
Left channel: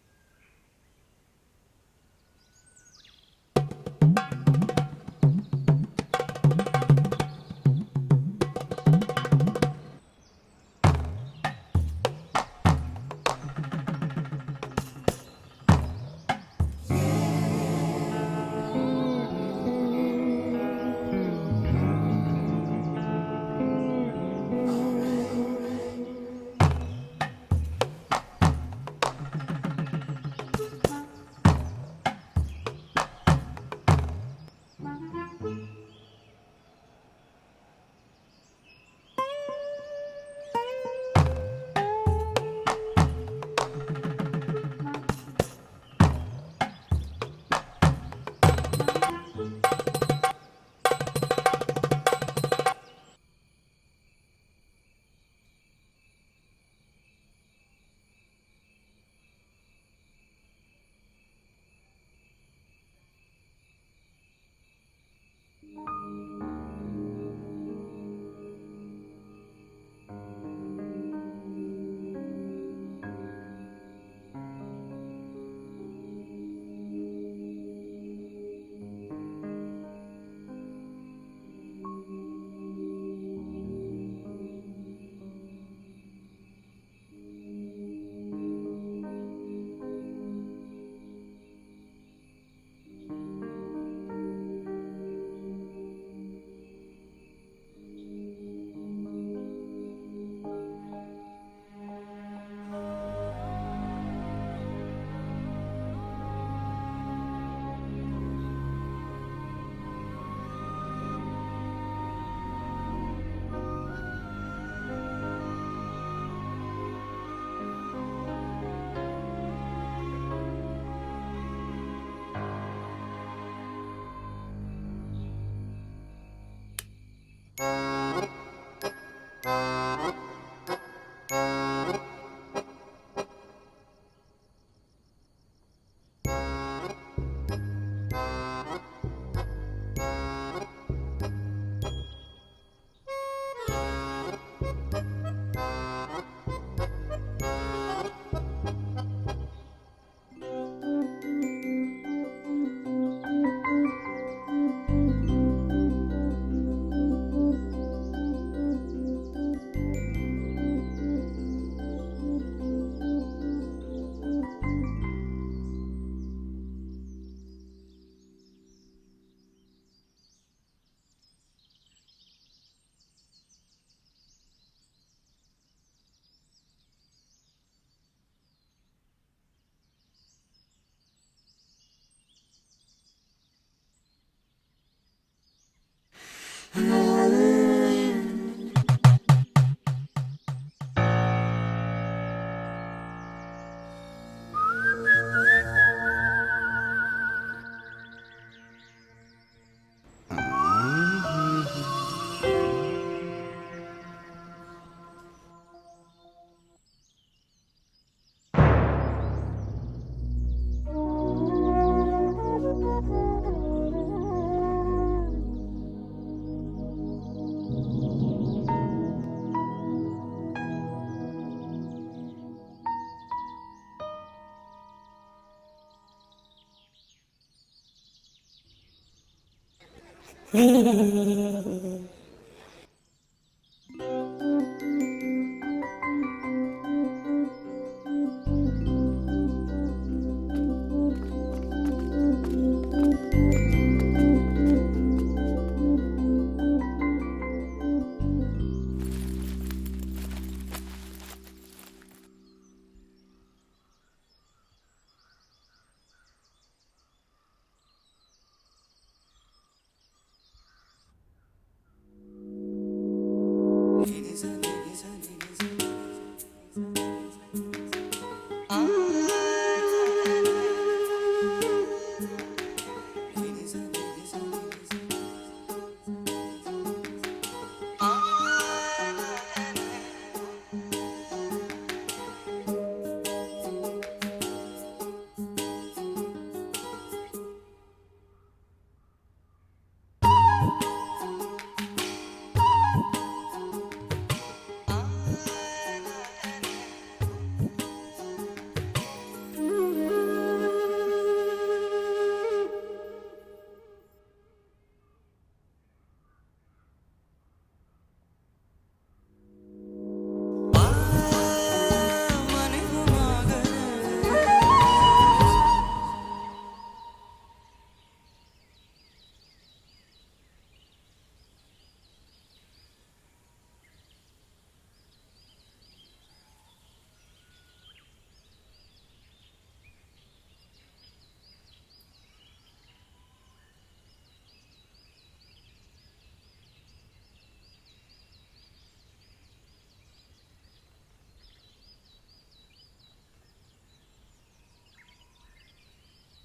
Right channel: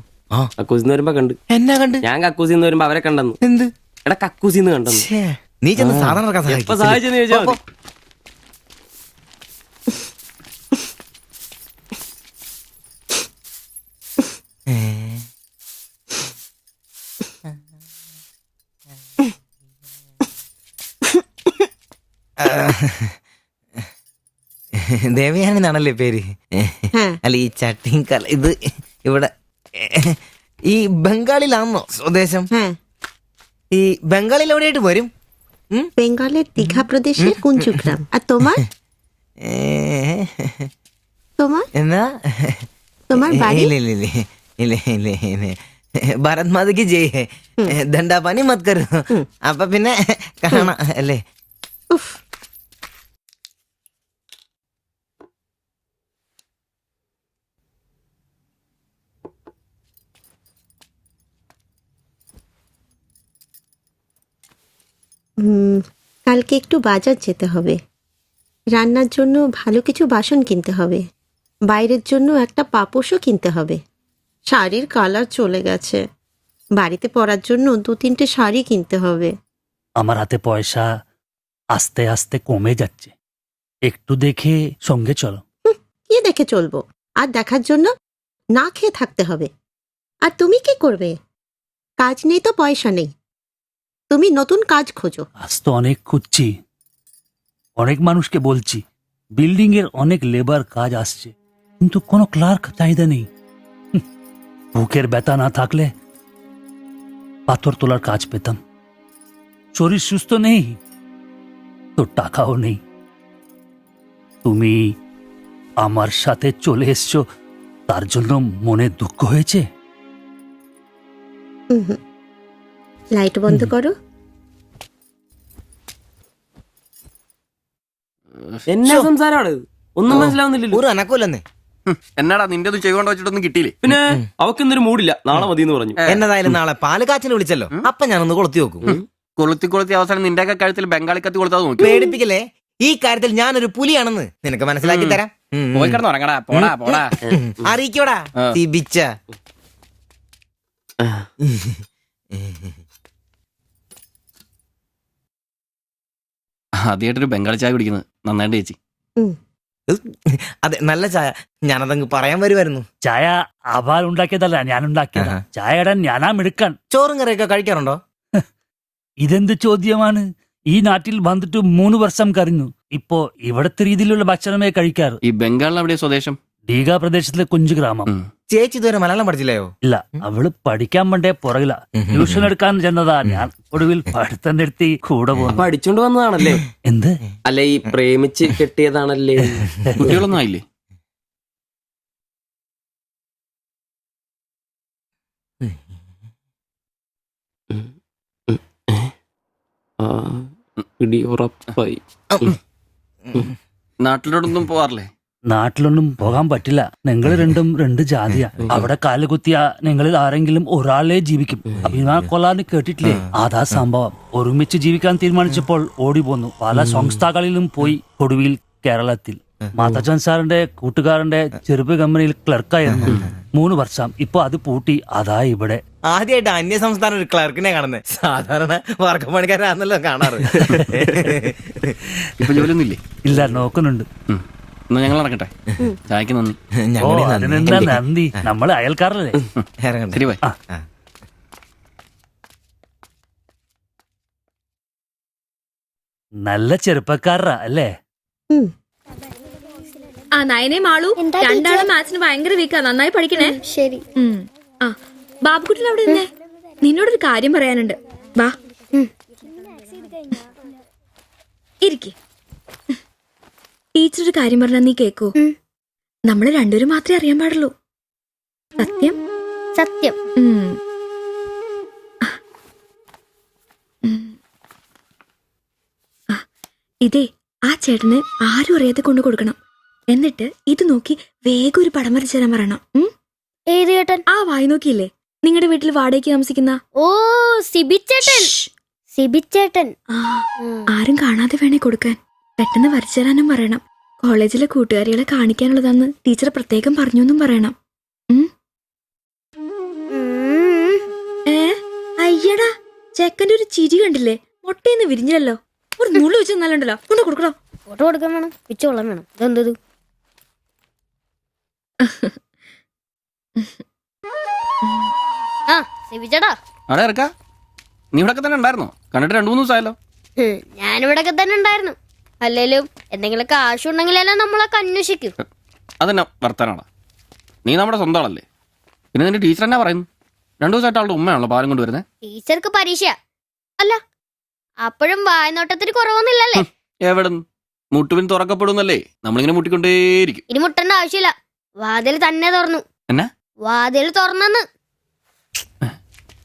കക്കൂസിന്ന് വരുമ്പോ കണ്ട്. എന്നാ കണ്ട്? ഞാൻ കക്കൂസിന്ന് വരുമ്പോ അവരെ കണ്ടെന്ന്. എന്ത്? എടാ കക്കൂസിന്ന് കണ്ടെന്ന്. നീ ചെന്ന് സാധനം ഇറക്കാൻ എപ്പോ സഹായിച്ചെന്ന് ചോദിച്ചാ മതി. ദേവയാനെന്നാണല്ലേ പേര്? അല്ല ഈ ചട്ടിയും കല ഇത് ഇവിടെ ഈ ബംഗാളിലാണോ സ്വദേശം? ഈ ബംഗാളിൽ എവിടെയായിട്ട് വരും? বেঙ্গলের দীঘা প্রদেশের কুঞ্জগ্রাম। আর তোমার? তোমার എന്നാ তোমার বাড়ি? ഭാരത് മാതയ്ക്ക് ജയ്. ദണ്ഡാപാനി മത് കരോ. അപ്പൊ പിന്നെ കാണാം അല്ലേ? কালকে একটু বাজার যেতে হবে, রান্নার জন্য ভালো কিছু বাসন কিনতে হবে, বাইরের জন্য একটা পাপোশও কিনতে হবে। শাড়ির কালার চলে গেছে, বাড়িতে পরার জন্য 2-3টে শাড়ি কিনতে হবে। আমার হাতে পয়সা আস্তে আস্তে কমে যাচ্ছে, একটু দেখে সঙ্গে চলো। কি দেখে চলবো? আর দেখার জন্য না খেয়ে থাকতে হবে। আর তুমি কি করবে? কাজ নেই তো পয়সা নেই, তুমি নতুন কাজ খোঁজো। আজ তো অনেক খুঁজছি, অনেক মানুষকে বলছি, বিল্ডিং এর অনেক লেবার কাজ আসছে, কিন্তু কোনো ক্লার্ক চাহিদা নেই। বুকের ব্যথা না থাকলে পাথর তোলার কাজ পেতাম। শরীর সুস্থ নেই তো টাকাও নেই। তুমি আমার সাথে চলে এসছো, তার জন্য মনে দুঃখ হয়েছে? লাইট বন্ধ করো। എന്നാ സംസാരാണ്? ഒന്നും മനസ്സിലാവുന്നില്ലല്ലോ. ഒരു അനക്കമില്ലെന്നേ. എന്നാടാ നിന്റെ ഒന്നും ചെയ്തുകൊണ്ട് വെച്ചിട്ടൊന്നും കിട്ടിയില്ലേ? പിന്നെ അവക്കൊന്നൊരു മൂടില്ല, നാളെ മതി എന്ന് പറഞ്ഞു. എന്നതായാലും നാളെ പാല് കാച്ചിന് വിളിച്ചല്ലോ, അപ്പൊ ഞാനൊന്ന് കൊളുത്തി നോക്കും. കൊളുത്തി അവസാനം നിന്റെ കഴുത്തിൽ ബംഗാളി കത്തി കൊളുത്താതെ നോക്കി. പേടിപ്പിക്കല്ലേ, ഈ കാര്യത്തിൽ ഞാനൊരു പുലിയാണെന്ന് നിനക്ക് മനസ്സിലാക്കി തരാം. പോയി കിടന്ന് ഉറങ്ങടാ, പോടാ പോടാ. അറിയിക്കോടാ തിബിച്ച. ആദ്യമായിട്ടൊരു ബംഗാളി ചായ കുടിക്കുന്നത് നന്നായിട്ട് ചേച്ചി. അതെ, നല്ല ചായ. ഞാനതങ്ങ് പറയാൻ വരുമായിരുന്നു. ചായ അവാൽ ഉണ്ടാക്കിയതല്ല, ഞാൻ ഉണ്ടാക്കിയതാ. ചായയുടെ ഞാനാ മിടുക്കാൻ. ചോറും കറിയൊക്കെ കഴിക്കാറുണ്ടോ? ഇതെന്ത് ചോദ്യമാണ്? ഈ നാട്ടിൽ വന്നിട്ട് 3 വർഷം കഴിഞ്ഞു. ഇപ്പോ ഇവിടത്തെ രീതിയിലുള്ള ഭക്ഷണമേ കഴിക്കാറ്. ഈ ബംഗാളിൽ എവിടെയാ സ്വദേശം? ഡീഗ പ്രദേശത്തിലെ കുഞ്ചു ഗ്രാമം. ചേച്ചി ഇതുവരെ മലയാളം പഠിച്ചില്ലയോ? ഇല്ല, അവള് പഠിക്കാൻ വേണ്ടേ പുറകില. ട്യൂഷൻ എടുക്കാൻ ചെന്നതാ ഞാൻ. ഒടുവിൽ പഠിത്തം നിർത്തി കൂടെ പോകുന്നു. പഠിച്ചോണ്ട് വന്നതാണല്ലേ? എന്ത്? അല്ല, ഈ പ്രേമിച്ച് കെട്ടിയതാണല്ലേ? കുട്ടികളൊന്നും ആയില്ലേ? പിടി ഉറപ്പായി. നാട്ടിലോടൊന്നും പോവാറില്ലേ? നാട്ടിലൊന്നും പോകാൻ പറ്റില്ല. നിങ്ങൾ രണ്ടും രണ്ട് ജാതിയാ. അവിടെ കാല് കുത്തിയ നിങ്ങളിൽ ആരെങ്കിലും ഒരാളെ ജീവിക്കും. അഭിമാന കൊല്ലാന്ന് കേട്ടിട്ടില്ലേ? അതാ സംഭവം. ഒരുമിച്ച് ജീവിക്കാൻ തീരുമാനിച്ചപ്പോൾ ഓടി പോന്നു. പല സംസ്ഥാകളിലും പോയി. ഒടുവിൽ കേരളത്തിൽ മാതച്ചൻ സാറിന്റെ കൂട്ടുകാരന്റെ ചെറുപ്പ് കമ്പനിയിൽ ക്ലർക്കായിരുന്നു 3 വർഷം. ഇപ്പൊ അത് പൂട്ടി. അതാ ഇവിടെ. ആദ്യമായിട്ട് അന്യ സംസ്ഥാന ഒരു ക്ലർക്കിനെ കാണുന്നത്. സാധാരണ വർഗപ്പണിക്കാരാണല്ലോ കാണാറ്. ഇപ്പൊ ജോലിയൊന്നും ഇല്ലേ? ഇല്ല, നോക്കുന്നുണ്ട്. എന്നാ ഞങ്ങൾ ഇറങ്ങട്ടെ. ചായക്ക് നന്ദി. ഓ, അതിനെന്താ നന്ദി, നമ്മള് അയൽക്കാരല്ലേ. ശരി, ബൈ. നല്ല ചെറുപ്പക്കാരാ അല്ലേ? ആ നയനെ മാളു, രണ്ടാളും മാത്സിന് ഭയങ്കര വീക്കാ. നന്നായി പഠിക്കണേ. ശരി. ആ ബാബുക്കുട്ടൻ അവിടെ നിന്നേ, നിന്നോടൊരു കാര്യം പറയാനുണ്ട്. വാ ഇരിക്കെ. ടീച്ചർ ഒരു കാര്യം പറഞ്ഞാ നീ കേക്കൂ. നമ്മള് രണ്ടുപേരും മാത്രമേ അറിയാൻ പാടുള്ളൂ. സത്യം സത്യം. ഇതേ ആ ചേട്ടന് ആരും അറിയാതെ കൊണ്ടു കൊടുക്കണം. എന്നിട്ട് ഇത് നോക്കി വേഗം ഒരു പടം വരച്ചു തരാൻ പറയണം. ഏത് ചേട്ടൻ? ആ വായി നോക്കിയില്ലേ, നിങ്ങളുടെ വീട്ടിൽ വാടകയ്ക്ക് താമസിക്കുന്ന? ഓ, സിബിച്ചേട്ടൻ. സിബിച്ചേട്ടൻ. ആരും കാണാതെ വേണേ കൊടുക്കാൻ. പെട്ടെന്ന് വരച്ചു തരാനും പറയണം. കോളേജിലെ കൂട്ടുകാരികളെ കാണിക്കാനുള്ളതാന്ന് ടീച്ചർ പ്രത്യേകം പറഞ്ഞു എന്നും പറയണം. അയ്യടാ, ചെക്കന്റെ ഒരു ചിരി കണ്ടില്ലേ? മുട്ടേന്ന് വിരിഞ്ഞല്ലോ. ഒരു നുള്ളു വെച്ച് നല്ലുണ്ടല്ലോ. കൊണ്ട് കൊടുക്കണോ? ഫോട്ടോ കൊടുക്കാൻ വേണം, പിച്ചോളം വേണം. ഇതെന്തത്? ആ സിബിച്ചേട്ടാ. അവിടെ ഇറക്കാ. നീ ഇവിടെ തന്നെ ഉണ്ടായിരുന്നോ? കണ്ടിട്ട് 2-3 ദിവസമായല്ലോ. ഞാനിവിടൊക്കെ തന്നെ ഉണ്ടായിരുന്നു. അല്ലേലും എന്തെങ്കിലും കാശുണ്ടെങ്കിലെല്ലാം നമ്മളൊക്കെ അന്വേഷിക്കും. അതെന്നാ വർത്താനാണ്? നീ നമ്മുടെ സ്വന്തം ആളല്ലേ. പിന്നെ നിന്റെ ടീച്ചർ എന്നാ പറയുന്നു? 2 ദിവസമായിട്ട് ആളുടെ ഉമ്മയാണല്ലോ പാലും കൊണ്ട് വരുന്നത്. ടീച്ചർക്ക് പരീക്ഷ അല്ല, അപ്പോഴും വായനോട്ടത്തിന് കുറവൊന്നുമില്ലല്ലേ? എവിടെന്ന്? മുട്ടുവിൻ തുറക്കപ്പെടുന്നല്ലേ, നമ്മളിങ്ങനെ മുട്ടിക്കൊണ്ടേയിരിക്കും. ഇനി മുട്ടേണ്ട ആവശ്യമില്ല. വാതിൽ തന്നെ തുറന്നു. എന്നാ വാതിൽ തുറന്നെന്ന്.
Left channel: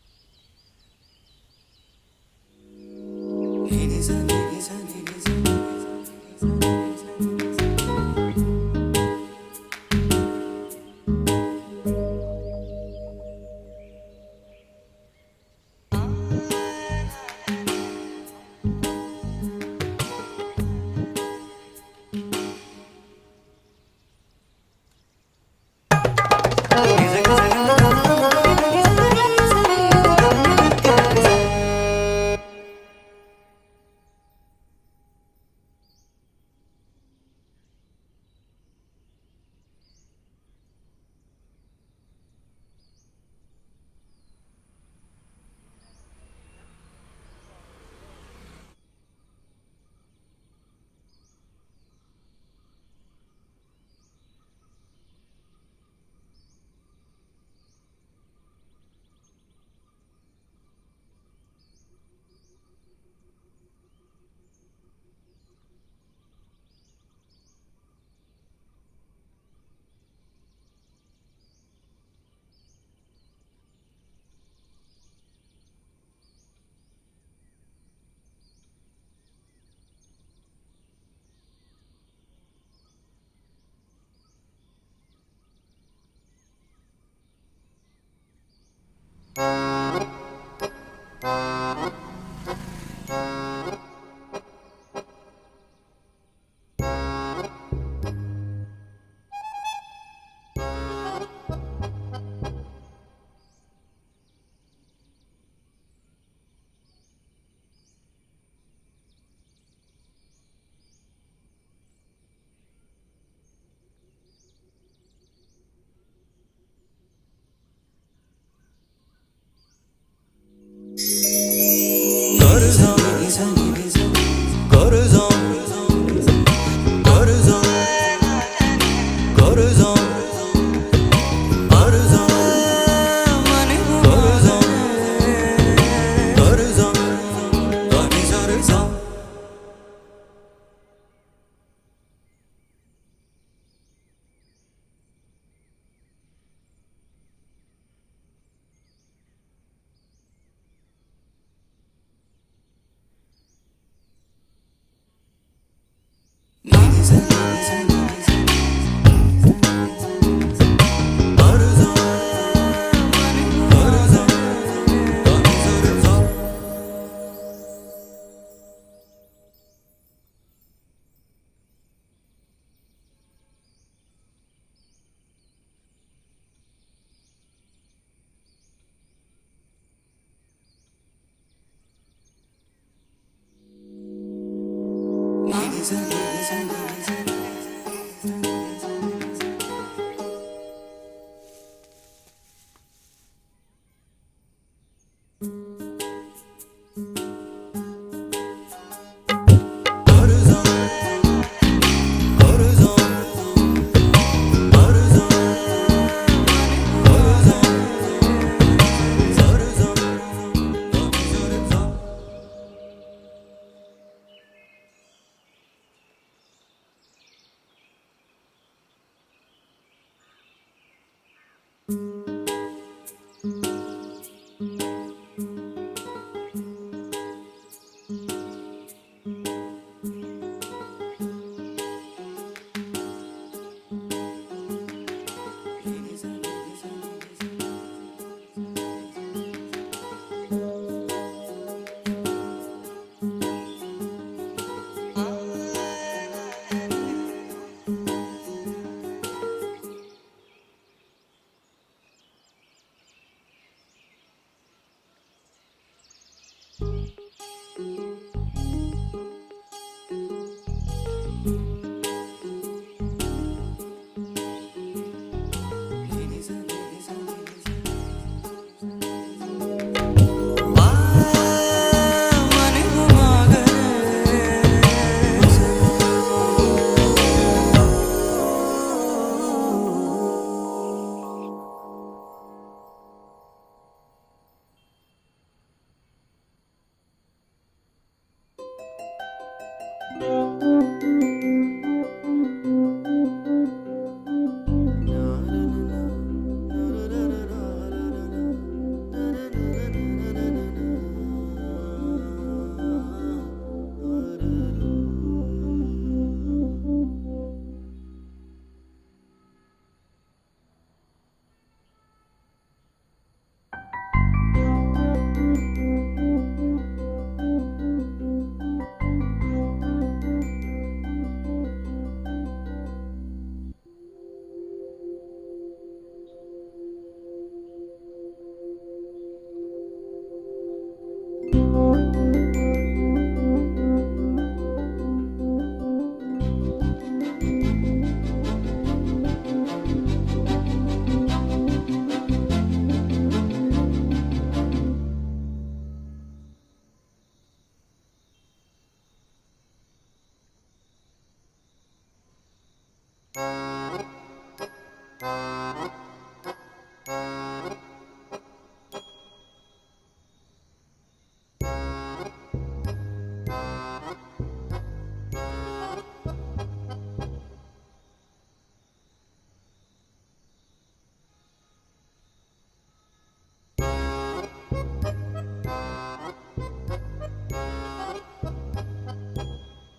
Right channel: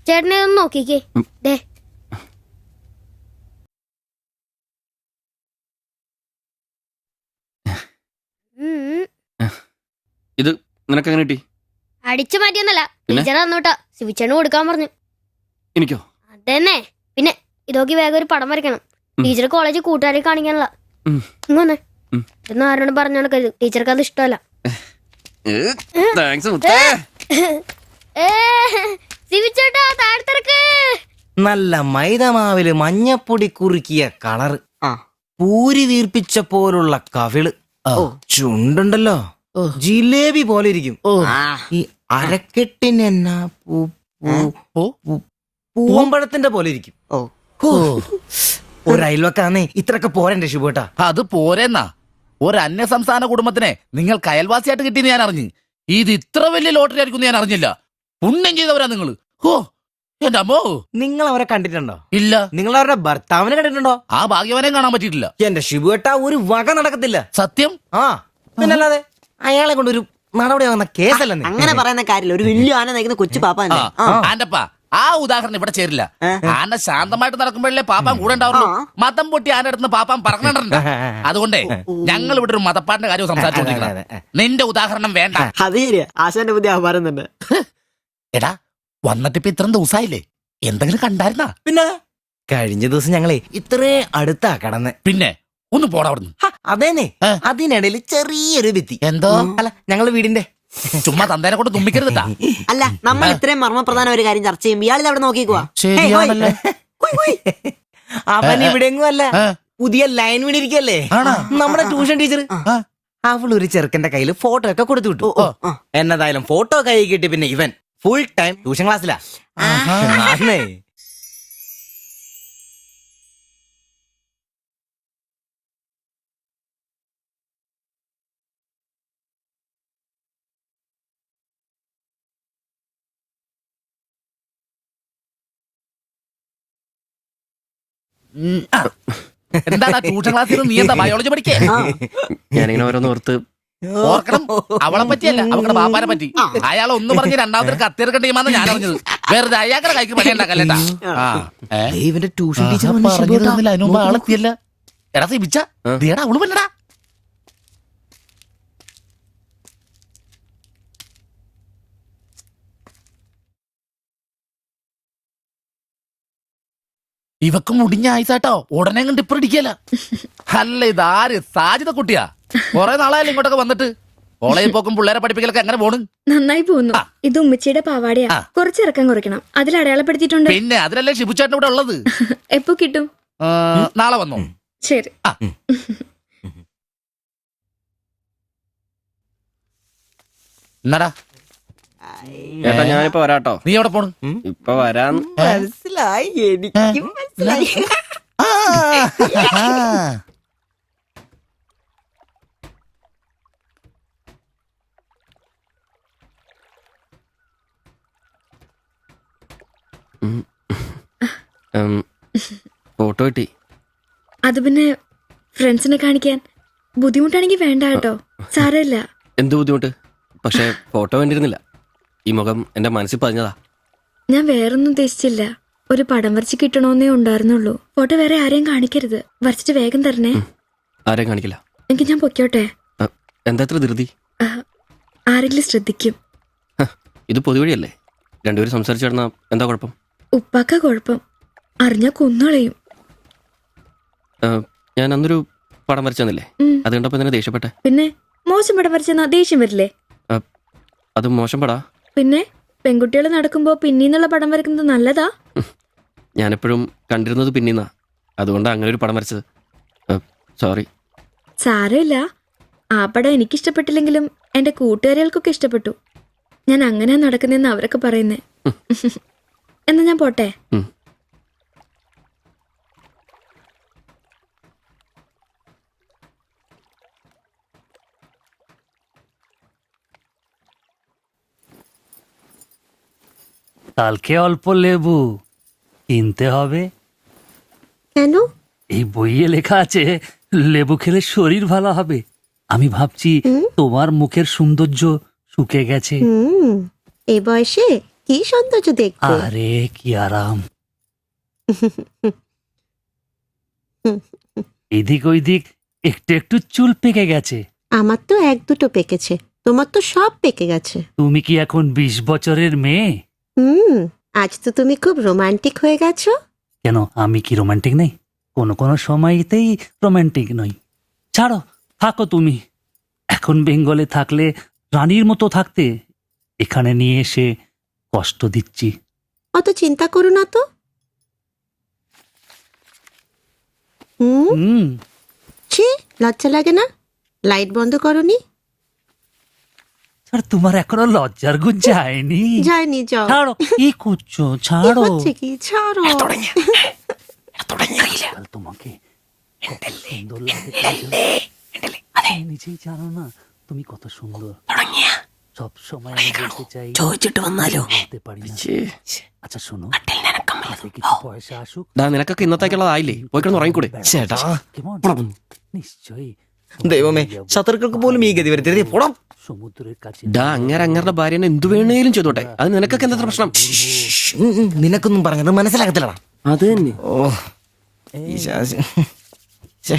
ചേട്ടനെ ഒന്ന് നോക്കിക്കേ. ദേ ഇത് നിനക്കെങ്ങനെ കിട്ടി? അടിച്ചു മാറ്റിയൊന്നല്ല, ടീച്ചർ തന്നോട്ടാ. ശിവിച്ചേണ് കൊടുക്കാൻ പറഞ്ഞു. എനിക്കോ? തന്നെ. പിന്നെ ഇതോക്കി വേഗം ഒരു പടം വരയ്ക്കണം. ടീച്ചർ കോളേജിൽ കൂട്ടുകാരെ കാണിക്കാനുള്ള. ഇങ്ങനെ എന്ന് ആരോട് പറഞ്ഞു നടക്കരുത്. ടീച്ചർക്ക് അത് ഇഷ്ടമല്ല. നല്ല മൈദമാവില് മഞ്ഞപ്പൊടി കുറുക്കിയ കളറ്, പൂരി വീർപ്പിച്ച പോലുള്ള കവിള്, ചുണ്ടുണ്ടല്ലോ ജിലേബി പോലെ ഇരിക്കും. ഈ അരക്കെട്ടിന് എന്നാ പൂവമ്പഴത്തിന്റെ പോലെ ഇരിക്കും. ഒരു അയൽവക്കാന്നേ ഇത്രയൊക്കെ പോരണ്ടേ ശുഭേട്ടാ? അത് പോരെന്നാ. ഒരു അന്യ സംസ്ഥാന കുടുംബത്തിനെ നിങ്ങൾക്ക് അയൽവാസിയായിട്ട് കിട്ടിയെന്ന് ഞാൻ അറിഞ്ഞു. ഇത് ഇത്ര വലിയ ലോട്ടറി ആയിരിക്കും ഞാൻ അറിഞ്ഞില്ല. പുണ്യം ചെയ്തവരാ നിങ്ങള്. ഓ എന്റെ അമ്മോ. നിങ്ങൾ അവരെ കണ്ടിട്ടുണ്ടോ? ഇല്ല. നിങ്ങൾ അവരുടെ ഭർത്താവിനെ കണ്ടിട്ടുണ്ടോ? ആ ഭാഗ്യവനെയും കാണാൻ പറ്റിയിട്ടില്ല. എന്റെ ശിബുവേട്ടാ, ഒരു വക നടക്കത്തില്ല. സത്യം. ആ പിന്നല്ലാതെ അയാളെ കൊണ്ടൊരു നടപടിയാകുന്ന കേസല്ല. അങ്ങനെ പറയുന്ന കാര്യമില്ല. ഒരു വലിയ ആന നയിക്കുന്ന കൊച്ചു പാപ്പ. ആന്റപ്പാ, ആ ഉദാഹരണം ഇവിടെ ചേരില്ല. ആന ശാന്തമായിട്ട് നടക്കുമ്പോഴല്ലേ പാപ്പാൻ കൂടെ ഉണ്ടാവുള്ളൂ. മതം പൊട്ടി ആന അടുത്ത് പാപ്പാൻ പറഞ്ഞിട്ടുണ്ട്. അതുകൊണ്ടേ ഞങ്ങൾ ഇവിടെ ഒരു മതപ്പാടിന്റെ കാര്യം സംസാരിച്ചോണ്ടിരിക്കണം. നിന്റെ ഉദാഹരണം വേണ്ട. അത് ശരിയാ, ആശാന്റെ പുതിയ ആഹാരം തന്നെ. എടാ, വന്നിട്ടിപ്പോ ഇത്രയും ദിവസമായില്ലേ, എന്തെങ്കിലും കണ്ടായിരുന്നാ? പിന്നെ കഴിഞ്ഞ ദിവസം ഞങ്ങളെ ഇത്രേ അടുത്താ കടന്ന്. പിന്നെ ഒന്ന് പോടാ അവിടുന്ന്. അതേനെ, അതിനിടയിൽ ചെറിയൊരു ഭിത്തി. എന്തോ? അല്ല, ഞങ്ങള് വീടിന്റെ. ചുമ്മാ തന്തേനെ കൊണ്ട് തുമ്മിക്കരുതാ. അല്ല, നമ്മൾ ഇത്രയും മർമ്മപ്രധാന ഒരു കാര്യം ചർച്ച ചെയ്യുമ്പോൾ ഇയാളിൽ അവിടെ നോക്കിക്കുവാ. ശരിയാണല്ലേ. അവൻ ഇവിടെങ്ങും അല്ല, പുതിയ ലൈൻ വീണിരിക്കല്ലേ നമ്മുടെ ട്യൂഷൻ ടീച്ചർ. അവൾ ഒരു ചെറുക്കന്റെ കയ്യിൽ ഫോട്ടോ ഒക്കെ കൊടുത്തു വിട്ടു. എന്നതായാലും ഫോട്ടോ കൈ കിട്ടി. പിന്നെ ഇവൻ ഫുൾ ടൈം ട്യൂഷൻ ക്ലാസ്സിലാ. Coruzon എടാ ട്യൂഷൻ ക്ലാസ്സിൽ നീ എന്താ ബയോളജി പഠിക്കേ? ഞാനിങ്ങനെ ഓരോന്ന് ഓർത്ത് ഓർക്കണം, അവളെ പറ്റിയല്ല, അവളുടെ ബാപ്പാനെ പറ്റി. അയാൾ ഒന്ന് പറഞ്ഞ് രണ്ടാമത്തെ കത്തിയെടുക്കേണ്ട ടീമാന്ന് ഞാൻ അറിഞ്ഞത്. വെറുതെ അയാളുടെ കൈക്ക് പണി ഉണ്ടാക്കല്ലേട്ടാ. ഇവന്റെ ട്യൂഷൻ ടീച്ചർ അതിന് മുമ്പ് ആളെത്തിയല്ല. എടാ സിബിച്ച ദേടാ അവള് വന്നടാ. ഇവക്ക് മുടിഞ്ഞ ആയിസാട്ടോ, ഉടനെ കണ്ട് ഇപ്പൊ ഇടിക്കല. അല്ല ഇതാര് സാജിത കുട്ടിയാ? കൊറേ നാളായാലും ഇങ്ങോട്ടൊക്കെ വന്നിട്ട്. കോളേജിൽ പോക്കും പിള്ളേരെ പഠിപ്പിക്കലൊക്കെ എങ്ങനെ പോണ്? നന്നായി പോകുന്നു. ഇത് ഉമ്മച്ചിയുടെ പാവാടയാ, കുറച്ച് ഇറക്കം കുറയ്ക്കണം. അതിൽ അടയാളപ്പെടുത്തിയിട്ടുണ്ട്. പിന്നെ അതിലല്ലേ ഷിബുചേട്ടൻ ഇവിടെ ഉള്ളത്. എപ്പോ കിട്ടും? നാളെ വന്നോ? ശരി. എന്നാടാ ഏട്ടാ ഞാനിപ്പോ വരാട്ടോ. നീ എവിടെ പോണ്? ഇപ്പൊ വരാന്ന്. മനസ്സിലായി, എനിക്ക് മനസ്സിലായി. ഫോട്ടോ കിട്ടി. അത് പിന്നെ ഫ്രണ്ട്സിനെ കാണിക്കാൻ ബുദ്ധിമുട്ടാണെങ്കിൽ വേണ്ട കേട്ടോ, സാരമില്ല. എന്ത് ബുദ്ധിമുട്ട്? പക്ഷെ ഫോട്ടോ വേണ്ടിയിരുന്നില്ല. ഈ മുഖം എന്റെ മനസ്സിൽ പതിഞ്ഞതാ. ഞാൻ വേറൊന്നും ഉദ്ദേശിച്ചില്ല. ഒരു പടം വരച്ച് കിട്ടണമെന്നേ ഉണ്ടായിരുന്നുള്ളൂ. ഫോട്ടോ വേറെ ആരെയും കാണിക്കരുത്. വരച്ചിട്ട് വേഗം തരണേ. ആരെയും കാണിക്കില്ല. എനിക്ക് ഞാൻ പൊക്കോട്ടെ. എന്താ ഇത്ര ധൃതി? ആരെങ്കിലും ശ്രദ്ധിക്കും. ഇത് പൊതുവഴിയല്ലേ, രണ്ടുപേരും സംസാരിച്ചു കിടന്നാ എന്താ കുഴപ്പം? ഉപ്പാക്ക കുഴപ്പം, അറിഞ്ഞാ കൊന്നുകളയും. ഞാൻ അന്നൊരു പടം വരച്ചു തന്നില്ലേ, അത് കണ്ടപ്പോ തന്നെ ദേഷ്യപ്പെട്ടെ. പിന്നെ മോശം പടം വരച്ചെന്നാ ദേഷ്യം വരില്ലേ? അത് മോശം പടാ. പിന്നെ പെൺകുട്ടികൾ നടക്കുമ്പോ പിന്നീന്നുള്ള പടം വരക്കുന്നത് നല്ലതാ. ഞാനെപ്പോഴും കണ്ടിരുന്നത് പിന്നീന്നാ, അതുകൊണ്ടാണ് അങ്ങനെ ഒരു പടം വരച്ചത്. സോറി. സാരമില്ല. ആ പടം എനിക്കിഷ്ടപ്പെട്ടില്ലെങ്കിലും എന്റെ കൂട്ടുകാരികൾക്കൊക്കെ ഇഷ്ടപ്പെട്ടു. ഞാൻ അങ്ങനെ നടക്കുന്നെന്ന് അവരൊക്കെ പറയുന്നേ. എന്നാ ഞാൻ പോട്ടെ. কালকে অল্প লেবু কিনতে হবে। কেন? এই বইয়ে লেখা আছে লেবু খেলে শরীর ভালো হবে। আমি ভাবছি তোমার মুখের সৌন্দর্য শুকে গেছে। এই বয়সে কি সৌন্দর্য দেখবে? আরে কি আরাম। এদিক ওইদিক একটু একটু চুল পেকে গেছে। আমার তো এক দুটো পেকেছে, তোমার তো সব পেকে গেছে। তুমি কি এখন 20 বছরের মেয়ে? আজ তো তুমি খুব রোমান্টিক হয়ে গেছো। কেন, আমি কি রোমান্টিক নেই? কোনো কোনো সময়তেই রোমান্টিক নই। ছাড়ো, থাকো তুমি। এখন বেঙ্গলে থাকলে রানীর মতো থাকতে, এখানে নিয়ে এসে কষ্ট দিচ্ছি। অত চিন্তা করো না তো। ছি, লজ্জা লাগে না? লাইট বন্ধ করনি? আর তোমার এখনো লজ্জার গুণ যায়নি? যায়নি, যাও। ছাড়ো, কি করছো? ছাড়ো। হচ্ছে কি? ছাড়ো। তোমাকে কত সুন্দর লাগে, নিজেই জানো না তুমি কত সুন্দর। সবসময় আমি বলতে চাই, ചോദിച്ചിട്ട് വന്നാലോ? বলতে পারি না। আচ্ছা শোনো, হাতে কিছু পয়সা আসুক। നിനക്കൊക്കെ ഇന്നത്തേക്കുള്ളതായില്ലേ? പോയി കിടന്ന് ഉറങ്ങിക്കൂടെ? ചേട്ടാ, নিশ্চয়ই ദൈവമേ, ശത്രുക്കൾക്ക് പോലും ഈ ഗതി വരുത്തരുതേ. പോടാം. সমুদ্রের কাছে അങ്ങരുടെ ഭാര്യനെ എന്തു വേണേലും ചെയ്തോട്ടെ, അത് നിനക്കൊക്കെ എന്താ പ്രശ്നം? നിനക്കൊന്നും പറഞ്ഞത് മനസ്സിലാകത്തില്ലടാ. അത് തന്നെ. ഓ ഈ ശാസി. ഛെ.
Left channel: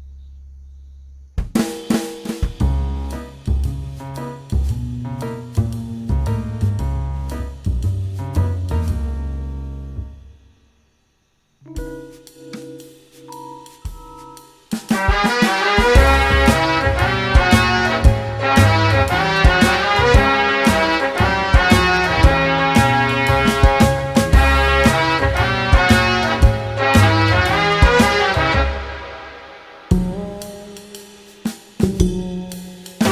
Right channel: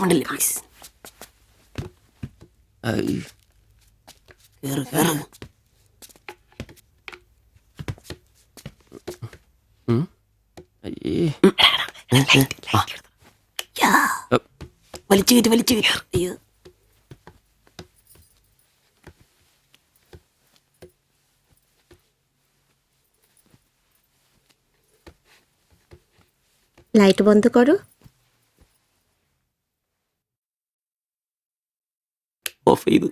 മണ്ടല്ലേ പ്ലീസ്. লাইট বন্ধ করো। ഓഫ് ചെയ്തു.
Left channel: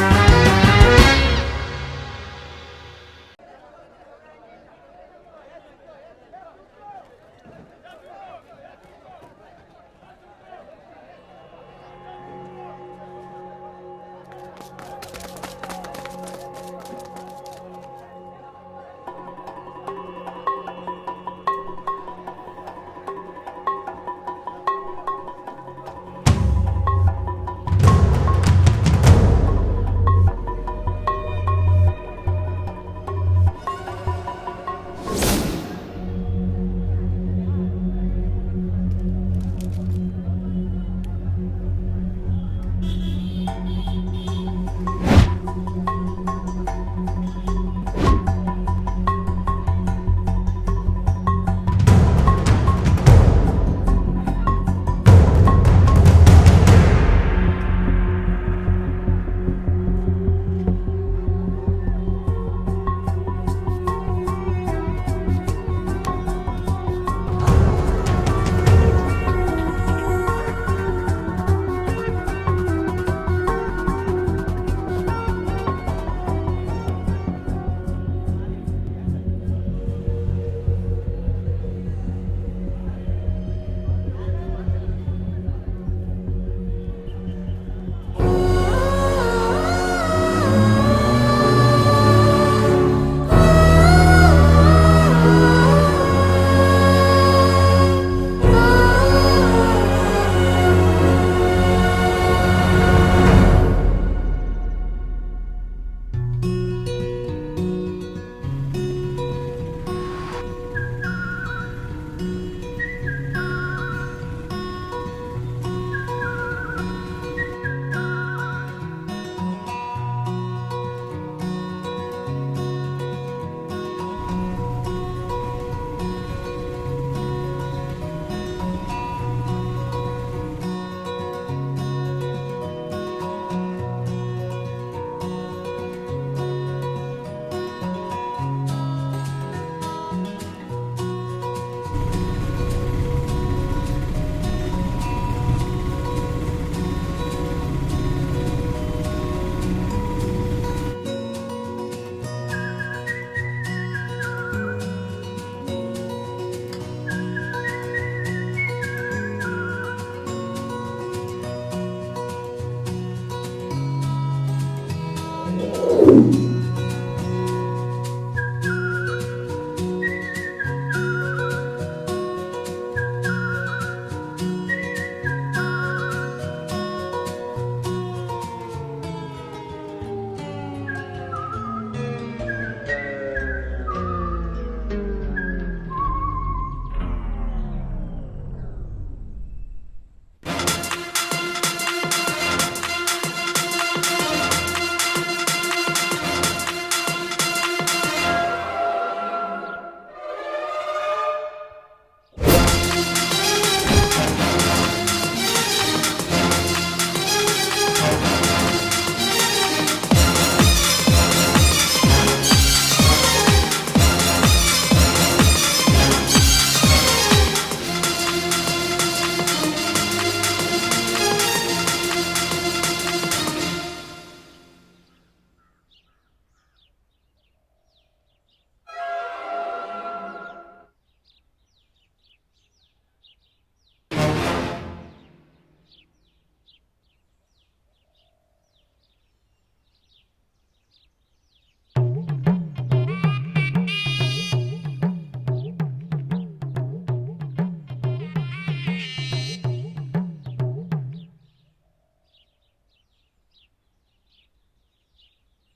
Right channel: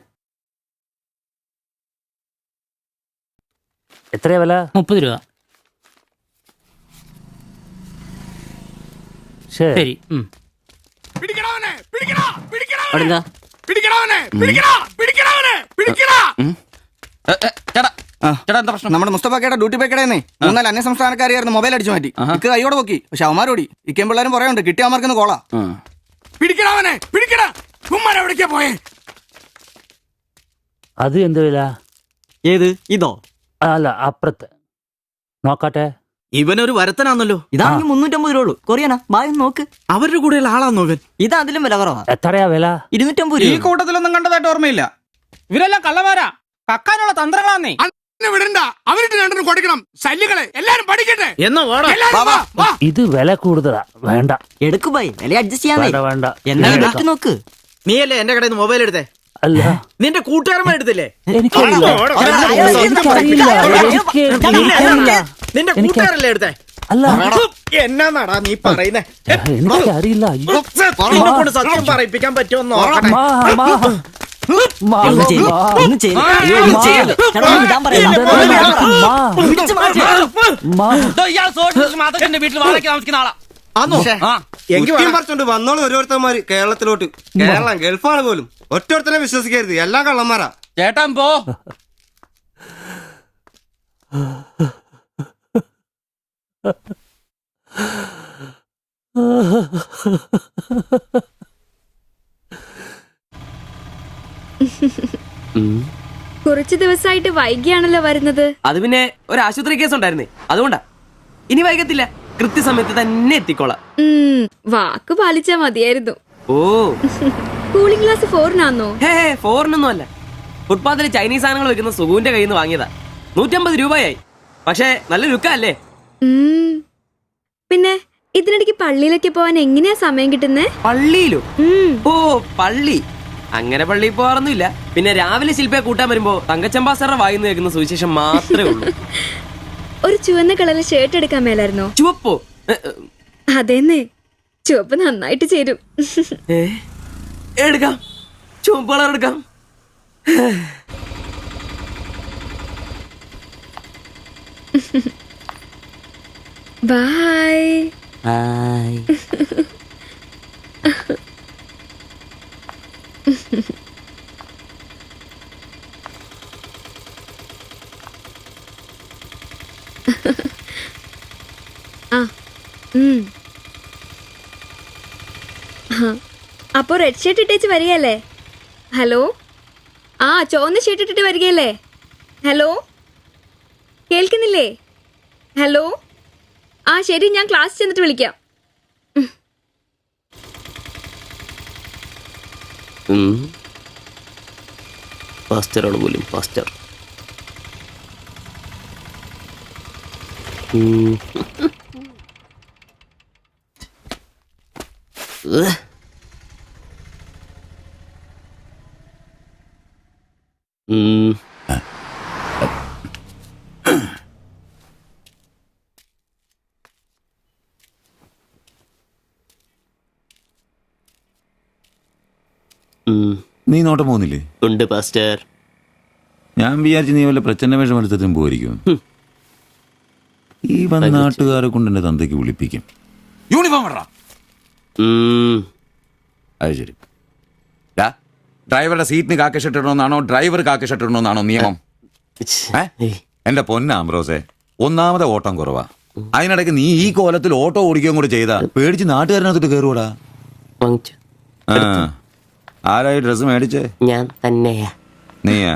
എത്രയാ വില? 30 രൂപ. ശരി. അവിടെന്താ? ചേട്ടാ എന്താ പ്രശ്നം? നമ്മുടെ മുസ്തഫാക്കയുടെ ഡ്യൂട്ടി പേക്കടേന്നേ 3-4 അന്യ സംസ്ഥാനക്കാരിയായിരുന്നു മൊബൈൽ അടിച്ചു മാറ്റി. ഇക്ക് കൈയോടെ നോക്കി, പക്ഷെ അവന്മാരോടി ഇക്കേം പിള്ളേരും പറയാനുണ്ട് കിട്ടിയവന്മാർക്കൊന്ന് കോളാ. അത് എന്ത് വില? ഏത് ഇതോ? അല്ല അപ്പുറത്ത് നോക്കട്ടെ. ഇവനൊരു വരത്തനാന്നല്ലോ. ഇതാണെങ്കിൽ 350 രൂപ ഉള്ളൂ. കൊറിയനാ ബായ് നോക്ക്. അവരുടെ കൂടെയുള്ള ആളാന്നോ ഇവൻ? ഇത് അതിലും വില കുറവാ. എത്രയാ വില? 250 ഈ രൂപ. കൂട്ടത്തിലൊന്നും കണ്ടതായിട്ട് ഓർമ്മയില്ല. ഇവരെല്ലാം കള്ളമാരാ, കക്കാനുള്ള തന്ത്രങ്ങളാന്നേ. ഇത് വില കൂടുതലാ, വേണ്ട. എടുക്കു ബായ്, വില അഡ്ജസ്റ്റ് ചെയ്യാന്നേ. വേണ്ട വേണ്ട. എന്താ ഉണ്ടാക്കി നോക്ക്. നീയല്ലേ എന്റെ കടയിൽ നിന്ന് മൊബൈൽ എടുത്തേ? അല്ല നിന്റെ കൂട്ടുകാരന്മാർ എടുത്തില്ലേ? എനിക്കറിയില്ല. നിന്റെ കൂട്ടുകാരല്ലേ എടുത്തേ? അല്ല എന്നാന്നാടാ നീ പറയുന്നേ? എനിക്കറിയില്ല. നിന്നെ കൊണ്ട് സത്യം പറയിപ്പിക്കാൻ പറ്റുമെന്ന് നോക്കട്ടെ. വീട്ടിൽ വാടക താമസിക്കുന്ന ആളാ. വന്നോളൂ ഓരോരുത്തന്മാര് കേരളത്തിലോട്ട്. കേരളം ഗൾഫാണ് പോലും. ഒറ്റൊരുത്തരെ വിശ്വസിക്കരുത്, എല്ലാ കള്ളന്മാരാ. ചേട്ടാ പോ. കുറച്ചു ദിവസമായിട്ട് വൈകിയാണല്ലോ വരുന്നത്. അത് പിന്നെ ഒരു ആശുപത്രി കേസ് ഉണ്ടായിരുന്നേ, അതുകൊണ്ടാ. ഇനി വൈകത്തില്ല, കൃത്യസമയത്ത് തന്നെ എത്തിക്കോളാം. വാക്ക് പാലിച്ചാ മതിയായിരുന്നു. ഓ കൂളിംഗ് ഗ്ലാസ് 4-നാന്നോ? ഹേ ഫോറിനൊന്നും അല്ല. ഫുട്പാത്തിൽ ചൈനീസ് സാധനങ്ങൾ വെക്കുന്ന സുഗുവിന്റെ കയ്യിൽ നിന്ന് വാങ്ങിയതാ. 150 രൂപയായി. പക്ഷെ നല്ല ലുക്കല്ലേ? പിന്നെ ഇതിനിടയ്ക്ക് പള്ളിയിലൊക്കെ പോവാൻ എങ്ങനെയാ സമയം കിട്ടുന്നേ? പള്ളിയിലും? ഓ പള്ളി അങ്ങനെ പള്ളിയിൽ പോവാറൊന്നുമില്ല. പിന്നെ രാവിലെ ശില്പയെ കൂട്ടാൻ വരുമ്പോ തങ്കച്ചമ്പാസറുടെ വായിന്ന് കേൾക്കുന്ന സുവിശേഷം മാത്രമേ ഉള്ളൂ. ഒരു ചുവന്ന കളറിൽ ഷർട്ട് എടുക്കാൻ മേലായിരുന്നോ? ചുവപ്പോ? അതെന്നെ, ചുവപ്പ് നന്നായിട്ട് ചേരും. എടുക്കാം, ചുവപ്പ് കളർ എടുക്കാം. ബൈ. അപ്പൊ റെഡ് ഷർട്ട് ഇട്ടേച്ച് വരികയല്ലേ? ഹലോ, ആ ചുവന്ന ഷർട്ട് ഇട്ടിട്ട് വരികയല്ലേ? ഹലോ, കേൾക്കുന്നില്ലേ? ഹലോ, ആ ശരി, ഞാൻ ക്ലാസ് ചെന്നിട്ട് വിളിക്കാം. ഫാസ്റ്ററാണ് പോലും, ഫാസ്റ്റർ. നീ നോട്ടം പോകുന്നില്ലേ? ഉണ്ട് പാസ്റ്റർ. ഞാൻ വിചാരിച്ചു നീ വല്ല പ്രച്ഛന്ന വേഷം എടുത്തിട്ടും പോയിരിക്കും. ഈ വന്ന നാട്ടുകാരെ കൊണ്ട് എന്റെ തന്തയ്ക്ക് വിളിപ്പിക്കും. യൂണിഫോം ഇടറാ. അത് ശരി. ഡ്രൈവറുടെ സീറ്റിന് കാക്കി ഷർട്ട് ഇടണമെന്നാണോ ഡ്രൈവർ കാക്കി ഷർട്ട് ഇടണമെന്നാണോ നിയമം? എന്റെ പൊന്നാമ്പ്രോസേ, ഒന്നാമത്തെ ഓട്ടം കുറവാ. അതിനിടയ്ക്ക് നീ ഈ കോലത്തിൽ ഓട്ടോ ഓടിക്കുകയും കൂടെ ചെയ്താ പേടിച്ച് നാട്ടുകാരനകത്തോട്ട് കയറുവാടാ. ആരായി ഡ്രസ് മേടിച്ചേ? ഞാൻ തന്നെയാ. നീയാ?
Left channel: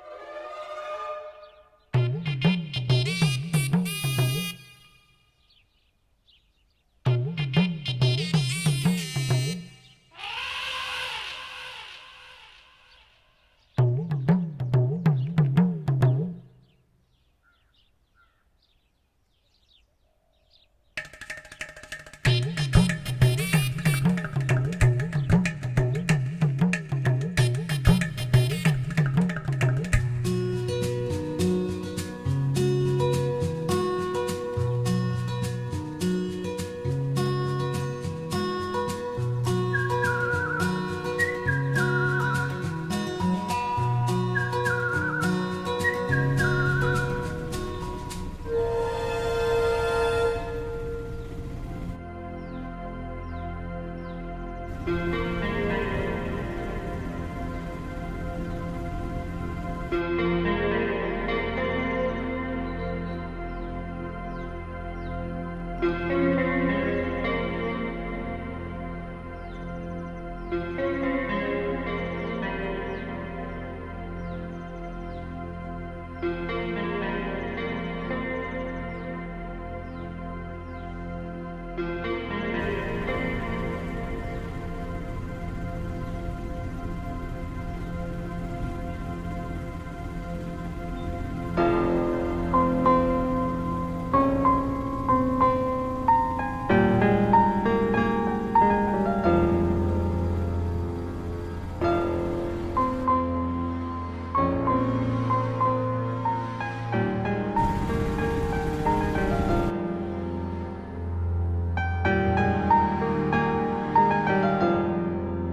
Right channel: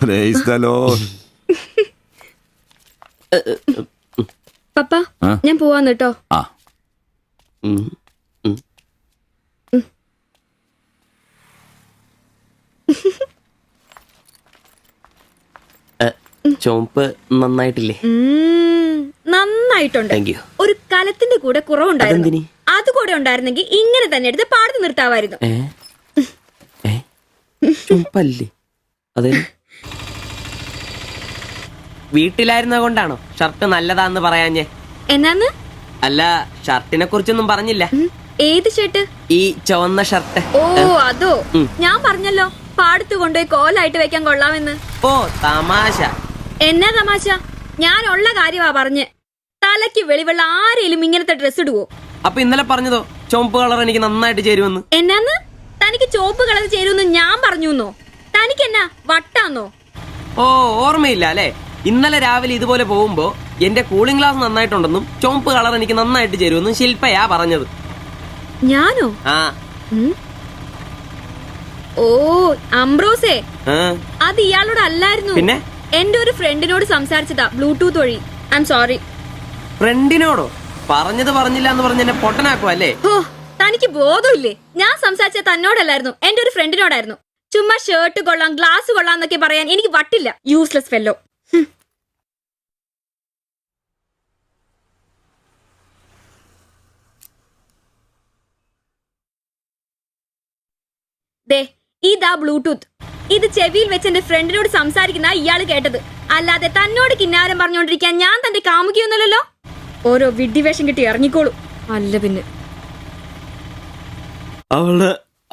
Price the Lord. പപ്പ, ഞാൻ പോവാന്ന് കേട്ടോ. ആ ചുവപ്പ് നന്നായിട്ടില്ലേ? നന്നായിട്ടുണ്ട്. ഒരു സ്ഥലത്തിന്റെ കൂടെ കുറവുണ്ടായിരുന്നു. അതുകൂടെ ഉണ്ടായിരുന്നെങ്കിൽ ഇങ്ങനെ തന്നെ എടുത്ത് പാടത്ത് നിർത്താമായിരുന്നു. വീട്ടിലായിരുന്ന കൊണ്ടാണോ ഷർട്ട് നല്ലതാന്ന് പറയാഞ്ഞേ? എന്നാന്ന്? അല്ല, ഷർട്ടിനെ കുറിച്ചൊന്നും പറഞ്ഞില്ല. ഏത് ഷർട്ട്? ഈ ചുവന്ന ഷർട്ട്. ഓ അതോ, ഞാൻ പറഞ്ഞല്ലോ പാടത്ത് കൊണ്ടുപോയി കോലായിട്ട് വെക്കാൻ കൊള്ളാമെന്ന്. ഓ തമാശ. എന്നാ തമാശ? ഞാൻ ഉള്ള കാര്യമാ പറഞ്ഞ്. തലയ്ക്ക് വെളിവുള്ള ആരെയും ഇങ്ങനത്തെ ഡ്രസ് ഇടുവോ? അപ്പൊ ഇന്നലെ പറഞ്ഞതോ ചുവപ്പ് കളർ എനിക്ക് നന്നായിട്ട് ചേരുമെന്ന്? എന്നാന്ന്? തനിക്ക് ചുവപ്പ് കളർ ചേരുമെന്ന് ഞാൻ പറഞ്ഞുന്നോ? തനിക്ക് എന്നാ വട്ടാന്നോ? ഓ ഓർമ്മയില്ല അല്ലെ? ഇന്നലെ രാവിലെ ഇതുപോലെ പോകുമ്പോ എന്റെ കൂളിംഗ് ഗ്ലാസ് നന്നായിട്ടുണ്ടെന്നും ചുവപ്പ് കളർ എനിക്ക് നന്നായിട്ട് ചേരുമെന്നും ശില്പയാ പറഞ്ഞത്. ഞാനോ? ആ. ഓ അംബ്രോസേ, ആ. അത് ഇയാളോട് അല്ലായിരുന്നു. പിന്നെ? എന്റെ ഒരു ഫ്രണ്ടിനോട് സംസാരിച്ചതാ ബ്ലൂടൂത്ത് വഴി. I'm sorry. ഫ്രണ്ടിനോടോ? പറഞ്ഞത് പറഞ്ഞില്ല എന്ന് പറഞ്ഞ് എന്നെ പൊട്ടനാക്കും അല്ലേ? ഓ തനിക്ക് ബോധമില്ലേ? ഞാൻ സംസാരിച്ച തന്നോടല്ലായിരുന്നു, എന്റെ ഒരു ഫ്രണ്ടിനോടായിരുന്നു. ചുമ്മാ ഷർട്ട് കൊള്ളാം ഗ്ലാസ് കൊള്ളാം എന്നൊക്കെ പറയാൻ എനിക്ക് വട്ടില്ല. Useless fellow. ഇതാ ബ്ലൂടൂത്ത്. ഇത് ചെവിയിൽ വെച്ച് എന്റെ ഫ്രണ്ടിനോട് സംസാരിക്കുന്ന ഇയാള് കേട്ടത്. അല്ലാതെ തന്നോട് കിന്നാരം പറഞ്ഞോണ്ടിരിക്കാൻ ഞാൻ തന്റെ കാമുകിയൊന്നുമല്ലല്ലോ. ഓരോ വിഡ്ഢിവേഷം കിട്ടി ഇറങ്ങിക്കോളൂ. അല്ല പിന്നെ അവള്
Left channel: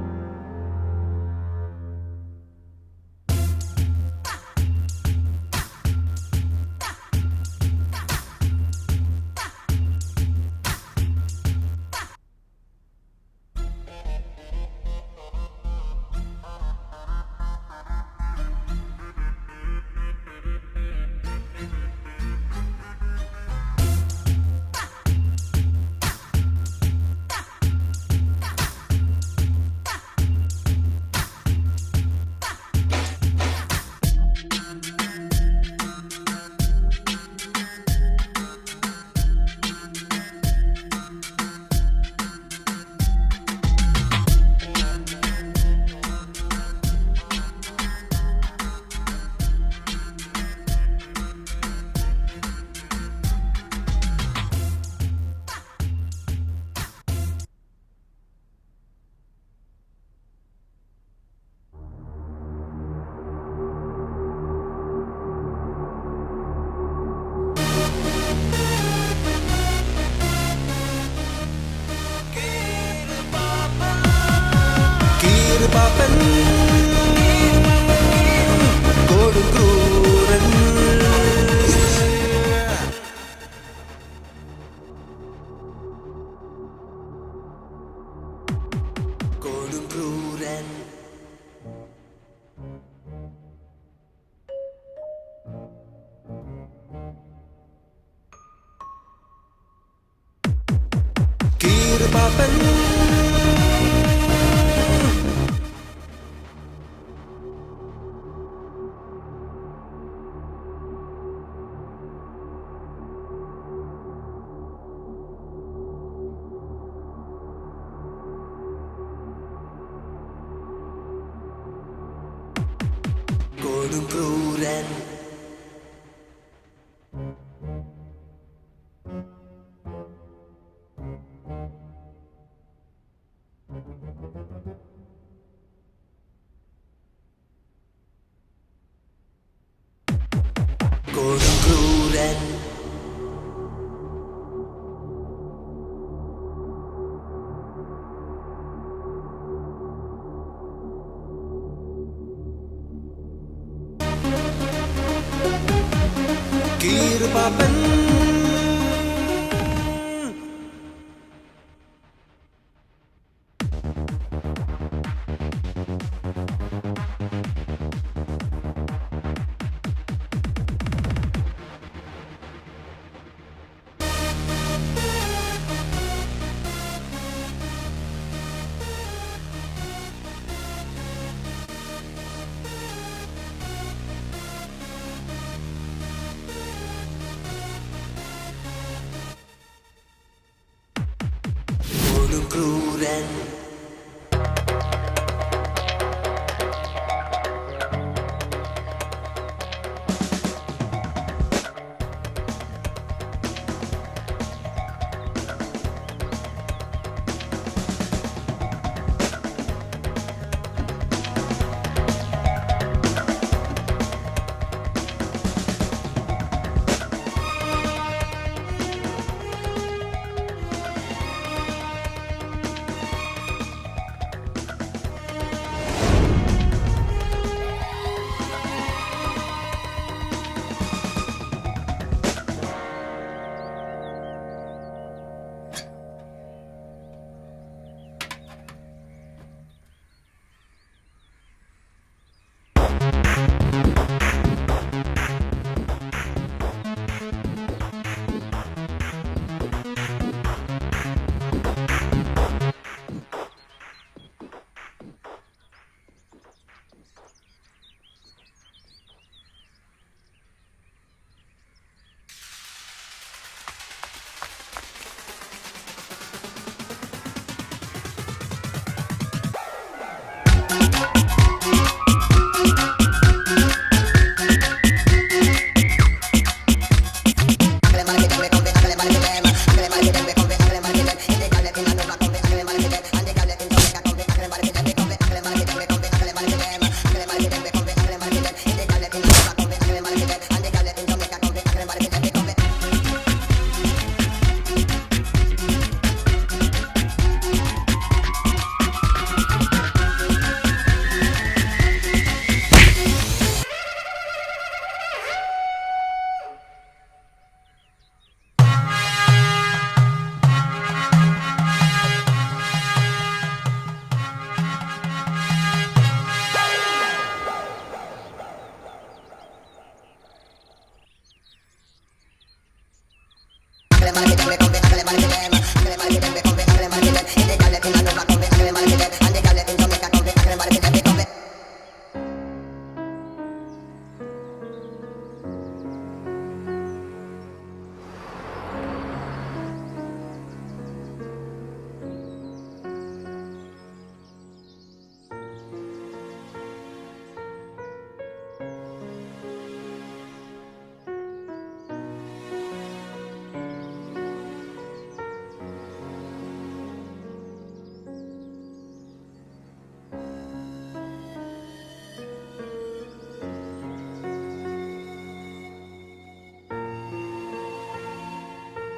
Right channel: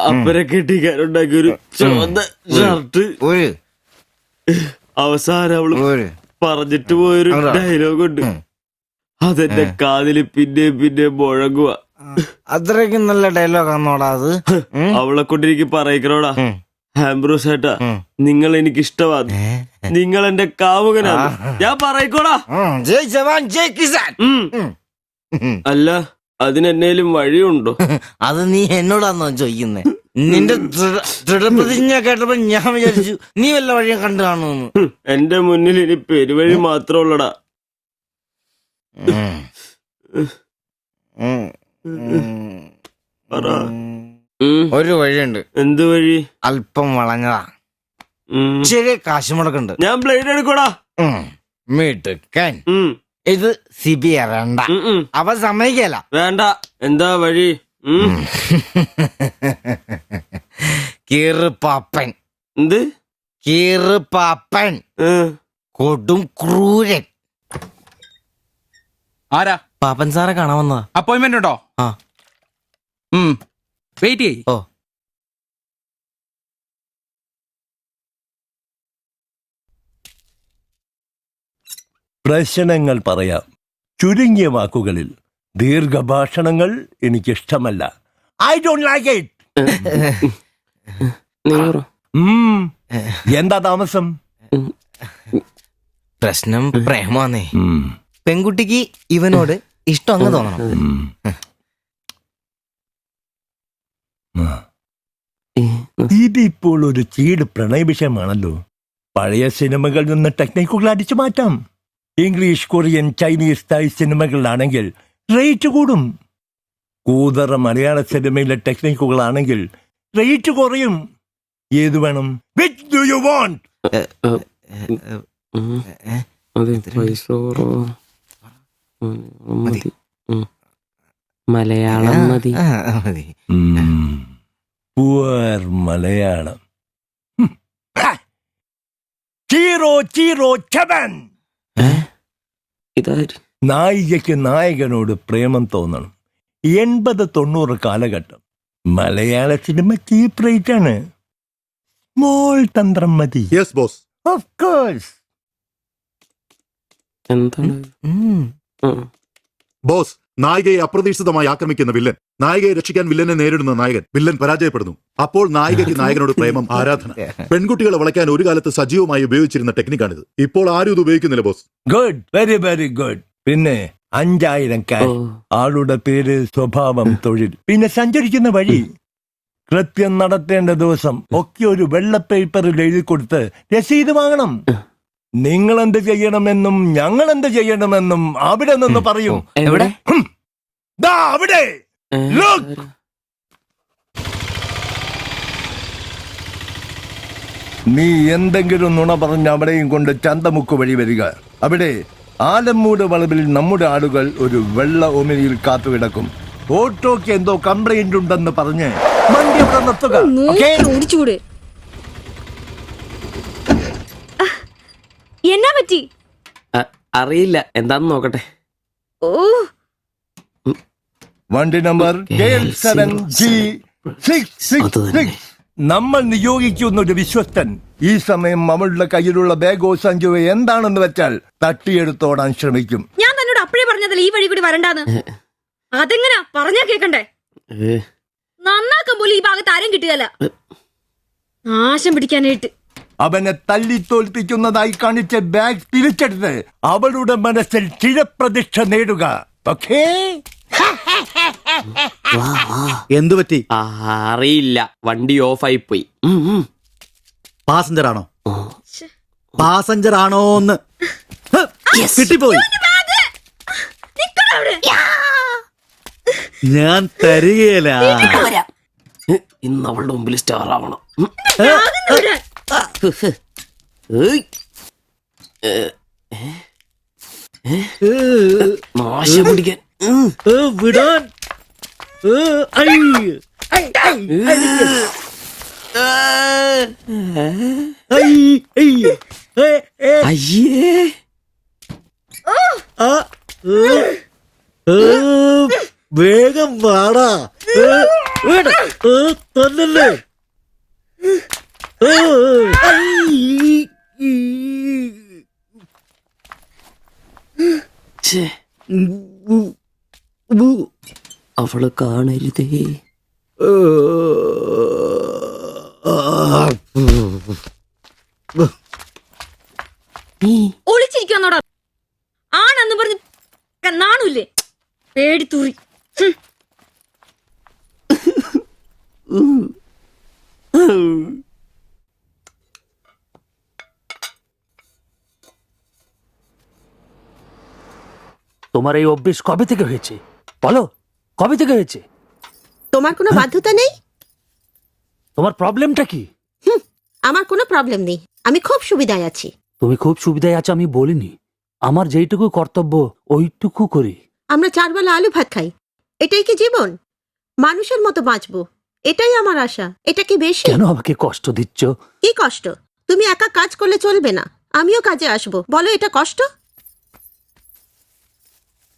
അപ്പനെ കെട്ടിക്കാനുണ്ടാക്കിയ ഒരു ചുവന്ന ഷർട്ട് അവസാനം അവള് പറഞ്ഞിട്ട് പോയൊരു ഡയലോഗ് ഉണ്ട്. അതെന്റെ കാതില് പിന്നെ മുഴങ്ങുക. അത്രയ്ക്കും നല്ല ഡയലോഗാന്നോടാ അത്. അവളെ കൊണ്ട് എനിക്ക് പറയിക്കണോടാ, ആംബ്രോസ് ഏട്ടാ നിങ്ങൾ എനിക്ക് ഇഷ്ടമാണ്, നിങ്ങൾ എന്റെ കാമുകനാണ്, ഞാൻ പറയിക്കോടാ. അല്ല അതിനെന്നേലും വഴിയുണ്ടോ? അത് നീ എന്നോടാന്നോ ചോദിക്കുന്നേ? നിന്റെ ദൃഢപ്രതിജ്ഞ കേട്ടപ്പോ ഞാൻ വിചാരിച്ചു നീ വല്ല വഴിയും കണ്ടു കാണുമെന്ന്. എന്റെ മുന്നിൽ ഇനി പെരുവഴി മാത്രം ഉള്ളടാ. ഒരു വഴിയുണ്ട്. എന്ത് വഴി? അല്പം വളഞ്ഞതാ, ശരി കാശ് മുടക്കുണ്ട്. ഞാൻ ബ്ലേഡ് എടുക്കോടാ. മീട്ടുക്കൻ ഇത് സിബി വേണ്ട, അവ സമ്മതിക്കല. വേണ്ട. എന്താ വഴി? കീറുപാപ്പൻ. എന്ത് കീറുപാപ്പൻ? കൊടും ക്രൂരൻ. ആരാ? പാപ്പൻ സാറെ കാണാമെന്ന അപ്പോയിന്റ്മെന്റ് ഉണ്ടോ? വെയിറ്റ് ചെയ്യ്. പ്രശ്നങ്ങൾ പറയാം ചുരുങ്ങിയ വാക്കുകളിൽ. ദീർഘഭാഷണങ്ങൾ എനിക്കിഷ്ടമല്ല. I don't like it. എന്താ താമസം? പ്രശ്നം പ്രേമാന്നേ. പെൺകുട്ടിക്ക് ഇവനോട് ഇഷ്ടം അങ്ങ് തോന്നണം. ഇതിപ്പോൾ ഒരു ചീട് പ്രണയ വിഷയമാണല്ലോ. പഴയ സിനിമകളിൽ നിന്ന് ടെക്നിക്കുകൾ അടിച്ചു മാറ്റാം. ഇംഗ്ലീഷ്, കൊറിയൻ, ചൈനീസ്, തായ് സിനിമകളിലാണെങ്കിൽ റേറ്റ് കൂടും. കൂതറ മലയാള സിനിമയിലെ ടെക്നിക്കുകളാണെങ്കിൽ റേറ്റ് കുറയും. ഏത് വേണം? Which do you want? Malayalam മതി. Poor മലയാളം. Chi Rho Chi Rho ചവൻ. നായികയ്ക്ക് നായകനോട് പ്രേമം തോന്നണം. 80-90 കാലഘട്ടം മലയാള സിനിമ ചീപ്പ് റേറ്റ് ആണ്. മോൾ തന്ത്രം മതി. Yes boss. Of course. Boss, നായികയെ അപ്രതീക്ഷിതമായി ആക്രമിക്കുന്ന വില്ലൻ, നായികയെ രക്ഷിക്കാൻ വില്ലനെ നേരിടുന്ന നായകൻ, വില്ലൻ പരാജയപ്പെടുന്നു. അപ്പോൾ നായികയ്ക്ക് നായകനോട് പ്രേമം, ആരാധന. പെൺകുട്ടികളെ വളയ്ക്കാൻ ഒരു കാലത്ത് സജീവമായി ഉപയോഗിച്ചിരുന്ന ടെക്നിക്കാണിത്. ഇപ്പോൾ ആരും ഇത് ഉപയോഗിക്കുന്നില്ല boss. Good, very very good. പിന്നെ 5000 ക്യാഷ്, ആളുടെ പേര്, സ്വഭാവം, തൊഴിൽ, പിന്നെ സഞ്ചരിക്കുന്ന വഴി, കൃത്യം നടത്തേണ്ട ദിവസം ഒക്കെ ഒരു വെള്ള പേപ്പറിൽ എഴുതി കൊടുത്ത് രസീത് വാങ്ങണം. നിങ്ങൾ എന്ത് ചെയ്യണമെന്നും ഞങ്ങൾ എന്ത് ചെയ്യണമെന്നും അവിടെ നിന്ന് പറയൂ. എവിടെ? അവിടെ. നീ എന്തെങ്കിലും നുണ പറഞ്ഞ് അവിടെയും കൊണ്ട് ചന്തമുക്ക് വഴി വരിക. അവിടെ ആലമ്മൂട് വളവിൽ നമ്മുടെ ആളുകൾ ഒരു വെള്ള ഒമിനിയിൽ കാത്തുകിടക്കും. ഓട്ടോക്ക് എന്തോ കംപ്ലൈന്റ് ഉണ്ടെന്ന് പറഞ്ഞ് വണ്ടി അവിടെ നിർത്തുക. ഓക്കേ? ഓടിച്ചൂട്. എന്നാ പറ്റി? അറിയില്ല, എന്താന്ന് നോക്കട്ടെ. ഓ, വണ്ടി നമ്പർ K7G666. നമ്മൾ നിയോഗിക്കുന്ന ഒരു വിശ്വസ്തൻ ഈ സമയം നമ്മളുടെ കയ്യിലുള്ള ബാഗോ സഞ്ചുവോ എന്താണെന്ന് വെച്ചാൽ തട്ടിയെടുത്തോടാൻ ശ്രമിക്കും. ഞാൻ തന്നോട് അപ്പഴേ പറഞ്ഞതല്ലേ ഈ വഴി കൂടി വരണ്ടാന്ന്. അതെങ്ങനാ പറഞ്ഞാ കേക്കണ്ടേ? നന്നാക്കാൻ പോലും ഈ ഭാഗത്ത് ആരും കിട്ടുകയല്ല. നാശം പിടിക്കാനായിട്ട് അവനെ തല്ലി തോൽപ്പിക്കുന്നതായി കാണിച്ച ബാഗ് തിരിച്ചെടുത്ത് അവളുടെ മനസ്സിൽ ചിരപ്രതിഷ്ഠ നേടുക. ഓക്കേ? എന്തു പറ്റി? അറിയില്ല, വണ്ടി ഓഫായി പോയി. പാസഞ്ചർ ആണോ? പാസഞ്ചർ ആണോന്ന് കിട്ടിപ്പോയി. ഞാൻ തരികയില്ല. ഇന്ന് അവളുടെ മുമ്പിൽ സ്റ്റാർ ആവണം. വിടാൻ. വേഗം വാടാ. കൊന്നല്ലേ. അവളെ കാണരുത്. ഒളിച്ചിരിക്കുന്നോടാ ആണെന്ന് പറഞ്ഞ് നാളില്ലേ പേടിച്ചു. তোমার এই অভ্যেস কবে থেকে হয়েছে বলো? কবে থেকে হয়েছে? তোমার কোনো বাধ্যতা নেই? তোমার প্রবলেমটা কি? আমার কোনো প্রবলেম নেই, আমি খুব সুবিধায় আছি। তুমি খুব সুবিধায় আছো আমি বলিনি, আমার যেইটুকু কর্তব্য ওইটুকু করি। আমরা 4 বেলা আলু ভাত খাই, এটাই কি জীবন? মানুষের মতো বাঁচবো, এটাই আমার আশা। এটা কি বেশি? কেন আমাকে কষ্ট দিচ্ছ? কি কষ্ট? তুমি একা কাজ করলে চলবে না, আমিও কাজে আসবো। বলো এটা কষ্ট?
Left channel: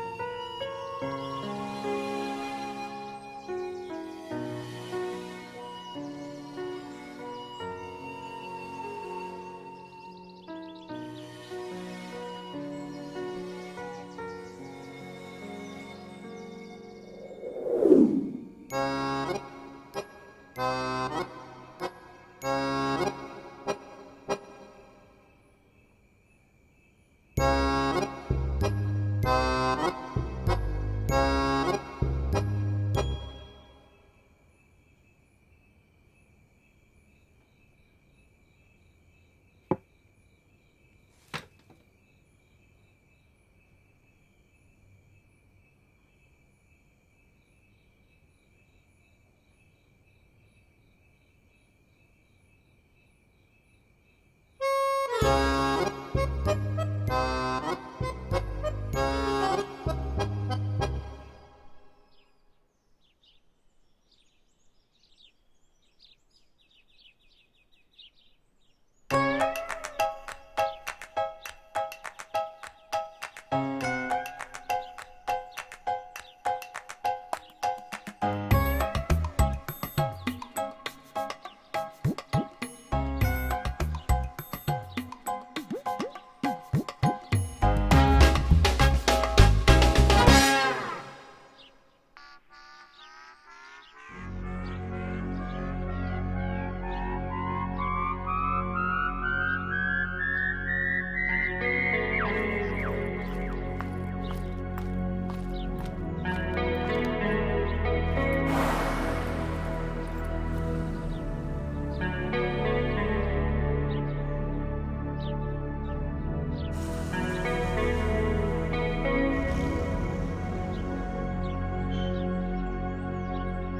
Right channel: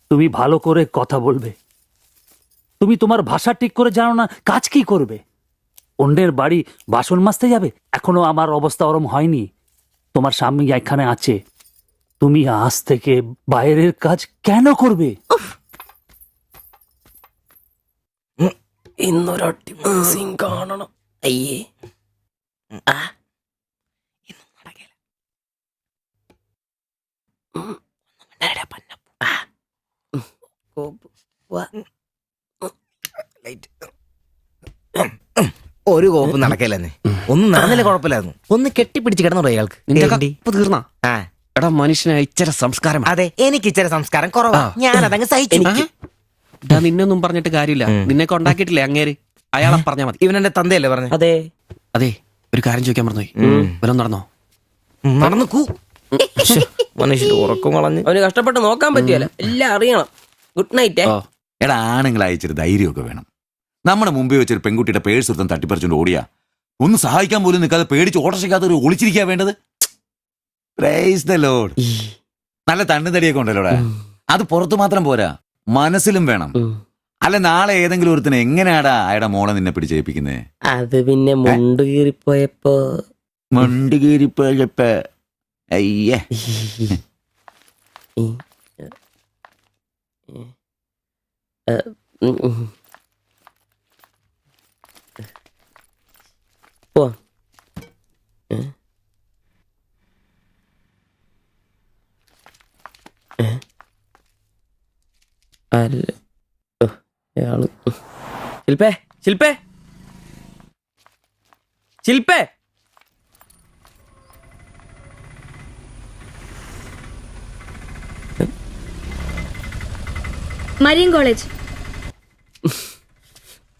তুমি ভালো করে কথা বলবে। তুমি তোমার ভাষা ঠিক করে জানো না, কাজ কি করবে? অন্যের বাড়ি বাসন মাজতে যাবে? এখনো আমার অবস্থা ওরম হয়নি। তোমার স্বামী এখানে আছে, তুমি আজ থেকে বাইরের কাজ কেন করবে? ഇന്നൊരട്ടി സീൻ കാണണം. അയ്യേ, ഒരു കോപ്പ് നടക്കല്ലെന്നേ. ഒന്നും നടന്നില്ല, കുഴപ്പമില്ലായിരുന്നു. ഒന്ന് കെട്ടിപ്പിടിച്ച് കിടന്നു അയാൾക്ക്. തീർന്നാ? എടാ, മനുഷ്യന് ഇച്ചിരി സംസ്കാരം. അതെ, എനിക്ക് ഇച്ചിരി സംസ്കാരം കുറവാ, ഞാൻ അതങ്ങ് സഹിച്ചു. നിന്നൊന്നും പറഞ്ഞിട്ട് കാര്യമില്ല, നിന്നെ കൊണ്ടാക്കിയിട്ടില്ലേ അങ്ങേര്, അയാളെ പറഞ്ഞാ മതി. ഇവനെന്റെ തന്തയല്ലേ പറഞ്ഞു? അതെ അതെ. ഒരു കാര്യം ചോദിക്കാൻ മറന്നുപോയി, വല്ലതും നടന്നോ? നടന്നു. മനുഷ്യൻ ഉറക്കം വളഞ്ഞ് അവന് കഷ്ടപ്പെട്ട് നോക്കാൻ പറ്റിയല്ല, എല്ലാം അറിയണം. Good night. എടാ, ആണുങ്ങൾ അയച്ചൊരു ധൈര്യമൊക്കെ വേണം. നമ്മുടെ മുമ്പിൽ വെച്ചൊരു പെൺകുട്ടിയുടെ പേഴ്സ് ഒരുത്തൻ തട്ടിപ്പറിച്ചുകൊണ്ട് ഓടിയാ ഒന്ന് സഹായിക്കാൻ പോലും നിൽക്കാതെ പേടിച്ച് ഓട്ടർഷയ്ക്കകത്ത് ഒരു ഒളിച്ചിരിക്കാൻ വേണ്ടത്. Price the Lord. നല്ല തണ്ണുതടിയൊക്കെ ഉണ്ടല്ലോടെ. അത് പുറത്തു മാത്രം പോരാ, മനസ്സിലും വേണം. അല്ല, നാളെ ഏതെങ്കിലും ഒരുത്തിന് എങ്ങനെയാടാ അയാളുടെ മോളെ നിന്നെ പിടിച്ചേൽപ്പിക്കുന്നേ? അത് പിന്നെ മുണ്ട് കീറിപ്പോയപ്പോ അയ്യേ. ശിൽപേ, ശിൽപേ, ശിൽപേ. Marian college.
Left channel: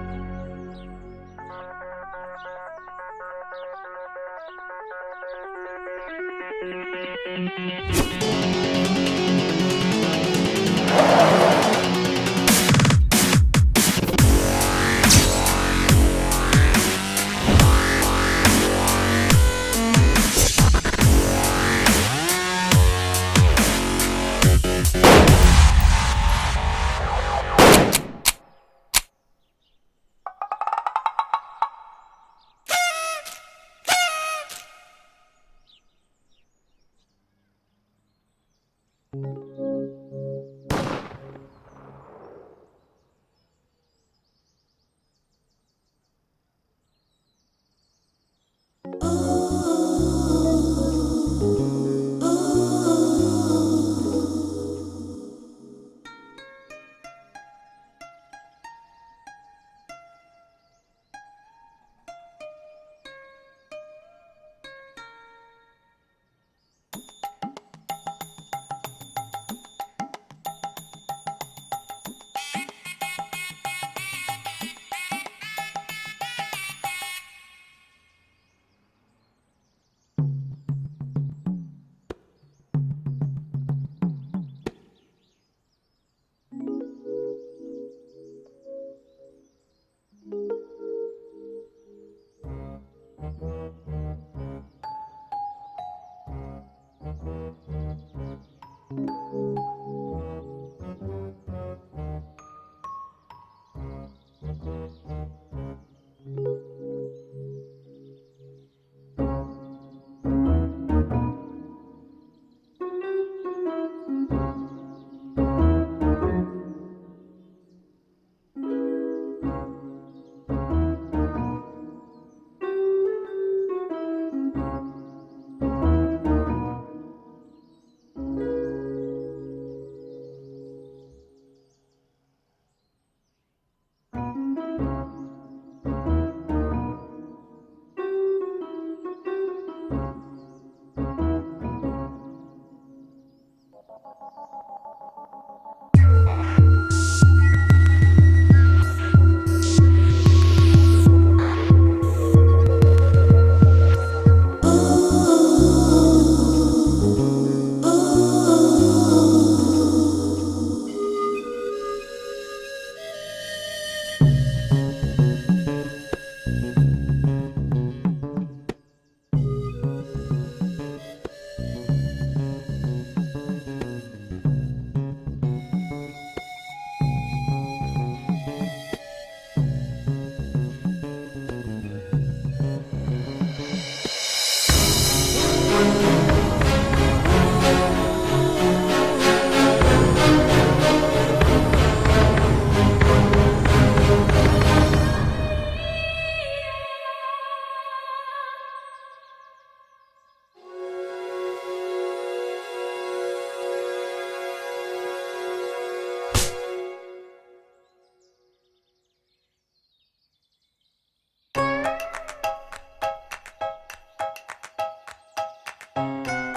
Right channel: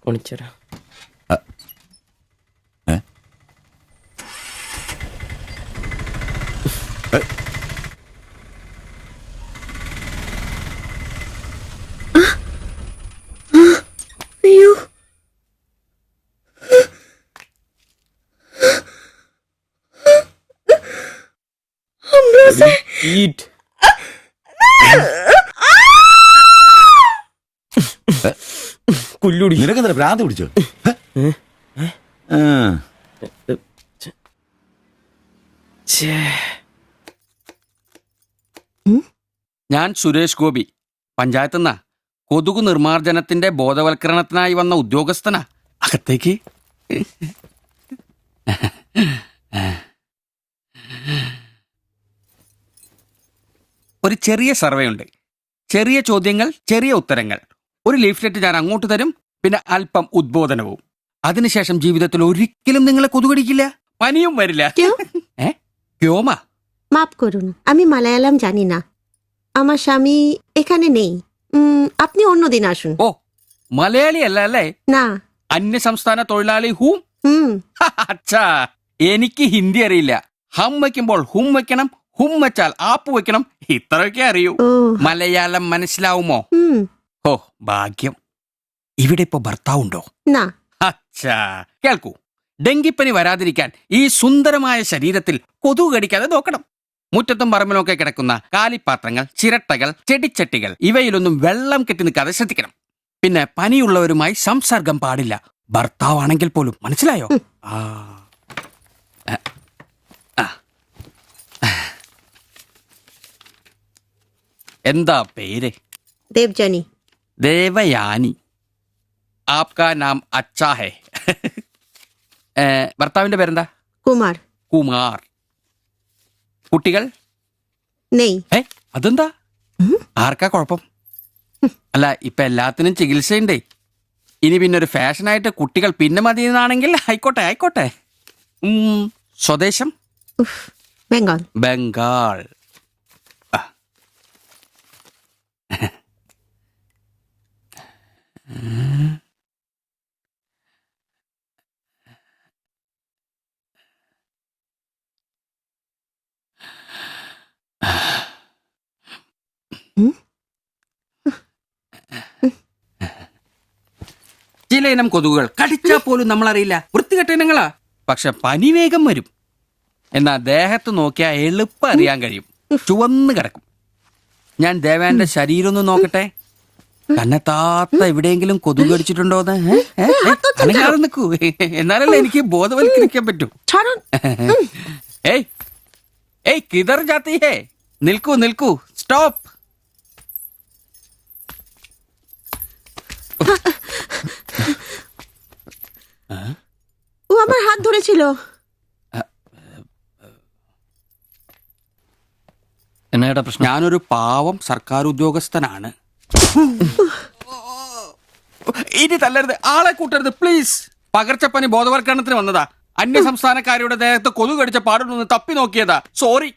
ഒളിച്ചോരാ. കുല്ലുടി. നിനക്കെന്താ ഭ്രാന്ത് പിടിച്ചോ? ഞാൻ സുരേഷ് ഗോപി, പഞ്ചായത്തുനിന്നാ. കൊതുകു നിർമ്മാർജ്ജനത്തിന്റെ ബോധവൽക്കരണത്തിനായി വന്ന ഉദ്യോഗസ്ഥനാ. അകത്തേക്ക്. ഒരു ചെറിയ സർവേ ഉണ്ട്. ചെറിയ ചോദ്യങ്ങൾ, ചെറിയ ഉത്തരങ്ങൾ. ഒരു ലീഫ്ലെറ്റ് ഞാൻ അങ്ങോട്ട് തരും, പിന്നെ അല്പം ഉദ്ബോധനവും. അതിനുശേഷം ജീവിതത്തിൽ ഒരിക്കലും നിങ്ങളെ കൊതുകടിക്കില്ല, പനിയും വരില്ല. ക്യോമാ? মাফ করুন, আমি মালায়ালাম জানি না। আমার স্বামী এখানে নেই। আপনি অন্যদিন আসুন। ഓ, മലയാളി അല്ല അല്ലേ? না। അന്യ സംസ്ഥാന തൊഴിലാളി ഹൂം? അച്ഛാ, എനിക്ക് ഹിന്ദി അറിയില്ല. ഹം വയ്ക്കുമ്പോൾ ഹും വെക്കണം, ഹും വെച്ചാൽ ആപ്പ് വെക്കണം, ഇത്രയൊക്കെ അറിയൂ. മലയാളം മനസ്സിലാവുമോ? ഓ, ഭാഗ്യം. ഇവിടെ ഇപ്പൊ ഭർത്താവുണ്ടോ? না। അച്ഛാ, കേൾക്കൂ. ഡെങ്കിപ്പനി വരാതിരിക്കാൻ ഈ സുന്ദരമായ ശരീരത്തിൽ കൊതുക് കടിക്കാതെ നോക്കണം. മുറ്റത്തും പറമ്പിലൊക്കെ കിടക്കുന്ന കാലിപ്പാത്രങ്ങൾ, ചിരട്ടകൾ, ചെടിച്ചട്ടികൾ ഇവയിലൊന്നും വെള്ളം കെട്ടി നിൽക്കാതെ ശ്രദ്ധിക്കണം. പിന്നെ പനിയുള്ളവരുമായി സംസർഗം പാടില്ല, ഭർത്താവാണെങ്കിൽ പോലും. മനസ്സിലായോ? എന്താ പേര്? ദേവ്ജാനി. ദേവയാനി. ആപ്കാ നാം അച്ഛാ ഹേ. ഭർത്താവിന്റെ പേരെന്താ? കുമാർ. കുമാർ. കുട്ടികൾ? നെയ്. അതെന്താ? ആർക്കാ കുഴപ്പം? അല്ല, ഇപ്പൊ എല്ലാത്തിനും ചികിത്സയുണ്ടേ. ഇനി പിന്നെ ഒരു ഫാഷനായിട്ട് കുട്ടികൾ പിന്നെ മതി എന്നാണെങ്കിൽ ആയിക്കോട്ടെ ആയിക്കോട്ടെ. സ്വദേശം? ബംഗാൾ. ബംഗാൾ. ചില ഇനം കൊതുകുകൾ കടിച്ചാ പോലും നമ്മളറിയില്ല, വൃത്തികെട്ട ഇനങ്ങളാ. പക്ഷെ പനി വേഗം വരും. എന്നാ ദേഹത്ത് നോക്കിയാൽ എളുപ്പം അറിയാൻ കഴിയും, ചുവന്ന് കിടക്കും. ഞാൻ ദേവാന്റെ ശരീരം ഒന്ന് നോക്കട്ടെ. കന്നെത്താത്ത എവിടെയെങ്കിലും കൊതുക് കടിച്ചിട്ടുണ്ടോന്ന്? അനങ്ങാതെ നിൽക്കൂ, എന്നാലല്ലേ എനിക്ക് ബോധവൽക്കരിക്കാൻ പറ്റും. ഏയ് ഏയ്, കിതർ ജാത്തി ഹേ. നിൽക്കൂ നിൽക്കൂ, സ്റ്റോപ്പ്. ও আমার হাত ধরেছিল। എന്നേടാ പ്രശ്നം? ഞാനൊരു പാവം സർക്കാർ ഉദ്യോഗസ്ഥനാണ്. ഇനി തല്ലരുത്, ആളെ കൂട്ടരുത് പ്ലീസ്. പകർച്ചപ്പനി ബോധവൽക്കരണത്തിന് വന്നതാ. അന്യ സംസ്ഥാനക്കാരുടെ ദേഹത്ത് കൊതുക് കടിച്ച പാടുണ്ടെന്ന് തപ്പി നോക്കിയതാ. സോറി,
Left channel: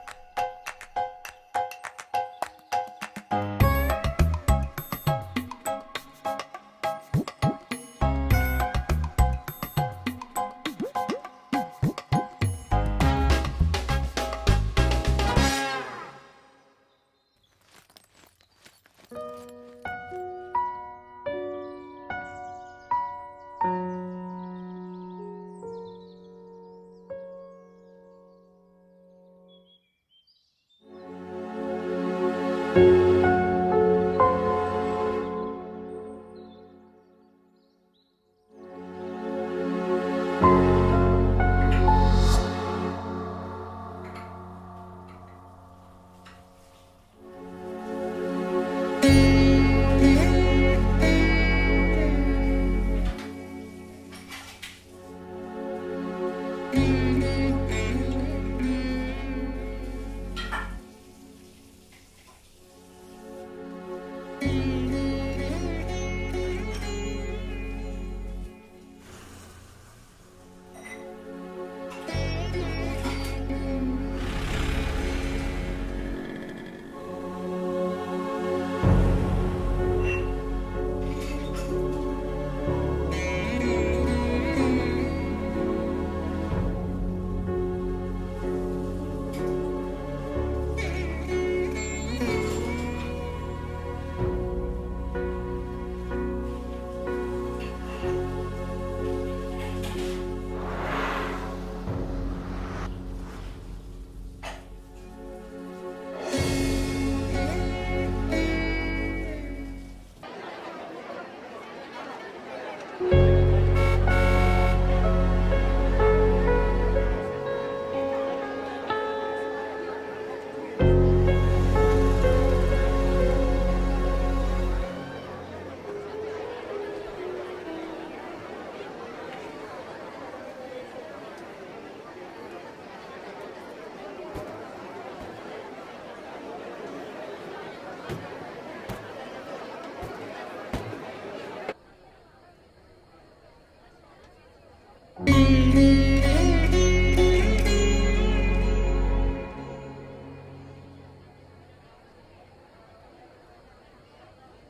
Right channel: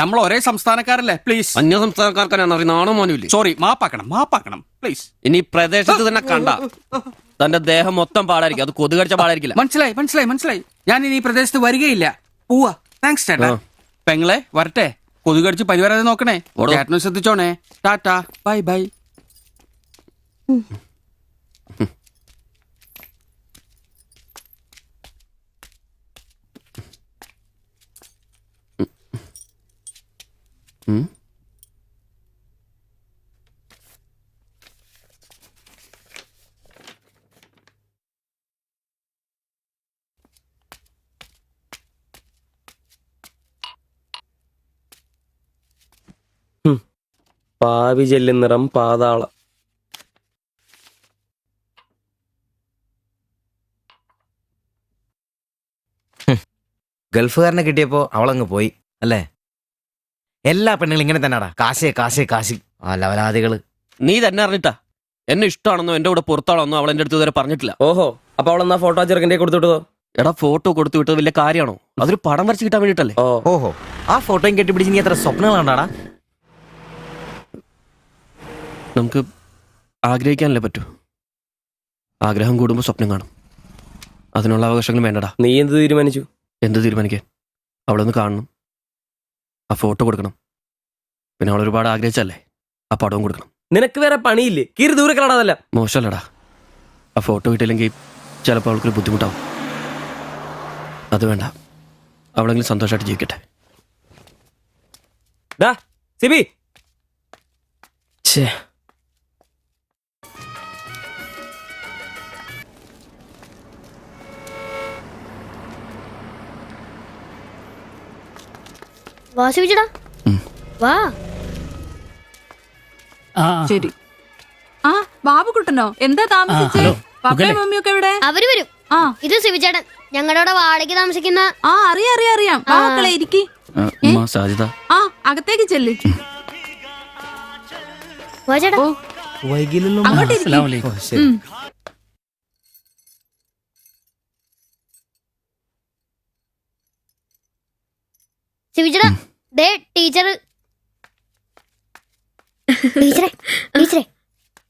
നമ്മൾ ഒരേ സംസ്ഥാനക്കാരല്ലേ, പ്ലീസ്. അന്യ സംസ്ഥാനക്കാർക്കാണ് നാണോ മോനുമില്ലേ? സോറി, മാപ്പാക്കണം മാപ്പാക്കണം പ്ലീസ്. ഇനി പ്രദേശത്ത് തന്നെ കണ്ട തന്റെ ദേഹം മൊത്തം പാടായിരിക്കും, അത് കൊതുക് കടിച്ച പാടായിരിക്കില്ല. മനസ്സിലായി മനസ്സിലായി മനസ്സിലായി. ഞാൻ ഇനി ഈ പ്രദേശത്ത് വരികയില്ല, പോവാ. താങ്ക്സ് ചേട്ടാ. പെങ്ങളെ വരട്ടെ. കൊതുക് കടിച്ച് പനി വരാതെ നോക്കണേ. ചേട്ടനും ശ്രദ്ധിച്ചോണേ. Tata, bye bye. പാവി ജെല്ലും നിറം പാതാളം. ഗൾഫുകാരനെ കിട്ടിയപ്പോ അവളങ്ങ് പോയി അല്ലേ? എല്ലാ പെണ്ണുങ്ങളും ഇങ്ങനെ തന്നെയാടാ, കാശേ കാശേ കാശി. ആ ലവലാദികള്. നീ തന്നെ അറിഞ്ഞിട്ടാ എന്നെ ഇഷ്ടമാണെന്നോ എന്റെ കൂടെ പുറത്താണെന്നോ അവൾ എന്റെ അടുത്ത് ഇതുവരെ പറഞ്ഞിട്ടില്ല. ഓഹോ, അപ്പൊ അവളെന്നാ ഫോട്ടോ ചെറുക്കൻ്റെ കൊടുത്തു വിട്ടതോ? എടാ, ഫോട്ടോ കൊടുത്തു വിട്ടത് വലിയ കാര്യമാണോ? അതൊരു പടം വരച്ച് കിട്ടാൻ വേണ്ടിട്ടല്ലേ. ഓഹോ, ആ ഫോട്ടോയും കെട്ടിപ്പിടിച്ച് നീ എത്ര സ്വപ്നങ്ങളാണ്ടാടാ? നമുക്ക് ആഗ്രഹിക്കാനല്ലേ പറ്റൂ. ആഗ്രഹം കൂടുമ്പോൾ സ്വപ്നം കാണും. അതിനുള്ള അവകാശങ്ങൾ വേണ്ടടാ. നീ എന്ത് തീരുമാനിച്ചു? എന്ത് തീരുമാനിക്കാൻ? അവളൊന്ന് കാണണം, ആ ഫോട്ടോ കൊടുക്കണം, പിന്നെ അവൾ ഒരുപാട് ആഗ്രഹിച്ചല്ലേ ആ പടവും കൊടുക്കണം. നിനക്ക് വേറെ പണിയില്ലേ? കീറി ദൂരെ കളാടതല്ല. മോശമല്ലടാ, ആ ഫോട്ടോ കിട്ടിയില്ലെങ്കിൽ ചിലപ്പോൾ അവൾക്കൊരു ബുദ്ധിമുട്ടാവും. അത് വേണ്ട, അവളെങ്കിലും സന്തോഷമായിട്ട് ജീവിക്കട്ടെ. സിബി, വാ ശിവചേട്ടാ, വാ. ശരി. ആ ബാബുക്കുട്ടനോ, എന്താ താമസിച്ചേ? പപ്പയും മമ്മിയൊക്കെ എവിടെ? അവര് വരും. ഇത് ശിവചേട്ടൻ, ഞങ്ങളുടെ വാടകയ്ക്ക് താമസിക്കുന്ന. ആ അറിയാം. മക്കളെ ഇരിക്കി. സാധ്യത ആ അകത്തേക്ക് ചെല്ല്. വാ ചേട്ടാ. അങ്ങോട്ട് ഇരിക്ക്. ശിവചേട്ടാ, ദേ ടീച്ചർ. ടീച്ചറെ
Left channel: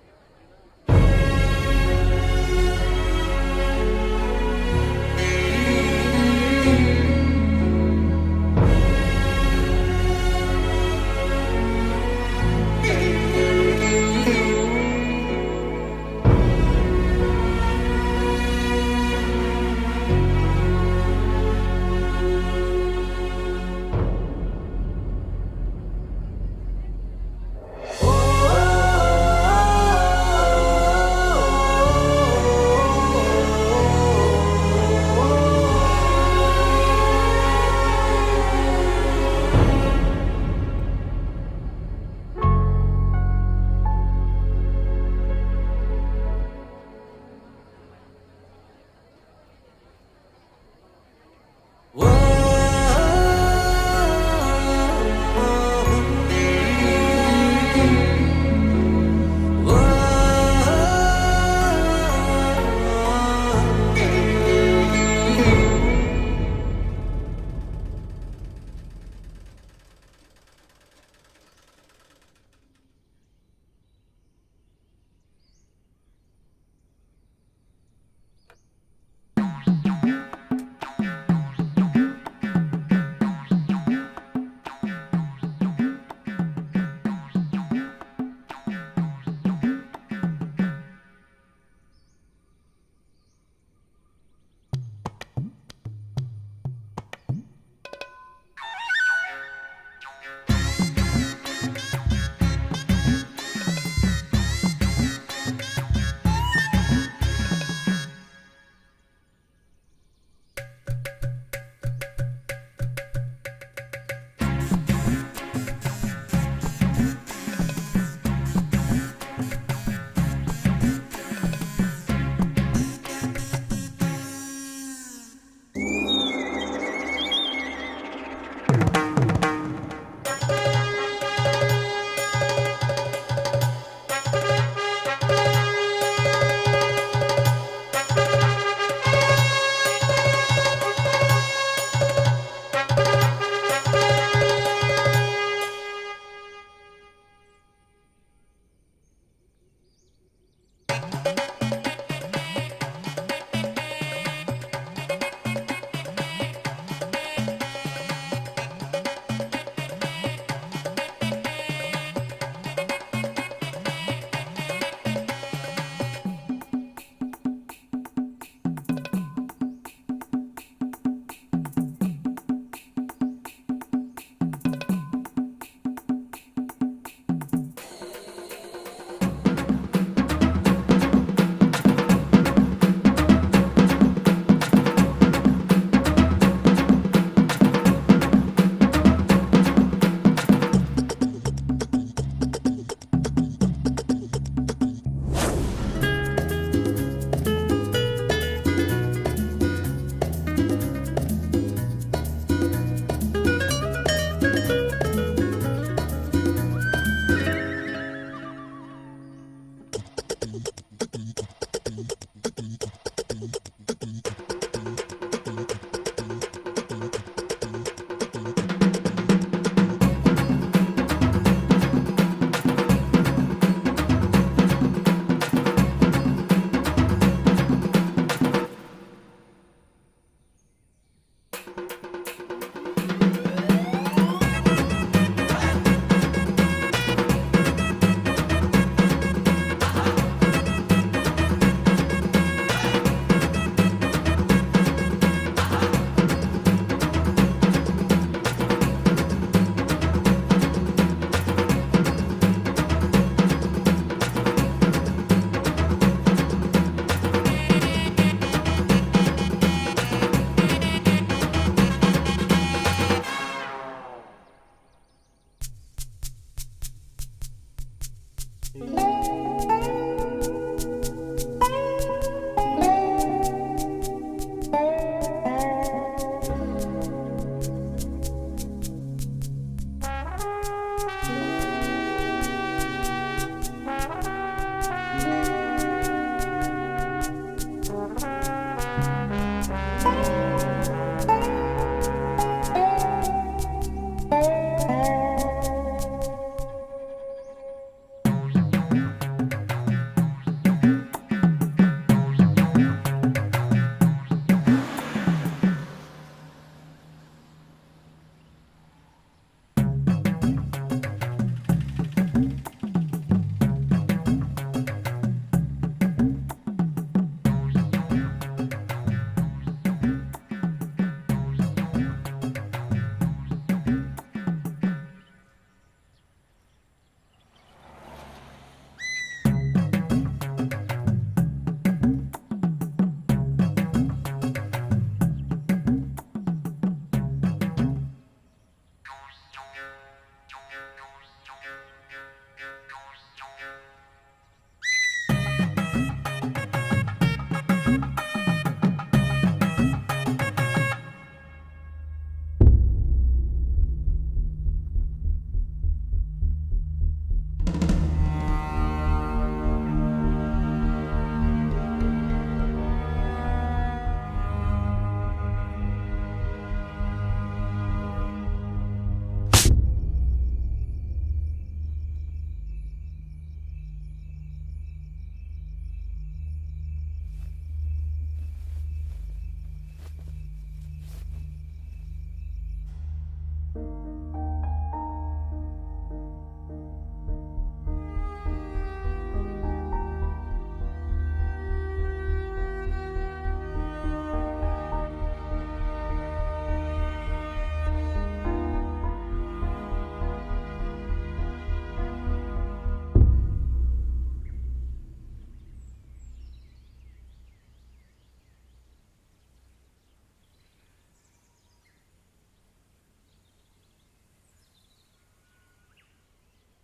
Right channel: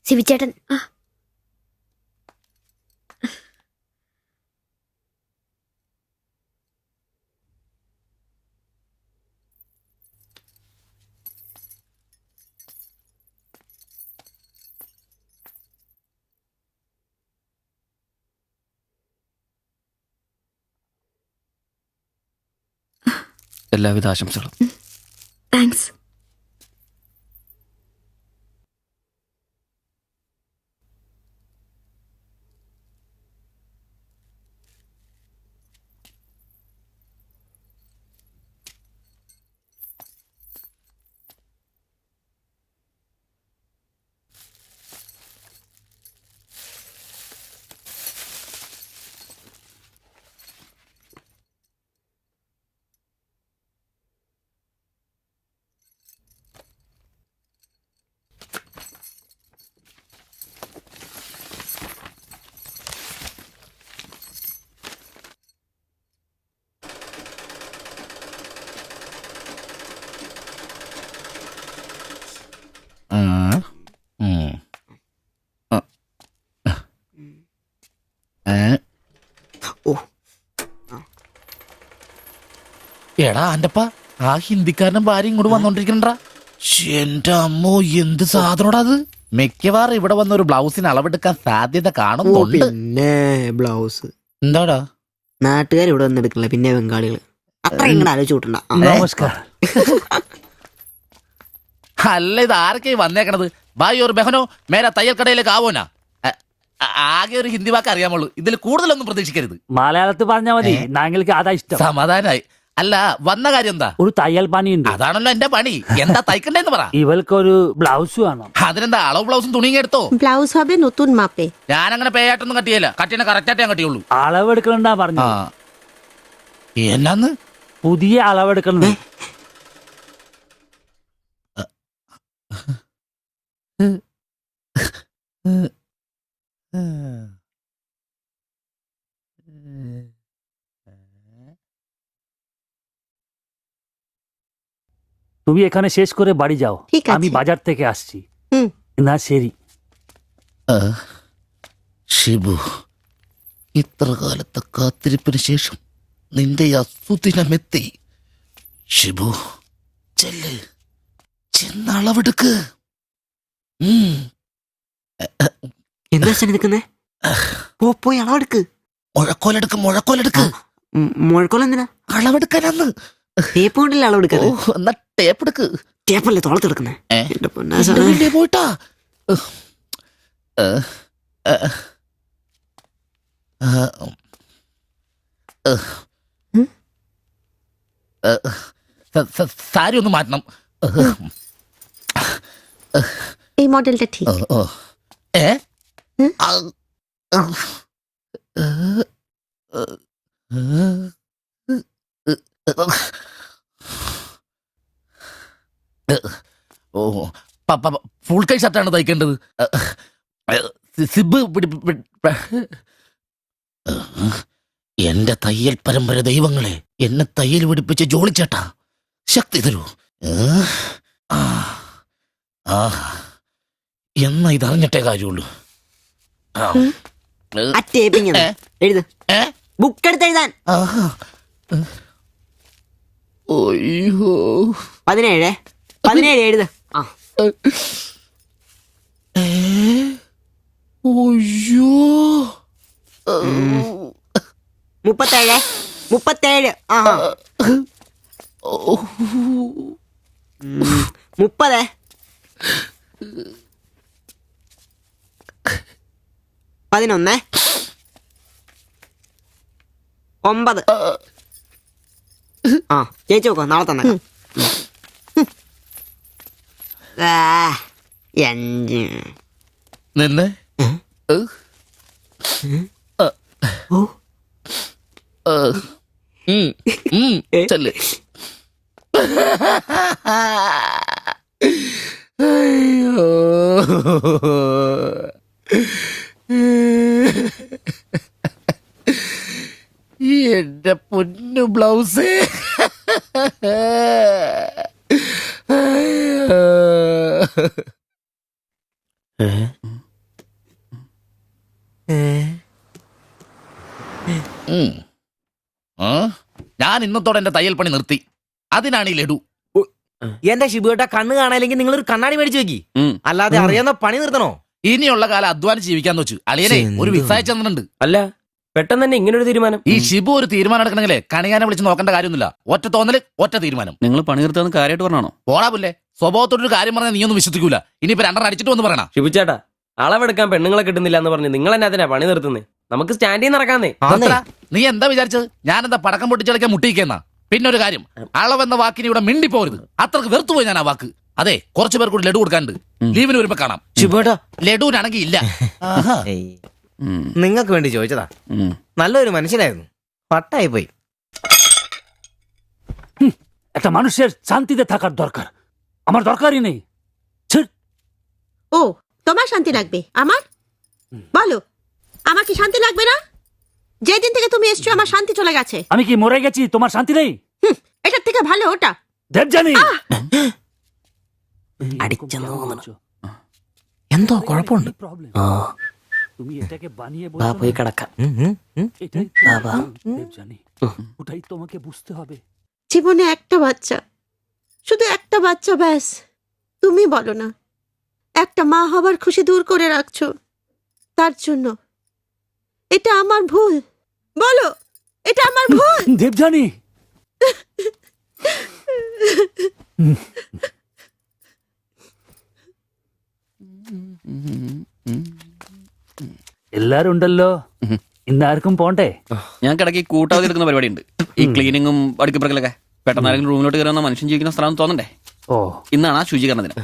ശിവചേട്ടൻ. എല്ലാവിധ ആശംസകളും. താങ്ക്സ്. എടാ അന്റപ്പ, ആ ഹിന്ദിക്കാരനും ഭാര്യ ഇങ്ങോട്ട് വന്നോണ്ടിരിക്കണ്ടാ. എന്റെ അമ്മോ, എന്ത് സാധനോടാ അത്. മിക്കവാറും ഇവിടെ വന്ന ഒരു ബ്ലൗസിന് അളവെടുക്കാൻ സാധ്യത കാണുന്നുണ്ട്. പിന്നെ ബ്ലൗസ് എന്താടാ നാട്ടുകാർ ഇവിടെ വന്ന് എടുക്കണില്ല, പിന്നെ ബംഗാളികൾ. അത്ര ഇങ്ങനെ ആലോചിച്ച് കൂട്ടണ്ട. നമസ്കാരം. അല്ല, ഇത് ആരൊക്കെ വന്നേക്കണത്? ഭായി ഒരു ബഹനോ മേലെ തയ്യൽ കടയിലേക്ക് ആവോനാ. ആകെ ഒരു ഹിന്ദി വാക്ക് അറിയാമുള്ളൂ, ഇതിൽ കൂടുതലൊന്നും പ്രതീക്ഷിക്കരുത്. മലയാളത്തിൽ പറഞ്ഞാൽ മതി, ഞങ്ങൾക്ക് അതാ ഇഷ്ടം. സമാധാനായി. അല്ല, വന്ന കാര്യം എന്താ? ഒരു തയ്യൽ പണിയുണ്ട്. അതാണല്ലോ എന്റെ പണി. എന്താ തയ്ക്കണ്ടേന്ന് പറ. ഇവൾക്കൊരു ബ്ലൗസ് വേണം. അതിനെന്താ അളവ് ബ്ലൗസും തുണിയും എടുത്തോ? ব্লাউজ হবে নতুন মাপে। ഞാനങ്ങനെ പേയായിട്ടൊന്നും കട്ടിയല്ല, കട്ടിനെ കറക്റ്റായിട്ട് ഞാൻ കട്ടിയുള്ളൂ. അളവെടുക്കണ്ടാ പറഞ്ഞു. എന്നാന്ന്? പുതിയ അളവെടുക്കണം. তুমি এখানে শেষ করে বাড়ি যাও, আমি বাজার থেকে আসছি। না ശരി. ഷിബു, ഇത്ര കാലത്തെ കാത്തിരിപ്പിന് ശേഷം നിന്റെ അസുദിനമെത്തി. ഷിബു, ചെല്ല്, ചെന്നളവെടുക്ക്. എന്താ നിൽക്കുന്നേ? പോയി അളവെടുക്ക്. മുഴക്കോലെടുക്ക്. മുഴക്കോലെന്തിനാ? അളവെടുക്കാനാന്ന്. ടേപ്പ് കൊണ്ടല്ലേ അളവെടുക്കാറ്? എന്നാ ടേപ്പ് എടുക്ക്. ടേപ്പല്ലേ തോളത്തെടുക്കുന്നേ? പോയിട്ടാ. സാരി ഒന്ന് മാറ്റണം. এই মডেলটা ঠিক। ഫുൾ കൈ ഷർട്ടാണ് തയ്ക്കേണ്ടത്. സിബ് എന്റെ തയ്യൽ പരമ്പര ദൈവങ്ങളെ, എന്നെ തയ്യൽ പിടിപ്പിച്ച് ജോളിച്ചേട്ടാ, ശക്തി തരൂ. എന്നാ ഇത് അറിഞ്ഞിട്ടേ കാര്യമുള്ളൂ. ബുക്ക് എടുത്ത് എഴുതാൻ 17 എഴുത്. 37. 30. 11 9 ആ ചേച്ചി നോക്കോ നാളെ തന്നെ 5 നിന്ന് ചെല്ല്. അയ്യോ. എന്റെ പൊന്നു ബ്ലൗസ്. ഞാൻ ഇന്നത്തോടെ എന്റെ തയ്യൽ പണി നിർത്തി. അതിനാണ് ഈ ലഡു. എന്റെ ശിബുവേട്ട കണ്ണ് കാണാനില്ലെങ്കിൽ നിങ്ങൾ ഒരു കണ്ണാടി മേടിച്ചു വെക്കി. അല്ലാതെ അറിയാവുന്ന പണി നിർത്തണോ? ഇനിയുള്ള കാലം അധ്വാനിച്ച് ജീവിക്കാന്ന് വെച്ചു. അളിയനെ ഒരു വിസായ ചെന്നിട്ടുണ്ട്. അല്ല പെട്ടെന്ന് തന്നെ ഇങ്ങനെ ഒരു തീരുമാനം. ഈ ഷിബു ഒരു തീരുമാനം എടുക്കണമെങ്കിലേ കണിയാനെ വിളിച്ച് നോക്കേണ്ട കാര്യമൊന്നുമില്ല. ഒറ്റ തോന്നല്, ഒറ്റ തീരുമാനം. നിങ്ങൾ പണി നിർത്താന്ന് കാര്യമായിട്ട് പറഞ്ഞാണോ? പോടാ സ്വഭാവത്തോടൊരു കാര്യം പറഞ്ഞാൽ നീ ഒന്നും വിശ്വസിക്കൂല. ഇനിയിപ്പോ 2 അടിച്ചിട്ട് വന്ന് പറയണം. ശിബുച്ചേട്ടാ അളവെടുക്കാൻ പെണ്ണുങ്ങളെ കിട്ടുന്നില്ല എന്ന് പറഞ്ഞ് നിങ്ങൾ തന്നെ അതിനാ പണി നിർത്തുന്നേ. നമുക്ക് സ്റ്റാൻഡിൽ നടക്കാന്നേ. നീ എന്താ വിചാരിച്ചത്? ഞാനെന്താ പടക്കം പൊട്ടിച്ചളിക്കാൻ മുട്ടിയിക്കുന്ന? പിന്നെ ഒരു കാര്യം, അളവെന്ന വാക്കിന് ഇവിടെ മിണ്ടിപ്പോരുത്. അത്രക്ക് വെറുത്തുപോയി ഞാൻ ആ വാക്ക്. അതെ, കുറച്ചു പേർ കൂടി ലഡു കൊടുക്കാനുണ്ട്. ലീവിന് വരുമ്പോ കാണാം. ലഡുവിനാണെങ്കിൽ ഇല്ല. നിങ്ങൾക്ക് വേണ്ടി ചോദിച്ചതാ. നല്ലൊരു മനുഷ്യനായിരുന്നു, പട്ടായി പോയി. একটা মানুষের শান্তিতে থাকার দরকার, আমার দরকারই নেই। ও তোমার শান্তি লাগবে? আমার বলো, আমার কি শান্তি লাগবে না? যেদিন থেকে তুমি এসছো আমার শান্তি চলে গেছে। আমি কি মরে গেছি? তোমার শান্তি নেই? এটার থেকে ভালো ওটা। দেবজানি എന്തോ കുഴപ്പമുണ്ട്. তুমি এটাকে বানিয়ে വാ പോയി കിടക്കാം. এটাই বাবা দেবজানি, ওটাই তোমাকে বুঝতে হবে। জীবনে একটা বাচ্চা, শুধু একটা বাচ্চা, ব্যাস। তুমি বলো না, একটা মা হবার খুশি দূর করে রাখছো, তার জন্য এটা আমার ভুল? বলো, এটা আমার ভুল? দেবজানি എല്ലാരും ഉണ്ടല്ലോ, ഇന്നാർക്കും പോണ്ടേ? ഞാൻ കിടക്കി കൂട്ടാതെ എടുക്കുന്ന പരിപാടി ഉണ്ട്. ഈ ക്ലീനിങ്ങും അടുക്കിപ്പറക്കലൊക്കെ. പെട്ടെന്ന് ആരെങ്കിലും റൂമിലോട്ട് കയറുന്ന മനുഷ്യൻ ജീവിക്കുന്ന സ്ഥലം തോന്നണ്ടേ? ഓ, ഇന്നാണ് ആ ശുചീകരണത്തിന്.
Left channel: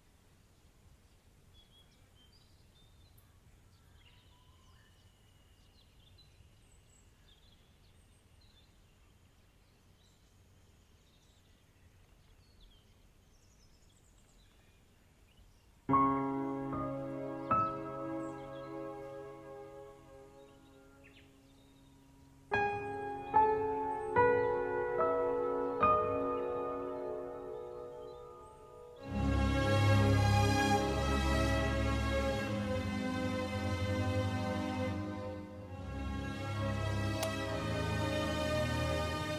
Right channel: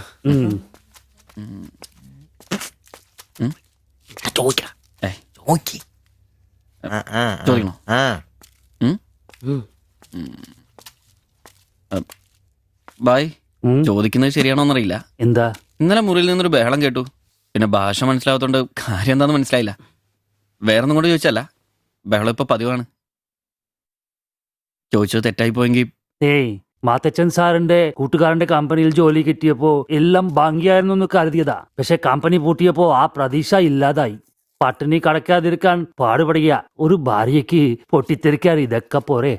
ചോദിക്കണോ? ബായ്, ചോദിക്കുന്നത് ശരിയാണോന്നറിയില്ല. എന്താ? ഇന്നലെ മുറിയിൽ നിന്നൊരു ബഹളം കേട്ടു. പിന്നെ ഭാഷ മനസ്സിലാവാത്തോണ്ട് കാര്യം എന്താന്ന് മനസ്സിലായില്ല. വേറൊന്നും കൊണ്ട് ചോദിച്ചല്ല, ബഹളം ഇപ്പൊ പതിവാണ്. ചോദിച്ചത് തെറ്റായി പോയെങ്കിൽ. ഏയ്, മാത്തച്ചൻ സാറിന്റെ കൂട്ടുകാരന്റെ കമ്പനിയിൽ ജോലി കിട്ടിയപ്പോ എല്ലാം ഭംഗിയായിരുന്നു എന്ന് കരുതിയതാ. പക്ഷെ കമ്പനി പൂട്ടിയപ്പോ ആ പ്രതീക്ഷ ഇല്ലാതായി. പട്ടിണി കടക്കാതിരിക്കാൻ പാടുപെടുക. ഒരു ഭാര്യയ്ക്ക് പൊട്ടിത്തെറിക്കാൻ ഇതൊക്കെ പോരെ?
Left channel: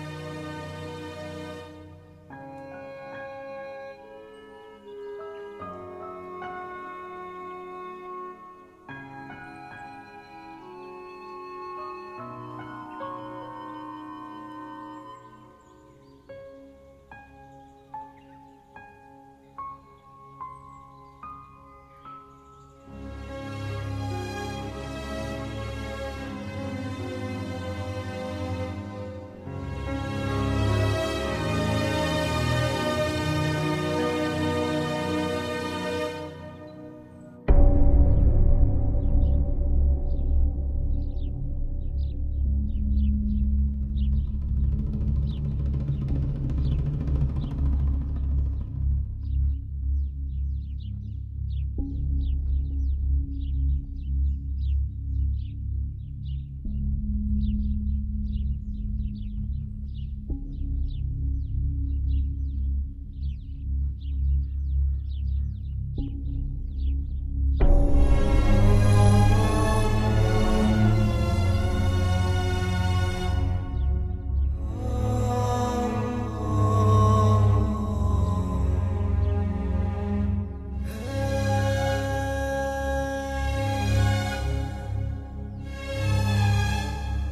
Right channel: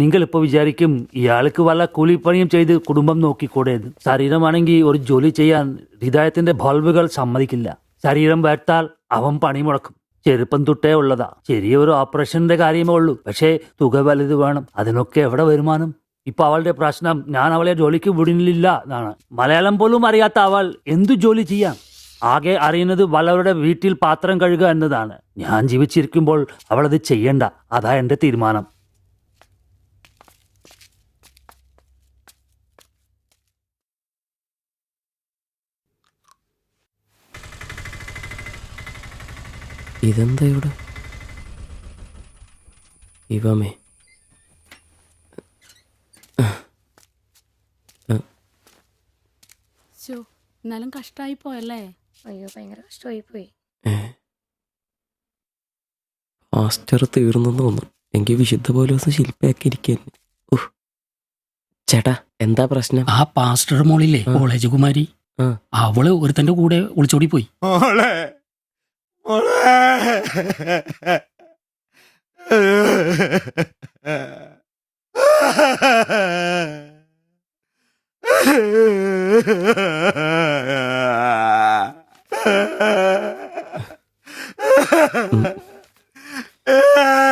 നിങ്ങളിപ്പോ വിചാരിക്കും ഇയാൾക്ക് വല്ല കൂലിപ്പണിയും ചെയ്ത് കുടുംബം നോക്കിക്കൂടേത്. ശരീരമാണെങ്കിൽ ഒരു ജോലി ചെയ്യാൻ ഹൃദയത്തിന്റെ ബൾബുകൾ സമ്മതിക്കില്ല. ശരീരം വേർത്താൽ അവൻ പണി മുടക്കും. ചെറുപ്പം തൊട്ടേ ഉള്ളതാ. ചെറിയൊരു ഓപ്പറേഷന്റെ കാര്യമേ ഉള്ളൂ, പക്ഷേ തുക വലുത് വേണം. അതിനൊക്കെ എവിടെ വരുമാനം? ഇപ്പൊ അവളുടെ പ്രശ്നം ഞാൻ അവളെ ജോലിക്ക് വിടുന്നില്ല എന്നാണ്. മലയാളം പോലും അറിയാത്ത അവൾ എന്തു ജോലി ചെയ്യാം? ആകെ അറിയുന്നത് വല്ലവരുടെ വീട്ടിൽ പാത്രം കഴുകുക എന്നതാണ്. ഞാൻ ജീവിച്ചിരിക്കുമ്പോൾ അവളത് ചെയ്യണ്ട. അതാ എന്റെ തീരുമാനം. ഇതെന്താ ഇവിടെ? ഇവമേ എന്നാലും കഷ്ടായി പോയല്ലേ? അയ്യോ, ഭയങ്കര കഷ്ടമായി പോയി. മാസ്റ്റർ തീർന്നെന്ന് തോന്നുന്നു. എങ്കിൽ വിശുദ്ധ പോലീസ് ശില്പയാക്കിയിരിക്കല്ലേ. ചേട്ടാ, എന്താ പ്രശ്നം? ആ പാസ്റ്റർ മോളില്ലേ, കോളേജ് കുമാരി, അവള് ഒരുത്തന്റെ കൂടെ ഒളിച്ചോടി പോയി.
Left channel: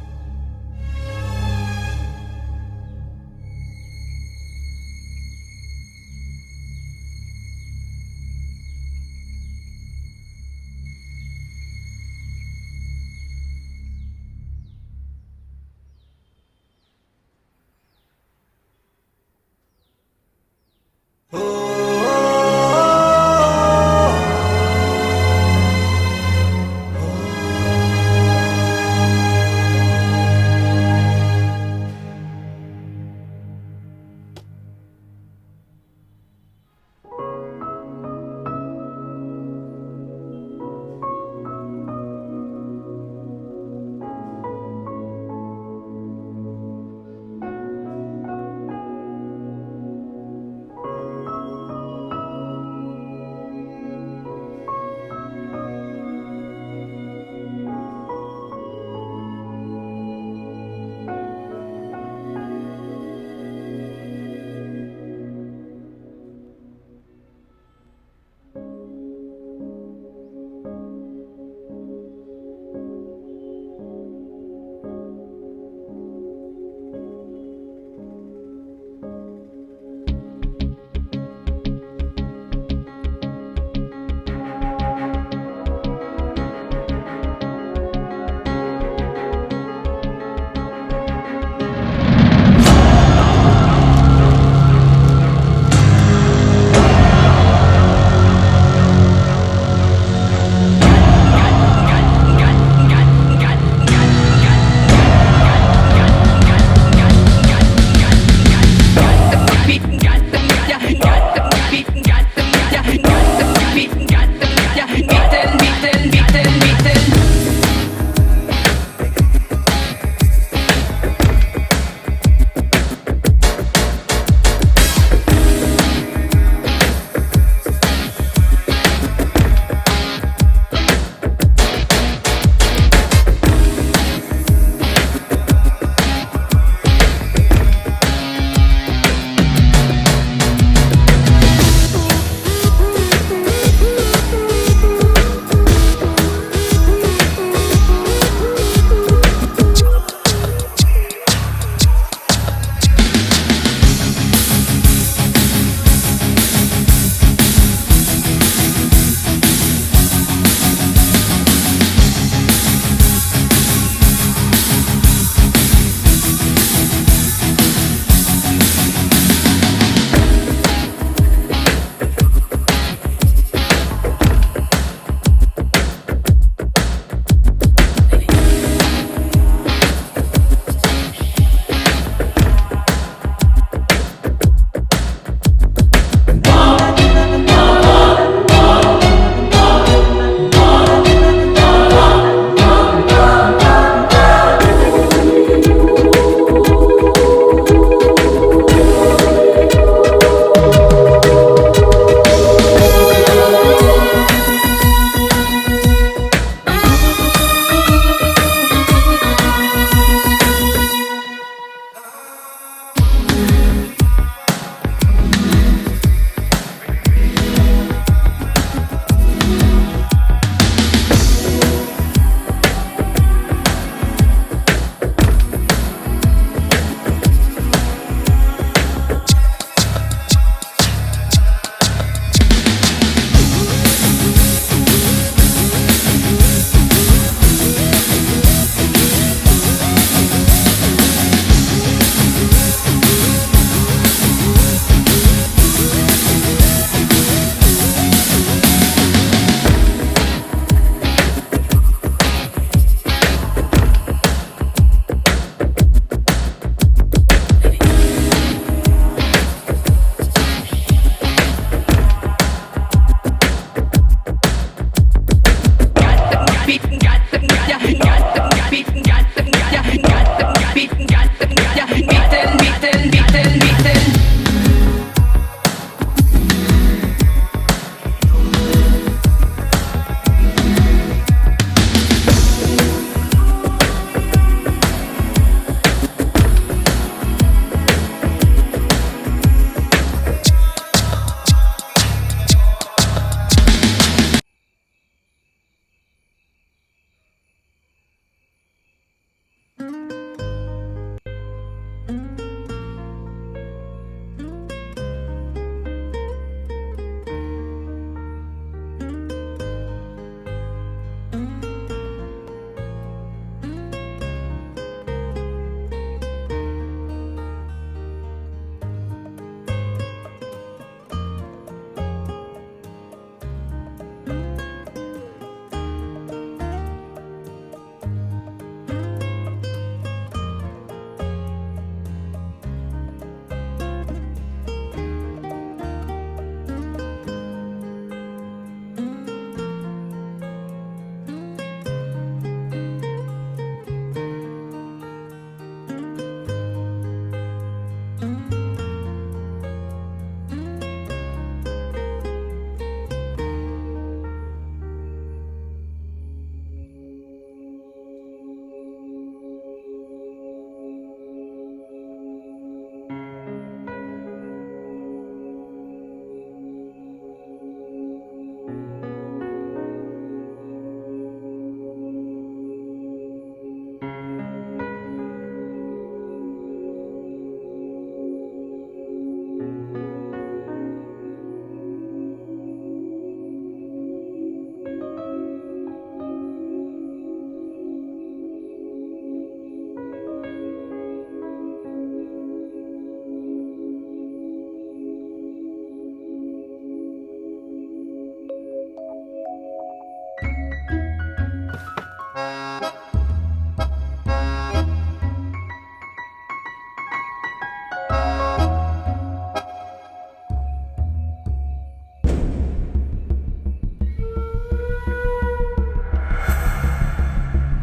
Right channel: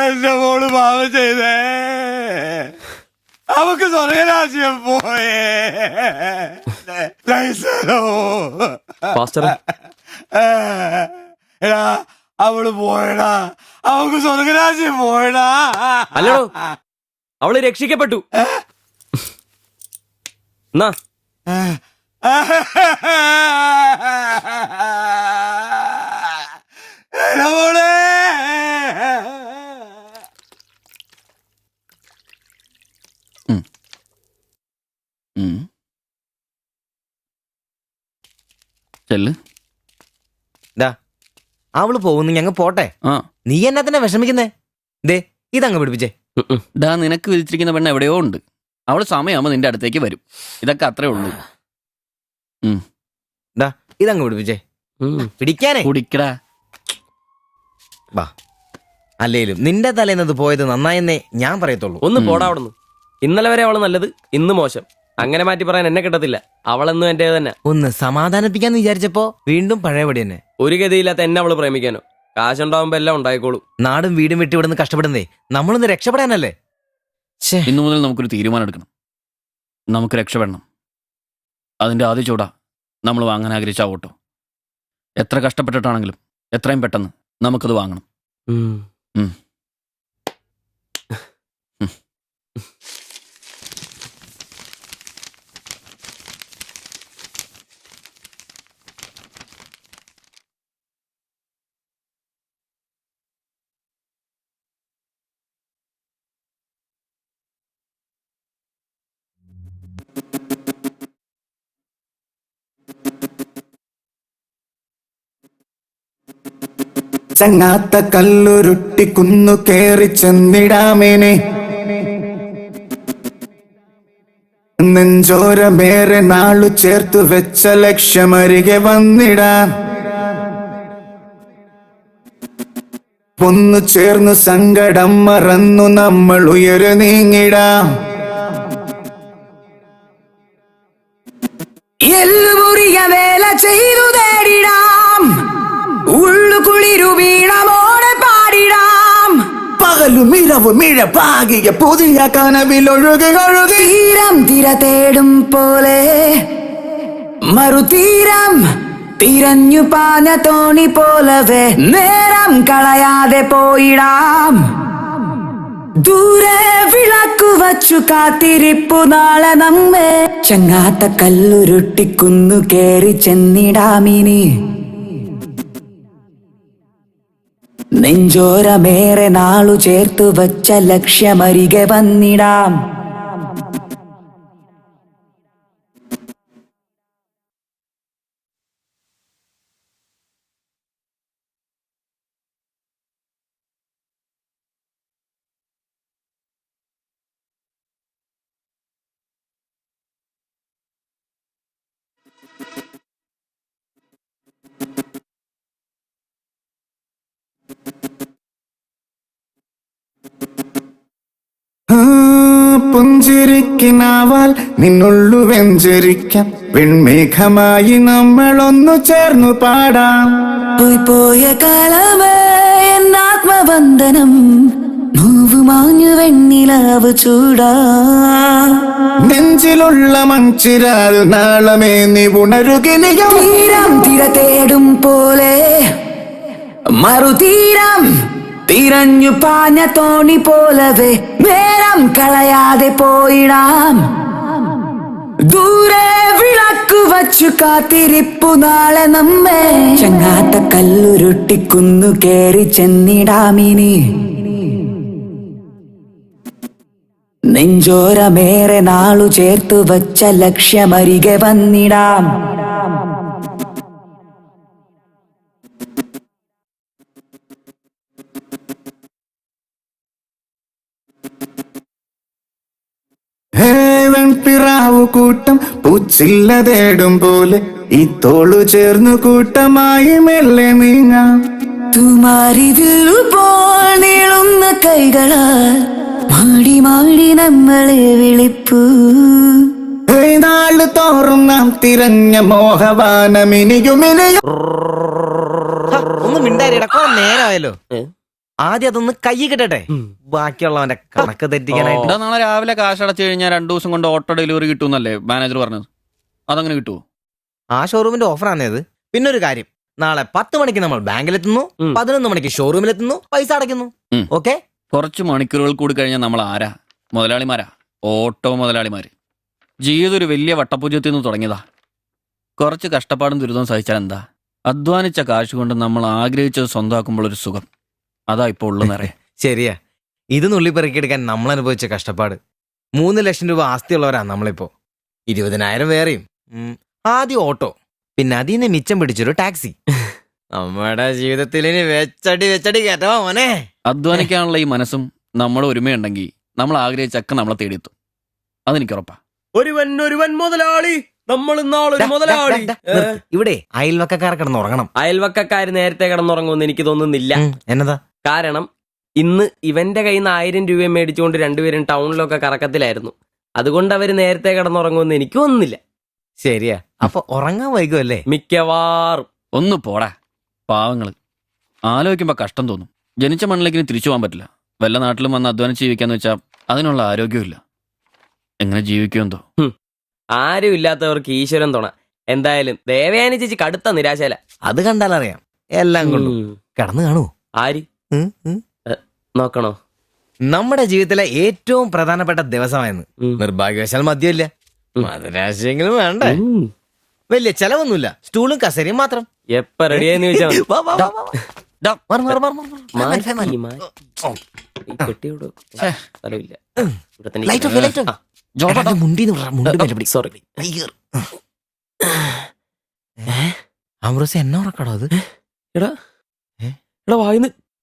എന്റെ മോള് പാവം ചെയ്തേ. അവക്ക് സ്വർഗരാജ്യം പോയേ. പാസ്റ്റർ, എടാ, അവള് പോയടാ, അവൾക്ക് സ്വർഗരാജ്യം പോയടാ. അല്ലടോ, അവള് രക്ഷിക്കപ്പെട്ടു. എന്നാ ചെല്ല്. അവള് പോകുന്നു, ഞങ്ങ പോട്ടെ. നീ എന്നാ തന്നെ വിഷമിക്കുന്നേ? ദേ ഇതങ്ങ് പിടിപ്പിച്ചേ. ഡാ, നിനക്ക് വിധിച്ചിരിക്കുന്ന പെണ്ണ് എവിടെയോ ഉണ്ട്. അവള് സമയമാകുമ്പോ നിന്റെ അടുത്തേക്ക് വരും. ഇതൊക്കെ അത്രേ ഉള്ളൂ. ഇതങ്ങ് പിടിപ്പിച്ചേ. പിടിക്കാനേ കുടിക്കടാ. അല്ലേലും നിന്റെ തലേന്നത് പോയത് നന്നായെന്നേ ഞാൻ പറയത്തുള്ളൂ. ഒന്ന് പോടാ അവിടുന്ന്. ഇന്നലെ വരെ അവള് നല്ലത്, ഇന്ന് മോശം. അങ്ങനെ മാറ്റി പറയാൻ എന്നെ കിട്ടത്തില്ല. അവളെന്നും എന്റെ തന്നെ. ഒന്ന് സമാധാനിപ്പിക്കാന്ന് വിചാരിച്ചപ്പോ വീണ്ടും പഴയപടി തന്നെ. ഒരു ഗതിയില്ലാത്ത എന്നെ അവള് പ്രേമിക്കാനോ? കാശുണ്ടാവുമ്പോ എല്ലാം ഉണ്ടായിക്കോളൂ. നാടും വീടും വിട്ട് ഇവിടുന്ന് കഷ്ടപ്പെടുന്നേ നമ്മളൊന്ന് രക്ഷപ്പെടാനല്ലേ. ഇന്നു മുതൽ നമുക്കൊരു തീരുമാനം എടുക്കണം. നമുക്ക് രക്ഷപ്പെടണം. അതിന്റെ ആദ്യ ചൂടാ നമ്മൾ വാങ്ങാൻ ആഗ്രഹിച്ച ഓട്ടം. എത്ര കഷ്ടപ്പെട്ടിട്ടാണെങ്കിലും എത്രയും പെട്ടെന്ന് നമുക്കത് വാങ്ങണം. ചങ്ങാത്ത കല്ലുരുട്ടി കുന്നു കേറി ചെന്നിടാമേനെ, നെഞ്ചോരമേറെ നാളു ചേർത്ത് വെച്ച ലക്ഷ്യമരികെ വന്നിടാം. ഒന്നു ചേർന്നു സങ്കടം മറന്നു നമ്മൾ ഉയരു നീങ്ങിടാം. വേല ചെയ്തു നേടിടാം, ഉള്ളു കുളിരു വീണമോടെ പാടിടാം. പകലു മിഴവു മിഴപ്പാകിയ പുതിയ കനവിലൊഴുകി ഒഴുകി തീരം തിര തേടും പോലെ മറുതീരം തിരഞ്ഞു പാഞ്ഞ തോണി പോലവേ നേരം കളയാതെ പോയിടാം. ദൂരെ വിളക്കു വച്ചു കാത്തിരിപ്പു നാളെ നമ്മെ. ചങ്ങാത്ത കല്ലുരുട്ടി കുന്നു കേറി ചെന്നിടാമിനി, നെഞ്ചോരമേറെ നാളു ചേർത്തു വച്ച ലക്ഷ്യമരികെ വന്നിടാം. പുഞ്ചിരിക്കിനാവാൽ നിന്നുള്ളു വെഞ്ചരിക്കാം, വെൺമേഘമായി നമ്മളൊന്നു ചേർന്നു പാടാം. പോയ കാലമേ എന്നാത്മബന്ധനം, നോവ് മാഞ്ഞു വെണ്ണിലാവ് ചൂടാം. നെഞ്ചിലുള്ള മഞ്ചിരാൽ നാളമേ നീ ഉണരുകിനിയും. തീരം തിര തേടും പോലെ മറുതീരം തിരഞ്ഞു പാഞ്ഞ തോണി പോലവേ നേരം കളയാതെ പോയിടാം. ദൂരെ വിളക്കു വച്ചു കാത്തിരിപ്പു നാളെ നമ്മെ. ചങ്ങാത്ത കല്ലുരുട്ടി കുന്നു കേറി ചെന്നിടാമിനി, നെഞ്ചോരമേറെ നാളു ചേർത്തു വച്ച ലക്ഷ്യമരികെ വന്നിടാം. കൂട്ടം പൂച്ചില്ല തേടും പോലെ ഈ തോളു ചേർന്നു കൂട്ടമായി മെല്ലെ നീങ്ങാം. നീളുന്ന കൈകളാൽ മാടി മാടി നമ്മളെ വിളിപ്പൂ. നാള് തോറും നാം തിരഞ്ഞ മോഹവാനമിനിയുമിനിയും. ഒന്ന് മിണ്ടാരിടാ, നേരമായല്ലോ. ആദ്യം അതൊന്ന് കൈ കിട്ടട്ടെ, ബാക്കിയുള്ളവന്റെ കണക്ക് തെറ്റിക്കാനായിട്ട്. നാളെ രാവിലെ കാശടച്ചു കഴിഞ്ഞാൽ 2 ദിവസം കൊണ്ട് ഓട്ടോ ഡെലിവറി കിട്ടുമെന്നല്ലേ മാനേജർ പറഞ്ഞത്? അതങ്ങനെ കിട്ടുമോ? ആ ഷോറൂമിന്റെ ഓഫറാണേ അത്. പിന്നൊരു കാര്യം, നാളെ 10 മണിക്ക് നമ്മൾ ബാങ്കിലെത്തുന്നു, 11 മണിക്ക് ഷോറൂമിലെത്തുന്നു, പൈസ അടയ്ക്കുന്നു. ഓക്കെ? കുറച്ച് മണിക്കൂറുകൾ കൂടി കഴിഞ്ഞാൽ നമ്മൾ ആരാ? മുതലാളിമാരാ, ഓട്ടോ മുതലാളിമാര്. ജീവിതം ഒരു വലിയ വട്ടപൂജ്യത്തിൽ നിന്ന് തുടങ്ങിയതാ. കുറച്ച് കഷ്ടപ്പാടും ദുരിതവും സഹിച്ചാൽ എന്താ? അധ്വാനിച്ച കാശ് കൊണ്ട് നമ്മൾ ആഗ്രഹിച്ചത് സ്വന്തമാക്കുമ്പോൾ ഒരു സുഖം, അതാ ഇപ്പൊ ഉള്ളു നിറയെ. ശരിയാ. ഇത് നുള്ളിപ്പെറുക്കിയെടുക്കാൻ നമ്മൾ അനുഭവിച്ച കഷ്ടപ്പാട്. 3 ലക്ഷം രൂപ ആസ്തിയുള്ളവരാ നമ്മളിപ്പോ. 20,000 വേറെയും. ആദ്യം ഓട്ടോ, പിന്നെ അതിന് മിച്ചം പിടിച്ചൊരു ടാക്സി. നമ്മുടെ ജീവിതത്തിൽ ഇനി വെച്ചടി കേട്ടോ മോനെ. അധ്വാനിക്കാനുള്ള ഈ മനസ്സും നമ്മുടെ ഒരുമയുണ്ടെങ്കിൽ നമ്മൾ ആഗ്രഹിച്ചൊക്കെ നമ്മളെ തേടിയെത്തും, അതെനിക്ക് ഉറപ്പാ. ഒരുവൻ മുതലാളി, നമ്മൾ ഇന്നാളൊരു മുതലാളി. ഇവിടെ അയൽവക്കക്കാർ കിടന്നുറങ്ങണം. അയൽവക്കക്കാര് നേരത്തെ കിടന്നുറങ്ങുമെന്ന് എനിക്ക് തോന്നുന്നില്ല. എന്നതാ കാരണം ഇന്ന് ഇവന്റെ കയ്യിൽ നിന്ന് 1000 രൂപ മേടിച്ചുകൊണ്ട് രണ്ടുപേരും ടൗണിലൊക്കെ കറക്കത്തിലായിരുന്നു. അതുകൊണ്ട് അവര് നേരത്തെ കിടന്നുറങ്ങുമെന്ന് എനിക്ക് തോന്നുന്നില്ല. ശരിയാ. അപ്പൊ ഉറങ്ങാൻ വൈകുമല്ലേ? മിക്കവാറും. ഒന്ന് പോടാ പാവങ്ങള്. ആലോചിക്കുമ്പോ കഷ്ടം തോന്നും. ജനിച്ച മണ്ണിലേക്ക് തിരിച്ചു പോകാൻ പറ്റില്ല. വല്ല നാട്ടിലും വന്ന് അധ്വാനിച്ച് ജീവിക്കാന്ന് വെച്ചാൽ അതിനുള്ള ആരോഗ്യമില്ല. എങ്ങനെ ജീവിക്കുമെന്തോ. ആരും ഇല്ലാത്തവർക്ക് ഈശ്വരൻ തുണ. എന്തായാലും ദേവയാനി ചേച്ചി കടുത്ത നിരാശയില. അത് കണ്ടാലറിയാം. എല്ലാം കൊണ്ടും കടന്നു കാണൂ. ആര് നോക്കണോ? നമ്മുടെ ജീവിതത്തിലെ ഏറ്റവും പ്രധാനപ്പെട്ട ദിവസമായിരുന്നു. നിർഭാഗ്യവശാൽ മദ്യമില്ല. മധുരാശയെങ്കിലും വേണ്ടേ? വലിയ ചെലവൊന്നുമില്ല. സ്റ്റൂളും കസേരയും മാത്രം. എപ്പ റെഡിയാന്ന് ചോദിച്ചാ അമൃത എന്നെ ഉറക്കടോ അത്?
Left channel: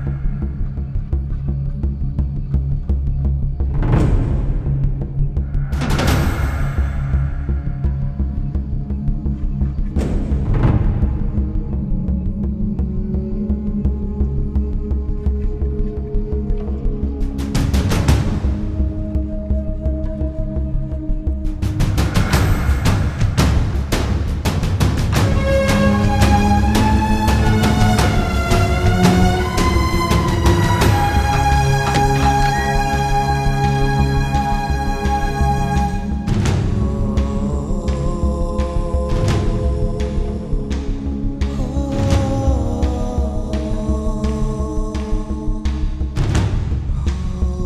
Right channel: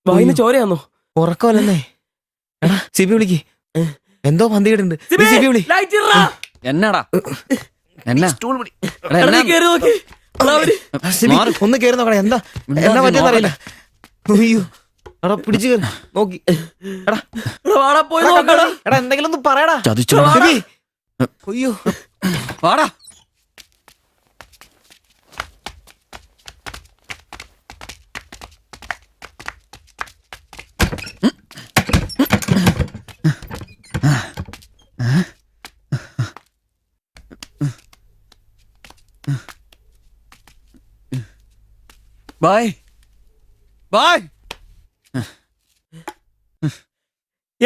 വായിന്ന് ചോരയാന്നോ? ഉറക്കമല്ലെന്നേ. എടാ സിബി വിളിക്ക്. എന്തോ പന്തികേടുണ്ട്. സിബി വിളി. എന്നാടാ ഒന്ന് കേറി നോക്കണേ. എന്താ എന്നാ പറ്റിയെന്നറിയില്ല. അയ്യോ എടാ പിടിച്ചു കയറി നോക്കി. എടാ എന്തെങ്കിലും ഒന്ന് പറയടാ. സിബി. അയ്യോ വാടാ.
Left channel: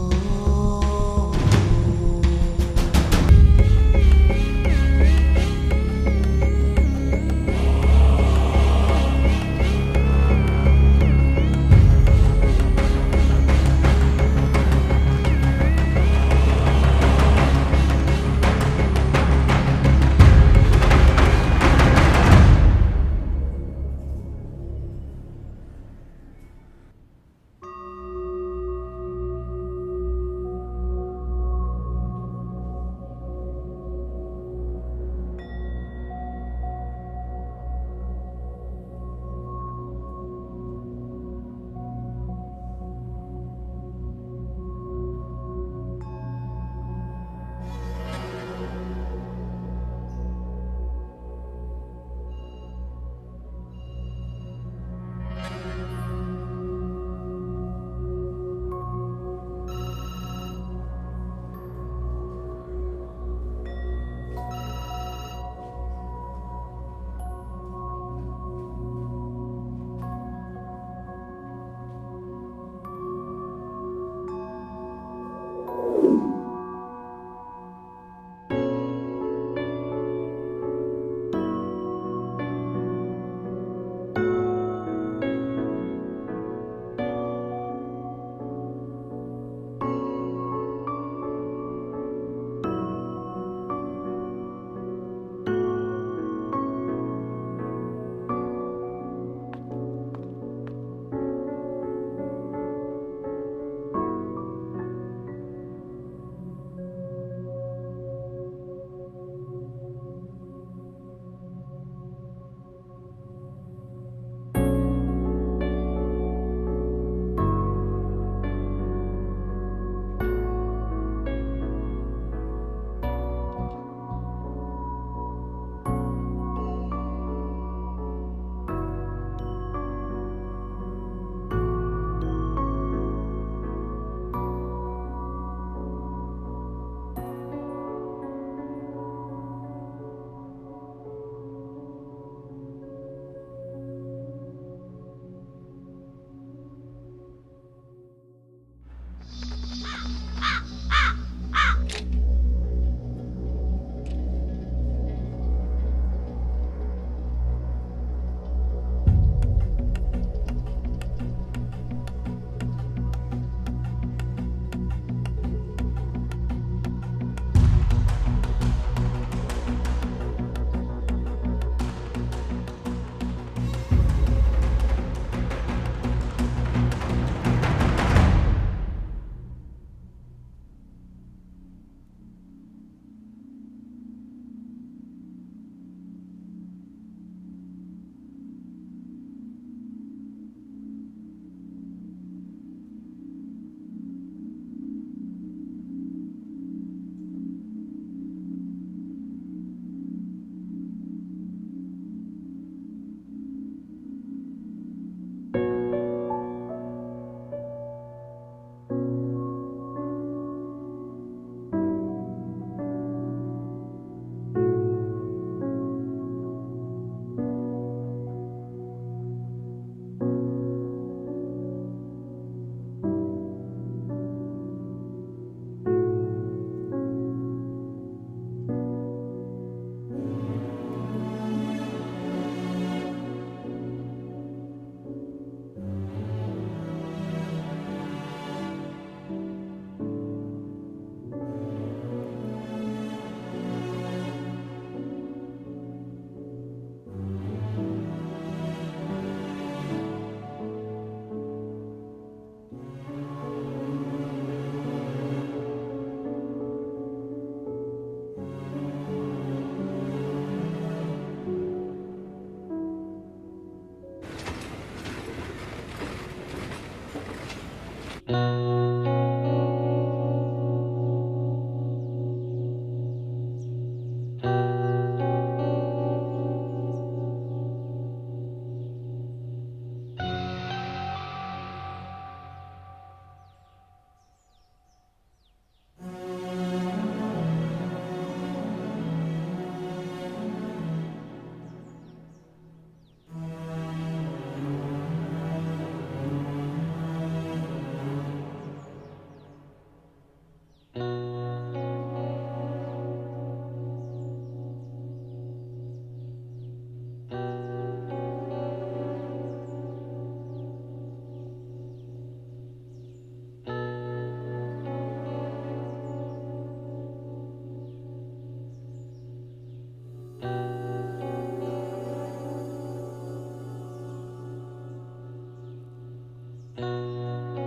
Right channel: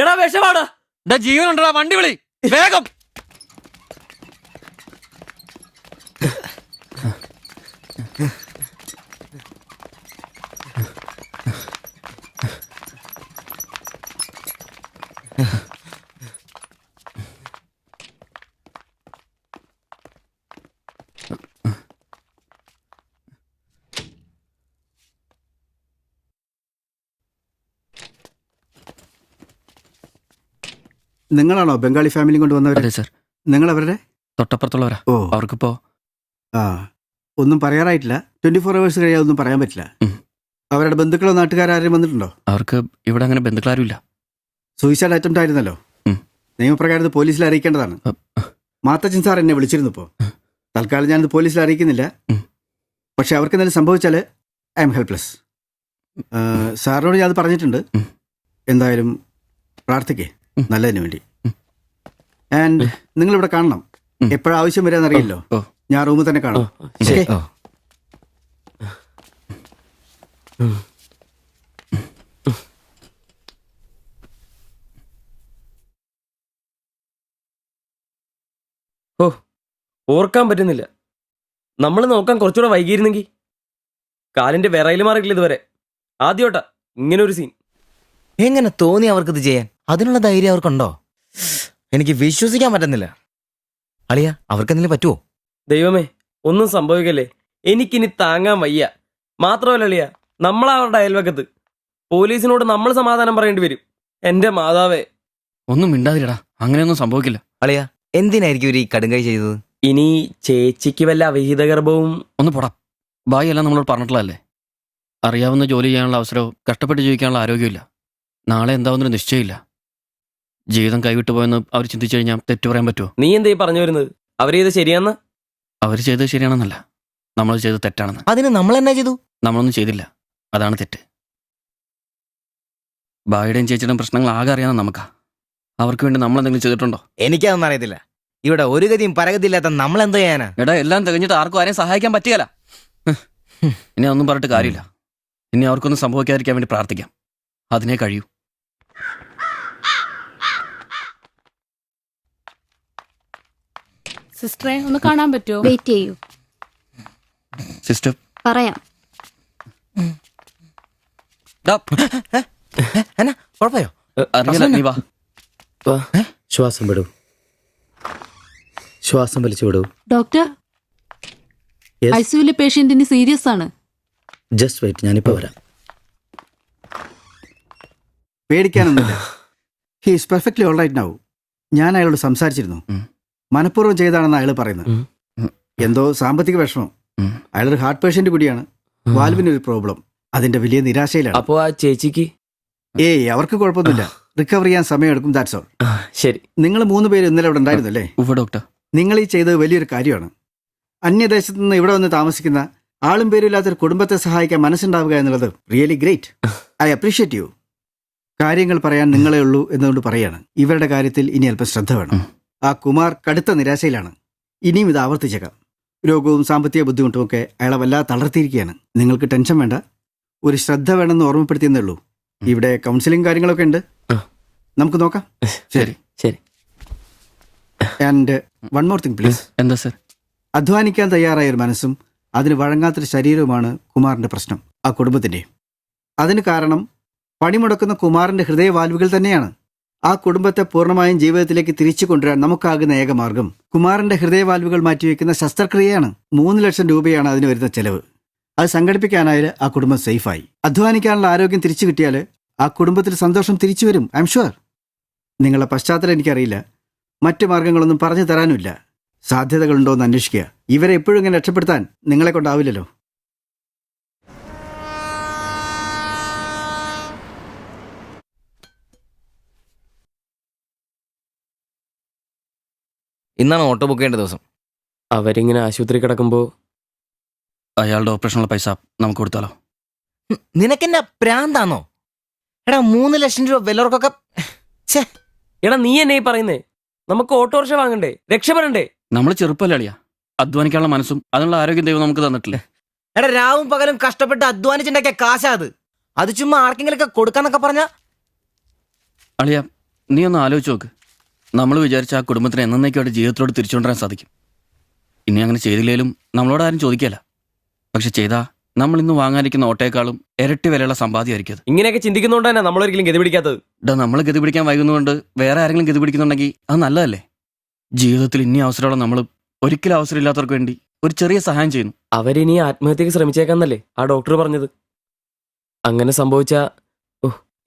എടാ വിഷമാടാ. ജീവനുണ്ടാ, വണ്ടി വിളി വേഗം. നിങ്ങളാണോ ബംഗാളി ഫാമിലി കൊണ്ടുവന്നവരെ? സർ, നിങ്ങൾ അവരുടെ തൊട്ടപ്പുറത്തുള്ളവരാ. ഓ അവർക്കിപ്പോ ഒന്നും പറയാറായിട്ടില്ല. 24 hours കഴിയാതെ ഒന്നും പറയാൻ പറ്റില്ല. അവരുടെ ബന്ധുക്കളോ നാട്ടുകാരും വന്നിട്ടുണ്ടോ? അവർക്ക് ഇവിടെ അങ്ങനെ ബന്ധുക്കളാരും ഇല്ല. സൂയിസൈഡ് അറ്റംപ്റ്റ് ആയിരുന്നല്ലോ. നിയമപ്രകാരം പോലീസിൽ അറിയിക്കേണ്ടതാണ്. മാത്തച്ചൻ സാർ എന്നെ വിളിച്ചിരുന്നു. ഇപ്പോൾ തൽക്കാലം ഞാനിത് പോലീസിൽ അറിയിക്കുന്നില്ല. പക്ഷെ അവർക്ക് എന്തെങ്കിലും സംഭവിച്ചാൽ ഐ എം ഹെൽപ്ലെസ്. സാറിനോട് ഞാൻ അത് പറഞ്ഞിട്ടുണ്ട്. എന്തായാലും പ്രാർത്ഥിക്കേ നല്ലതിന് വേണ്ടി. ആൻഡ് നിങ്ങളിവിടെ കാണണം. എപ്പോഴാവശ്യം വരാന്നറിയില്ലോ. ഞാൻ റൂമിൽ തന്നെ കാണാം. ശരി. ഓർക്കാൻ പറ്റുന്നില്ല. നമ്മൾ നോക്കാൻ കുറച്ചുകൂടെ വൈകിയിരുന്നെങ്കിൽ. കാലിന്റെ വിറയിൽ മാറിയില്ല ഇതുവരെ. ആദ്യോട്ടാ ഇങ്ങനെ ഒരു സീൻ. എങ്ങനെ തോന്നി അവർക്കിത് ചെയ്യാൻ? അതിനുള്ള ധൈര്യം അവർക്കുണ്ടോ? എനിക്ക് വിശ്വസിക്കാൻ പറ്റുന്നില്ല. അളിയ അവർക്ക് എന്തെങ്കിലും പറ്റുമോ? ദൈവമേ ഒന്നും സംഭവിക്കല്ലേ. എനിക്കിനി താങ്ങാൻ വയ്യ. മാത്രമല്ല അളിയ, നമ്മളവരുടെ അയൽവക്കത്ത്. പോലീസിനോട് നമ്മൾ സമാധാനം പറയേണ്ടി വരും. എന്റെ മാതാവേ. ഒന്നും മിണ്ടാതിരടാ, അങ്ങനെയൊന്നും സംഭവിക്കില്ല. അളിയ എന്തിനായിരിക്കും ഇവർ ഈ കടുങ്കൈ ചെയ്തത്? ഇനി ചേച്ചിക്ക് വല്ല അവിഹിത ഗർഭവും. ഒന്ന് പോടാ. ബായി എല്ലാം നമ്മളോട് പറഞ്ഞിട്ടുള്ളതല്ലേ. അറിയാവുന്ന ജോലി ചെയ്യാനുള്ള അവസരവും കഷ്ടപ്പെട്ട് ജീവിക്കാനുള്ള ആരോഗ്യമില്ല. നാളെ എന്താവുന്നൊരു നിശ്ചയമില്ല. ജീവിതം കൈവിട്ടു പോയെന്ന് അവർ ചിന്തിച്ചു കഴിഞ്ഞാൽ തെറ്റു പറയാൻ പറ്റുമോ? നീ എന്തേ പറഞ്ഞു വരുന്നത്? അവർ ചെയ്ത് ശരിയാന്ന്? അവർ ചെയ്തത് ശരിയാണെന്നല്ല, നമ്മൾ ചെയ്തത് തെറ്റാണെന്ന്. അതിന് നമ്മൾ എന്നാ ചെയ്തു? നമ്മളൊന്നും ചെയ്തില്ല, അതാണ് തെറ്റ്. ബായുടെയും ചേച്ചിയുടെയും പ്രശ്നങ്ങൾ ആകെ അറിയാവുന്ന നമുക്കാ. അവർക്ക് വേണ്ടി നമ്മൾ എന്തെങ്കിലും ചെയ്തിട്ടുണ്ടോ? എനിക്കതൊന്നും അറിയത്തില്ല. ഇവിടെ ഒരു ഗതിയും പരഗതിയില്ലാത്ത നമ്മൾ എന്തോ ചെയ്യാനാ? എടാ, എല്ലാം തികഞ്ഞിട്ട് ആർക്കും ആരെയും സഹായിക്കാൻ പറ്റിയല്ല. ഇനി അതൊന്നും പറഞ്ഞിട്ട് കാര്യമില്ല. ഇനി അവർക്കൊന്നും സംഭവിക്കാതിരിക്കാൻ വേണ്ടി പ്രാർത്ഥിക്കാം. അതിനെ കഴിയൂ. സിസ്റ്ററെ ഒന്ന് കാണാൻ പറ്റുമോ? വെയിറ്റ് ചെയ്യൂ, സിസ്റ്റർ പറയാം. കുഴപ്പയോ? അറിയില്ല, നീ വാ. ശ്വാസം വിടൂ, ശ്വാസം വലിച്ചു വിടൂ. ഡോക്ടർ, ഐസിയുലെ പേഷ്യന്റിന് സീരിയസ് ആണ്. ജസ്റ്റ് വെയിറ്റ്, ഞാനിപ്പോ വരാം. പേടിക്കാനൊന്നുമില്ല. He is perfectly all right now. ഞാൻ അയാളോട് സംസാരിച്ചിരുന്നു. മനഃപൂർവ്വം ചെയ്താണെന്ന് അയാൾ പറയുന്നത്. എന്തോ സാമ്പത്തിക വിഷമം. അയാളൊരു ഹാർട്ട് പേഷ്യന്റ് കൂടിയാണ്. വാൽവിനൊരു പ്രോബ്ലം. അതിന്റെ വലിയ നിരാശയിലാണ്. അപ്പോ ആ ചേച്ചിക്ക്? ഏയ്, അവർക്ക് കുഴപ്പമൊന്നുമില്ല. റിക്കവർ ചെയ്യാൻ സമയമെടുക്കും, ദാറ്റ്സ് ഓൾ. ശരി. നിങ്ങൾ 3 പേര് ഇന്നലെ ഇവിടെ ഉണ്ടായിരുന്നല്ലേ? ഡോക്ടർ, നിങ്ങൾ ഈ ചെയ്തത് വലിയൊരു കാര്യമാണ്. അന്യദേശത്ത് നിന്ന് ഇവിടെ വന്ന് താമസിക്കുന്ന ആളും പേരും ഇല്ലാത്തൊരു കുടുംബത്തെ സഹായിക്കാൻ മനസ്സുണ്ടാവുക എന്നുള്ളത് really great. I appreciate you. കാര്യങ്ങൾ പറയാൻ നിങ്ങളെ ഉള്ളൂ എന്നുകൊണ്ട് പറയാണ്. ഇവരുടെ കാര്യത്തിൽ ഇനി അല്പം ശ്രദ്ധ വേണം. ആ കുമാർ കടുത്ത നിരാശയിലാണ്. ഇനിയും ഇത് ആവർത്തിച്ചേക്കാം. രോഗവും സാമ്പത്തിക ബുദ്ധിമുട്ടും ഒക്കെ അയാളെ വല്ലാതെ തളർത്തിയിരിക്കുകയാണ്. നിങ്ങൾക്ക് ടെൻഷൻ വേണ്ട, ഒരു ശ്രദ്ധ വേണമെന്ന് ഓർമ്മപ്പെടുത്തിയെന്നേ ഉള്ളൂ. ഇവിടെ കൗൺസിലിംഗ് കാര്യങ്ങളൊക്കെ ഉണ്ട്, നമുക്ക് നോക്കാം. ശരി ശരി. And one more thing please. എന്താ സർ? അധ്വാനിക്കാൻ തയ്യാറായ ഒരു മനസ്സും അതിന് വഴങ്ങാത്തൊരു ശരീരവുമാണ് കുമാറിന്റെ പ്രശ്നം, ആ കുടുംബത്തിന്റെ. അതിന് കാരണം പണിമുടക്കുന്ന കുമാറിന്റെ ഹൃദയവാൽവുകൾ തന്നെയാണ്. ആ കുടുംബത്തെ പൂർണ്ണമായും ജീവിതത്തിലേക്ക് തിരിച്ചു കൊണ്ടുവരാൻ നമുക്കാകുന്ന ഏക മാർഗം കുമാറിന്റെ ഹൃദയവാൽവുകൾ മാറ്റിവെക്കുന്ന ശസ്ത്രക്രിയയാണ്. 3 ലക്ഷം രൂപയാണ് അതിന് വരുന്ന ചെലവ്. അത് സംഘടിപ്പിക്കാനായാൽ ആ കുടുംബം സേഫായി. അധ്വാനിക്കാനുള്ള ആരോഗ്യം തിരിച്ചു കിട്ടിയാൽ ആ കുടുംബത്തിൽ സന്തോഷം തിരിച്ചു വരും. I am sure. നിങ്ങളുടെ പശ്ചാത്തലം എനിക്കറിയില്ല, മറ്റു മാർഗങ്ങളൊന്നും പറഞ്ഞു തരാനുമില്ല. സാധ്യതകളുണ്ടോ എന്ന് അന്വേഷിക്കുക. ഇവരെ എപ്പോഴും ഇങ്ങനെ രക്ഷപ്പെടുത്താൻ നിങ്ങളെ കൊണ്ടാവില്ലല്ലോ. ഇന്നാണ് ഓട്ടോ ബുക്ക് ചെയ്യേണ്ട ദിവസം. അവരിങ്ങനെ ആശുപത്രി കിടക്കുമ്പോ അയാളുടെ ഓപ്പറേഷനുള്ള പൈസ നമുക്ക് കൊടുത്താലോ? നിനക്കെന്നെ പ്രാന്താന്നോ? എടാ 3 ലക്ഷം രൂപ വിലവർക്കൊക്കെ. എടാ നീ എന്നെ പറയുന്നേ? നമുക്ക് ഓട്ടോറിക്ഷ വാങ്ങണ്ടേ, രക്ഷപ്പെടണ്ടേ? നമ്മൾ ചെറുപ്പല്ലേ അളിയാ. അധ്വാനിക്കാനുള്ള മനസ്സും അതിനുള്ള ആരോഗ്യം ദൈവം നമുക്ക് തന്നിട്ടില്ലേ? എടാ രാവും പകലും കഷ്ടപ്പെട്ട് അധ്വാനിച്ചുണ്ടാക്കിയ കാശാ അത് ചുമ്മാ ആർക്കെങ്കിലും ഒക്കെ കൊടുക്കാന്നൊക്കെ പറഞ്ഞ. അളിയ, നീ ഒന്ന് ആലോചിച്ച് നോക്ക്. നമ്മൾ വിചാരിച്ച ആ കുടുംബത്തിന് എന്നേക്കുമായിട്ട് ജീവിതത്തിലോട് തിരിച്ചുകൊണ്ടുവരാൻ സാധിക്കും. ഇനി അങ്ങനെ ചെയ്തില്ലേലും നമ്മളോട് ആരും ചോദിക്കല്ല. പക്ഷെ ചെയ്താ നമ്മൾ ഇന്ന് വാങ്ങാനിരിക്കുന്ന ഓട്ടേക്കാളും ഇരട്ടി വിലയുള്ള സമ്പാദ്യമായിരിക്കും. ഇങ്ങനെയൊക്കെ ചിന്തിക്കുന്നതുകൊണ്ട് തന്നെ നമ്മളൊരിക്കലും ഗതി പിടിക്കാത്തത്. നമ്മൾ ഗതി പിടിക്കാൻ വൈകുന്നതുകൊണ്ട് വേറെ ആരെങ്കിലും ഗതി പിടിക്കുന്നുണ്ടെങ്കിൽ അത് നല്ലതല്ലേ? ജീവിതത്തിൽ ഇനി അവസരമുള്ള നമ്മൾ ഒരിക്കലും അവസരം ഇല്ലാത്തവർക്ക് വേണ്ടി ഒരു ചെറിയ സഹായം ചെയ്യുന്നു. അവരിനി ആത്മഹത്യക്ക് ശ്രമിച്ചേക്കാന്നല്ലേ ആ ഡോക്ടർ പറഞ്ഞത്? അങ്ങനെ സംഭവിച്ച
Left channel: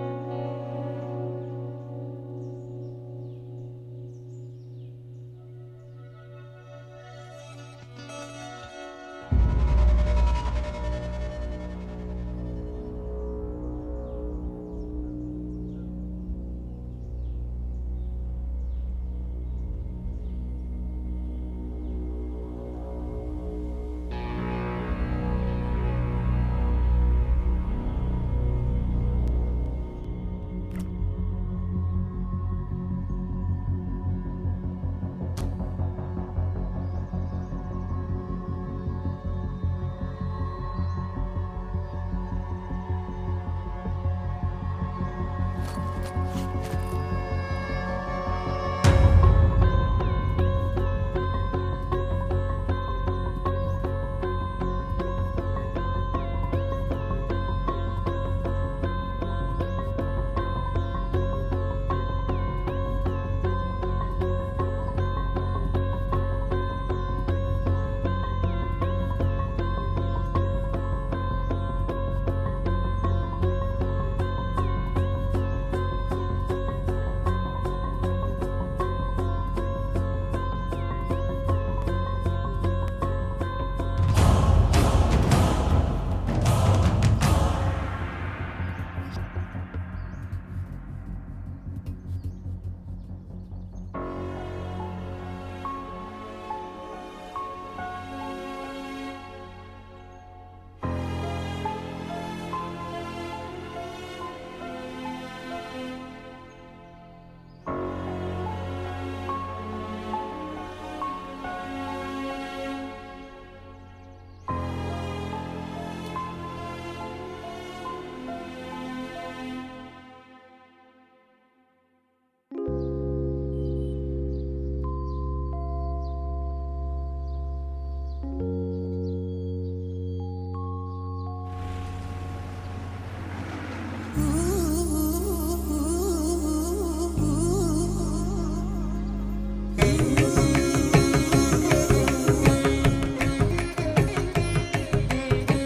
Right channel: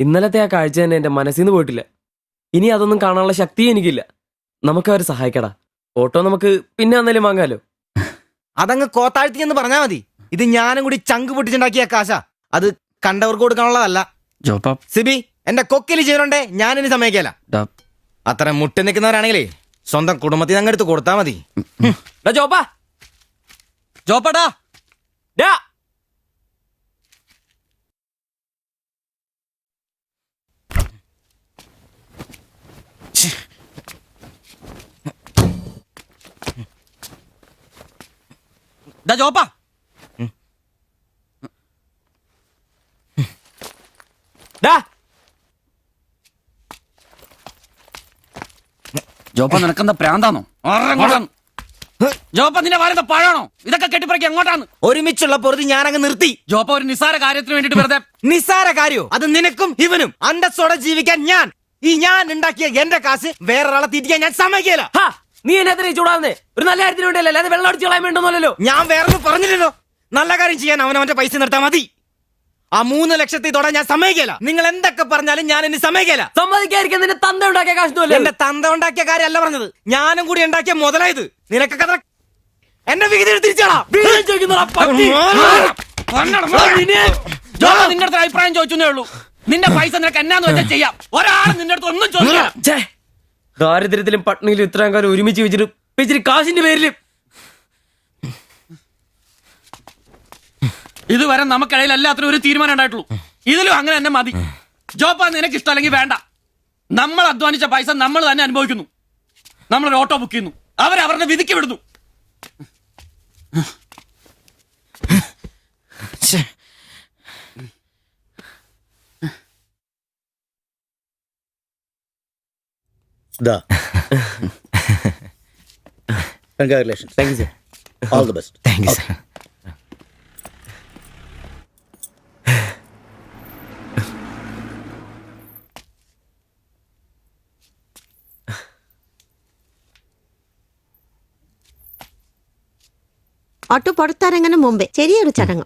ഇന്നലത്തെ ആ കാഴ്ച തന്നെ എന്റെ മനസ്സിൽ നിന്ന് പോയിട്ടില്ല. ഇനി അതൊന്നും കാണാനുള്ള ശക്തിയും എനിക്കില്ല. നമുക്ക് അവരെ സഹായിക്കടാ. ഓട്ടോ നമുക്ക് പിന്നെ വന്നാലും വാങ്ങാലോ. അതങ്ങ് കോത്താഴ്ത്തി എന്ന് പറഞ്ഞാ മതി. ഇത് ഞാനും കൂടി ചങ്ക് പൊട്ടിച്ചുണ്ടാക്കിയ കാശാ. അത് കണ്ടവർക്ക് കൊടുക്കാനുള്ളതല്ല. സിബി, എന്റെ കൊക്കില് ജീവനുണ്ടേ ഞാനിനി സമ്മതിക്കല. അത്ര മുട്ടി നിൽക്കുന്നവരാണെങ്കിലേ സ്വന്തം കുടുംബത്തിൽ അങ്ങ് എടുത്ത് കൊടുത്താ മതി. ജോപ്പാടാ ജോപ്പാ, ജോപ്പ നിനക്കെന്താ പ്രാന്താണോ? ജോപ്പ നിന്റെ വാരത്തെ പഴാണോ? ഇതൊക്കെ കെട്ടിപ്പറക്കി എങ്ങോട്ടാണ്? ഒരുമിച്ചുള്ള പൊറുതി ഞാനങ്ങ് നിർത്തി. ജോപ്പ ഒരു നിസ്സാര കാര്യത്തിന് വേണ്ടിട്ട് വെറുതെ. നിസ്സാര കാര്യോ? അത് നിനക്കും ഇവനും അന്തസ്സോടെ ജീവിക്കാൻ ഞാൻ ഉണ്ടാക്കിയ എന്റെ കാശ് വേറൊരാളെ തീറ്റിക്കാൻ ഞാൻ സമ്മതിക്കില്ല. നീ എന്നെ ചൂടാവുന്നേ ഒരു നല്ല കാര്യത്തിന് വേണ്ടിയല്ലേ, അല്ലാതെ വെള്ളം അടിച്ചു കളയാൻ വേണ്ടല്ലോ. ഞാൻ വേറൊന്നും പറഞ്ഞില്ലല്ലോ. നല്ല കാര്യം ചെയ്യാൻ അവനവന്റെ പൈസ നിർത്താൻ മതി. ആ 3 ലക്ഷത്തിൽ തൊടാൻ ഞാൻ സമ്മതിക്കില്ല. നിങ്ങൾ എന്തൊക്കെ പറഞ്ഞാലും ഞാൻ എന്നെ സമ്മതിക്കില്ല. സമ്മതിക്കാതിരിക്കാൻ നിന്റെ തന്ത ഉണ്ടാക്കിയ കാശ്. എന്റെ തന്ത ഉണ്ടാക്കിയ കാര്യമല്ല പറഞ്ഞത്, ഞാനും കൂടി ഉണ്ടാക്കിയ മുതലായത്. നിനക്കൊക്കെ എന്റെ വിഹിതം തിരിച്ചാടാ. നിന്റെ അടുത്ത് അഭിപ്രായം ചോദിച്ചേ ഉള്ളൂ. നിന്റെ പൈസ നിനക്ക് എന്നാന്ന് വെച്ചാൽ ചെയ്യാം. ഒരാൾ നിന്റെ അടുത്ത് ഒന്നും ചോദിക്കാം. ദാരിദ്ര്യത്തിലും പട്ടിണിയിലും ഇത്രയും കാലം ഒരുമിച്ച് വെച്ചിട്ട് കാശിന്റെ പേരില് ഇതുവരെ നമുക്കിടയിൽ എല്ലാത്തിനും ഒരു തീരുമാനം ഉണ്ടായിട്ടുള്ളൂ. ഇതിലും അങ്ങനെ തന്നെ മതി. ജോപ്പ നിനക്ക് ഇഷ്ടമല്ലെങ്കിൽ വേണ്ട. നമ്മൾ അധ്വാനിച്ച പൈസ നമ്മൾ തന്നെ അനുഭവിക്കുന്നു. നമ്മളൊരു ഓട്ടോ ബുക്ക് ചെയ്യുന്നു, അവരവരുടെ വിധിക്ക് വിടുന്നു. Congratulation. Thank you sir. All the best. Thank you sir. Auto പുറത്തിറങ്ങുന്ന മുമ്പേ ചെറിയൊരു ചടങ്ങ്.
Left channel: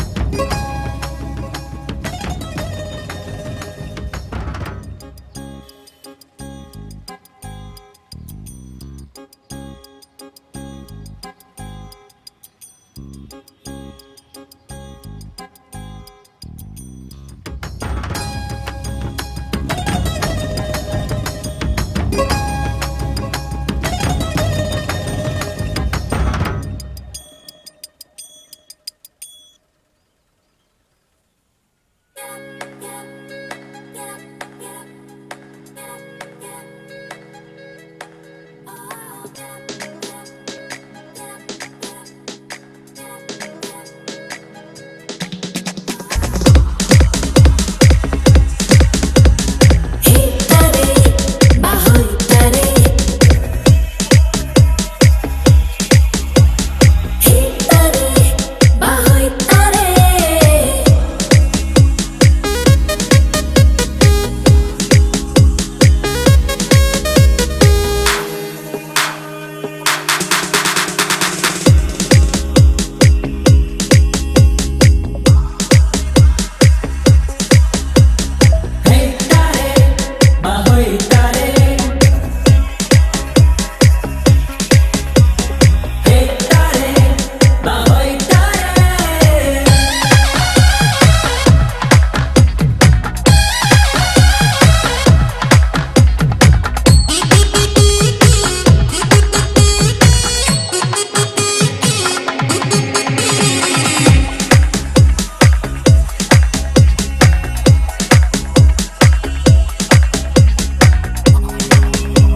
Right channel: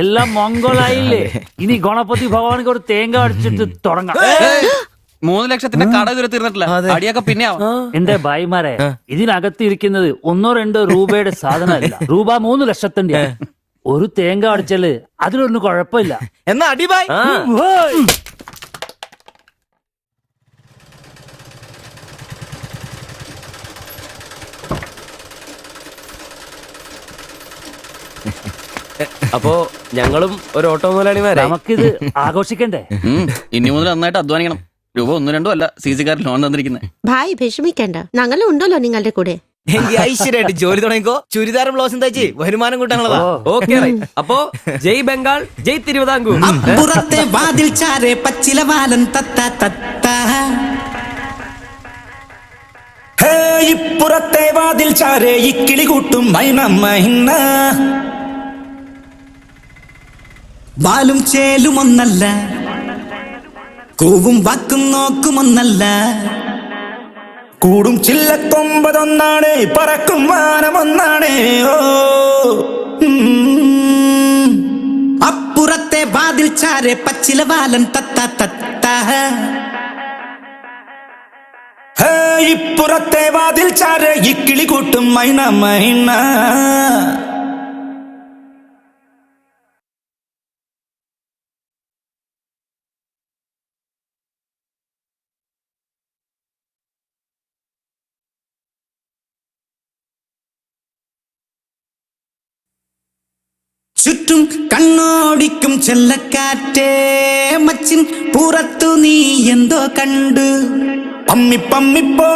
എല്ലാം മംഗളായില്ലേ? ഇനി ഗണപതി ഭഗവാനക്ക് ഒരു തേങ്ങ അടിച്ചിട്ട് തുടങ്ങാം. 3 ലക്ഷത്തിന്റെ കട ഇതുവരെ തീർന്നിട്ടില്ല. അടിയൊക്കെ പിന്നെ എന്റെ ഭായിമാരെ, ഇതിനകത്ത് ഇരിക്കുന്നത് 1-2 രൂപയുടെ സാധനമല്ല, രൂപ 3 ലക്ഷത്തിന്റെ. ഒരു തേങ്ങ അടിച്ചാല് അതിലൊന്നും കുഴപ്പമില്ല. എന്നാ അടിബായ്. അപ്പോ ഞങ്ങളും ഒരു ഓട്ടോ മുതലാളിമാരെ. നമുക്കിത് ആഘോഷിക്കണ്ടേ? ഇനി മുതൽ നന്നായിട്ട് അധ്വാനിക്കണം. രൂപ 1-2 അല്ല CC-കാരൻ ലോൺ തന്നിരിക്കുന്നത്. ഭായ് വിഷമിക്കണ്ട, ഞങ്ങളും ഉണ്ടല്ലോ നിങ്ങളുടെ കൂടെ. ഐശ്വര്യമായിട്ട് ജോലി തുടങ്ങിക്കോ. ചുരിദാറും ബ്ലൗസും തയ്ച്ച് വരുമാനം കൂട്ടാനുള്ളതാ. ഓക്കെ. അപ്പോ ജയ് ബംഗാൾ, ജയ് തിരുവിതാംകൂർ. വാലും ചേലും ഒന്നല്ല, കൂവും വാക്കും നോക്കുമൊന്നല്ല, കൂടും ചില്ലക്കൊമ്പതൊന്നാണ്, പറക്കും വാനമൊന്നാണ്. ഓ അപ്പുറത്തെ വാതിൽ ചാരെ പച്ചില വാലൻ തത്ത തട്ട, ഇപ്പുറത്തെ വാതിൽ ചാരെ ഇക്കിളി കൂട്ടും മൈന മൈന. ചുറ്റും കണ്ണോടിക്കും ചെല്ലക്കാറ്റേ, മച്ചിൻ പുറത്തു നീ എന്തോ കണ്ടു, പമ്മി പമ്മി പോ